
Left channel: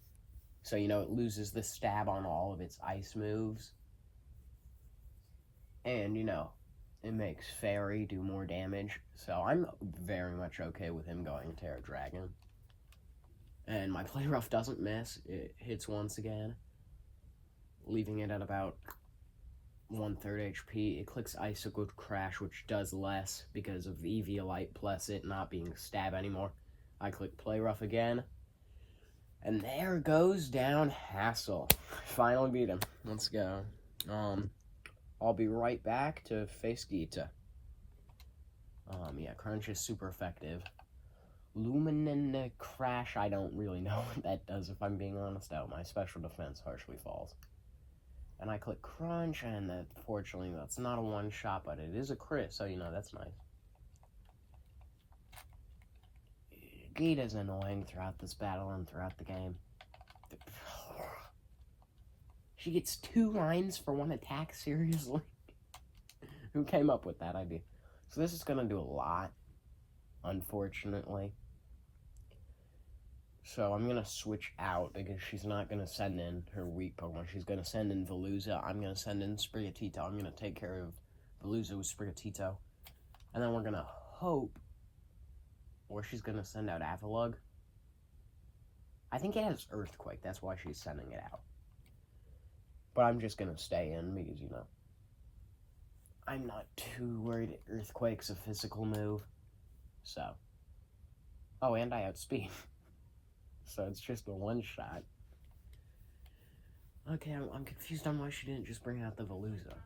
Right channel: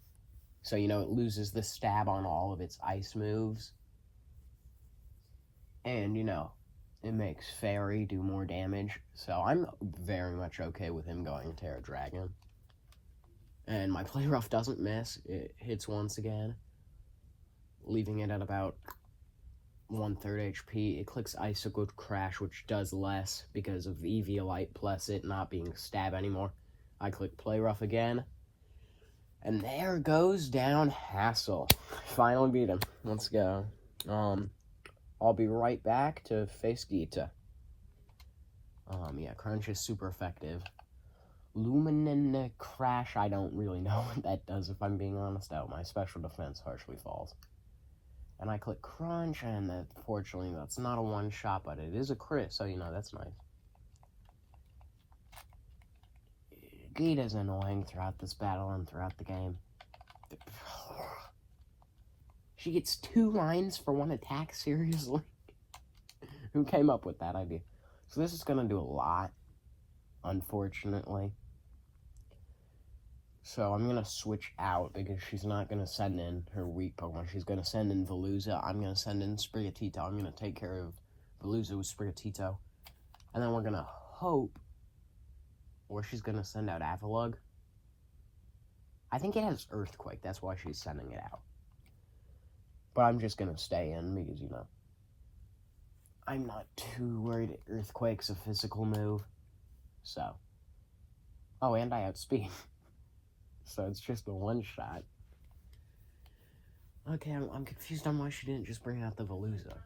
So, you know, it loses the stab on all of its Ice moves. And, you know, it makes Fairy do more damage. So I'm very much okay with him going Terra Dragon. And my Play Rough doesn't miss. It hits once again, leaving it at about 1/3 HP. It clicks Icicle Crash, which does less because of Eviolite plus it not being stab anymore. I click Play Rough again. And there goes down Hassel. Finally beat him. Let's go. I'll be right back to face Gita. Yeah, Crunch is super effective. Luminant Crash, I don't really know what that does, if I'm being honest. Oh, my special defense harshly falls. And I click Crunch, and fortunately that's not a one-shot, but it is a crit, so, you know, that's nice. Gita's annoying throughout this battle and throughout the game. She gets 2 lines for 1 attack, seriously? Who came up with that idea? So this is going to do a lot, unfortunately. So I'm going to switch out because she's not going to send in her weak Pokemon. She's going to send in Veluza. I'm going to send in Sprigatito. I'm going to take care of Veluza with Sprigatito. And then we're going to hope, or she's going to send out Avalugg. I think it has Earthquake. That's why she's sending it out. But I'm just going to stay in because, you know, I'm not too worried. Earthquake's a physical move. So. Oh, and I outspeed. So it's just a one-shot. Okay, I'm confused on why she didn't just bring out the Veluza.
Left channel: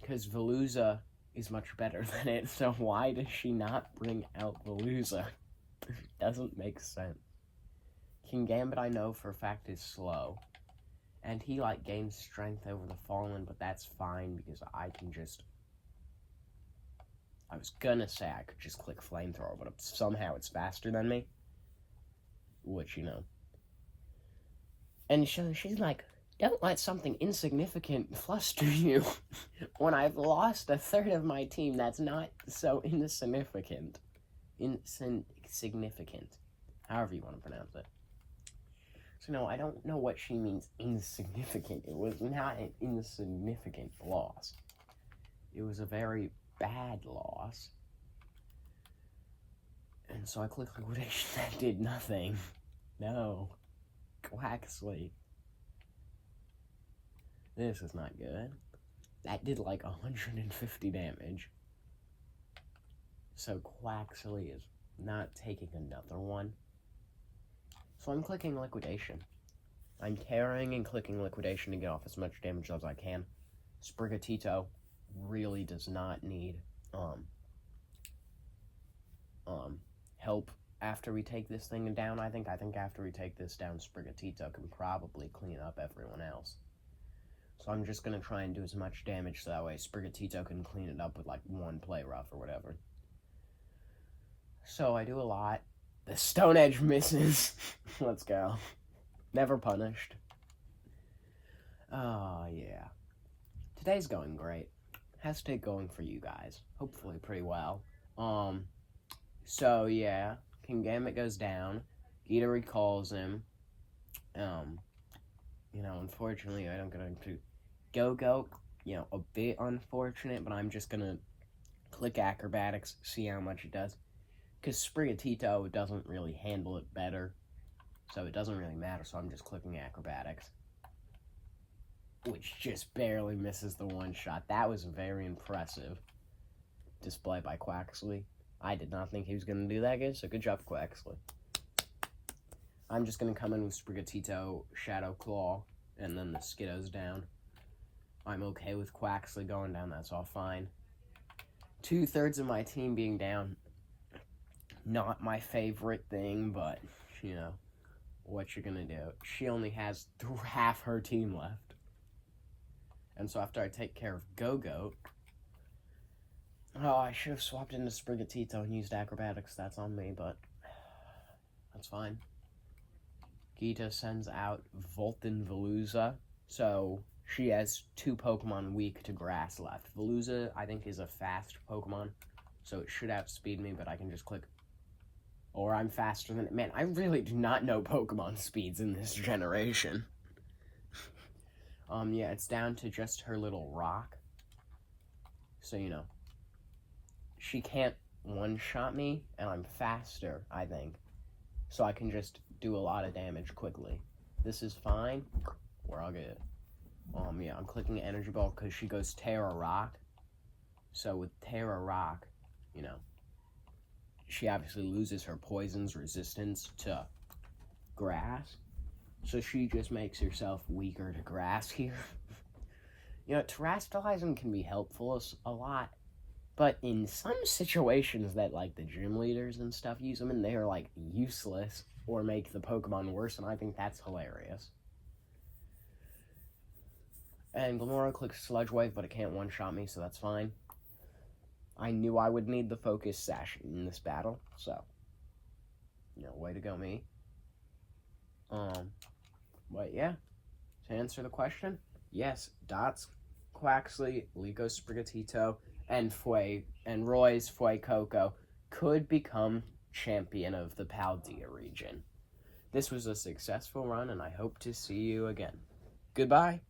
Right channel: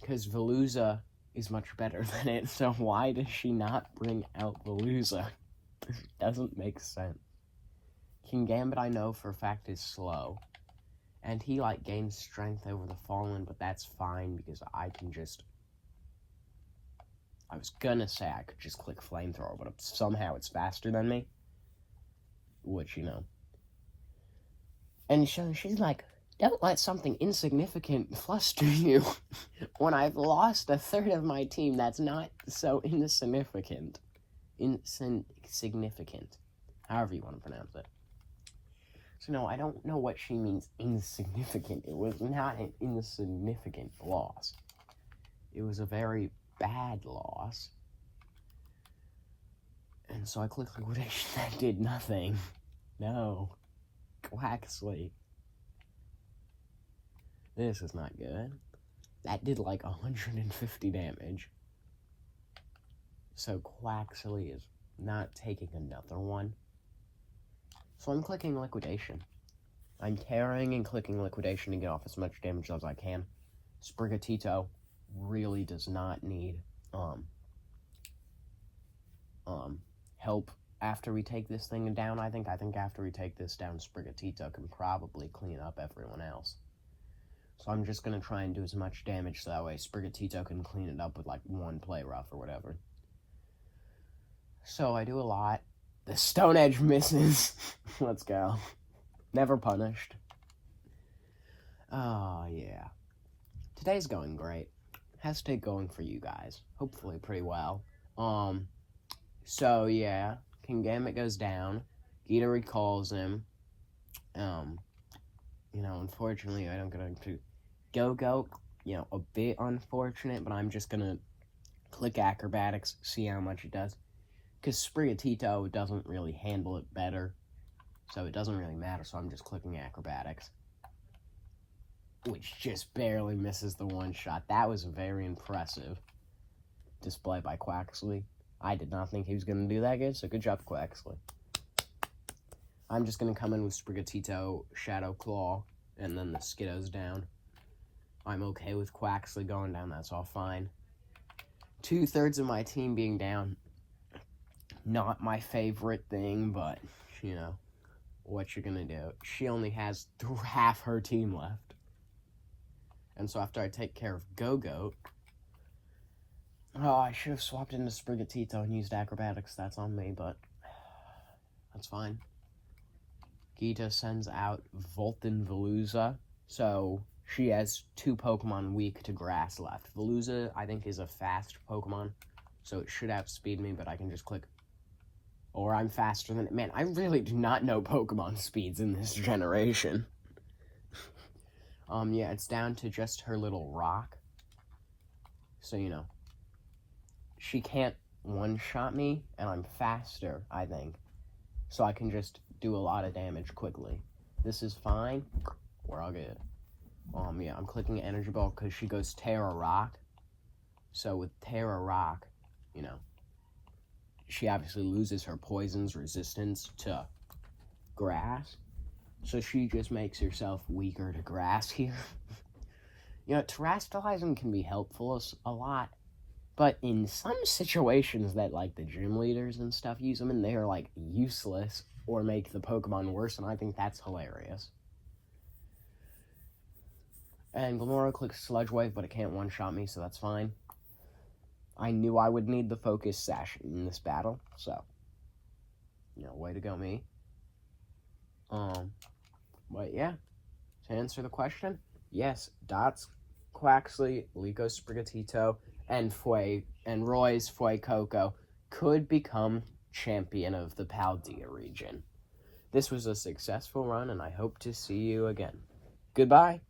Because Veluza is much better than it, so why does she not bring out Veluza? Doesn't make sense. Kingambit, I know for a fact, is slow. And he, like, gains strength over the Fallen, but that's fine because I can just... I was gonna say I could just click Flamethrower, but somehow it's faster than me. which, you know. And she's like, don't let something insignificant fluster you when I've lost a third of my team. That's not so insignificant. Insignificant. However you want to pronounce it. So no, I don't know what she means insignificant. It was not an insignificant loss. It was a very bad loss. And so I clicked liquidation. That did nothing. No. Quaxley. This is not good. That did like 150 damage. So Quaxley is not taking another one. So I'm clicking liquidation. I'm tearing and clicking liquidation to get off as much damage as I can. Sprigatito really does not need help after we take this thing down. I think after we take this down, Sprigatito can probably clean up everyone else. So I'm just gonna try and do as much damage so that way Sprigatito can clean it up with like one play rough or whatever. So I do a lot. The Stone Edge misses. Let's go. Never punished. Oh yeah. Today's going great. How's today going for you guys? Hopefully pretty well. So yeah, Kingambit goes down. Gita recalls him. You know, unfortunately I don't get into Go-Go, you know, a bit unfortunate, but I'm just gonna click acrobatics, see how much it does. Because Sprigatito doesn't really handle it better, so it doesn't really matter, so I'm just clicking acrobatics. Which just barely misses the one shot. That was very impressive display by Quaxley. I did not think he was going to do that good, so good job, Quaxley. I'm just going to come in with Sprigatito, Shadow Claw, and then the Skiddo's down. I'm okay with Quaxley going down, that's all fine. 2/3 of my team being down. Not my favorite thing, but, you know, what you're gonna do. She only has half her team left. And so after I take care of Go-Goat, oh, I should have swapped into Sprigatito and used acrobatics. That's on me, but that's fine. Gita sends out Volton Veluza, so she has 2 Pokemon weak to grass left. Veluza, I think, is a fast Pokemon, so it should outspeed me, but I can just click. Or I'm faster than it. Man, I really do not know Pokemon speeds in this generation. Yeah, it's down to just her little rock. So, you know, she can't one-shot me, and I'm faster, I think. So I can just do a lot of damage quickly. This is fine. We're all good. Yeah, I'm clicking Energy Ball because she goes Terra Rock. So with Terra Rock, you know, she obviously loses her poison's resistance to grass. So she just makes herself weaker to grass here. You know, terrestrializing can be helpful a lot. But in some situations that, like, the gym leaders and stuff use them, and they are, like, useless or make the Pokemon worse, and I think that's hilarious. And Glimmora clicks Sludge Wave, but it can't one-shot me, so that's fine. I knew I would need the Focus Sash in this battle, so, you know, way to go, me. But yeah, to answer the question, yes, Dots, Quaxley, Liko Sprigatito, and Roy's Fuecoco could become champion of the Paldea region. This was a successful run, and I hope to see you again. Goodbye.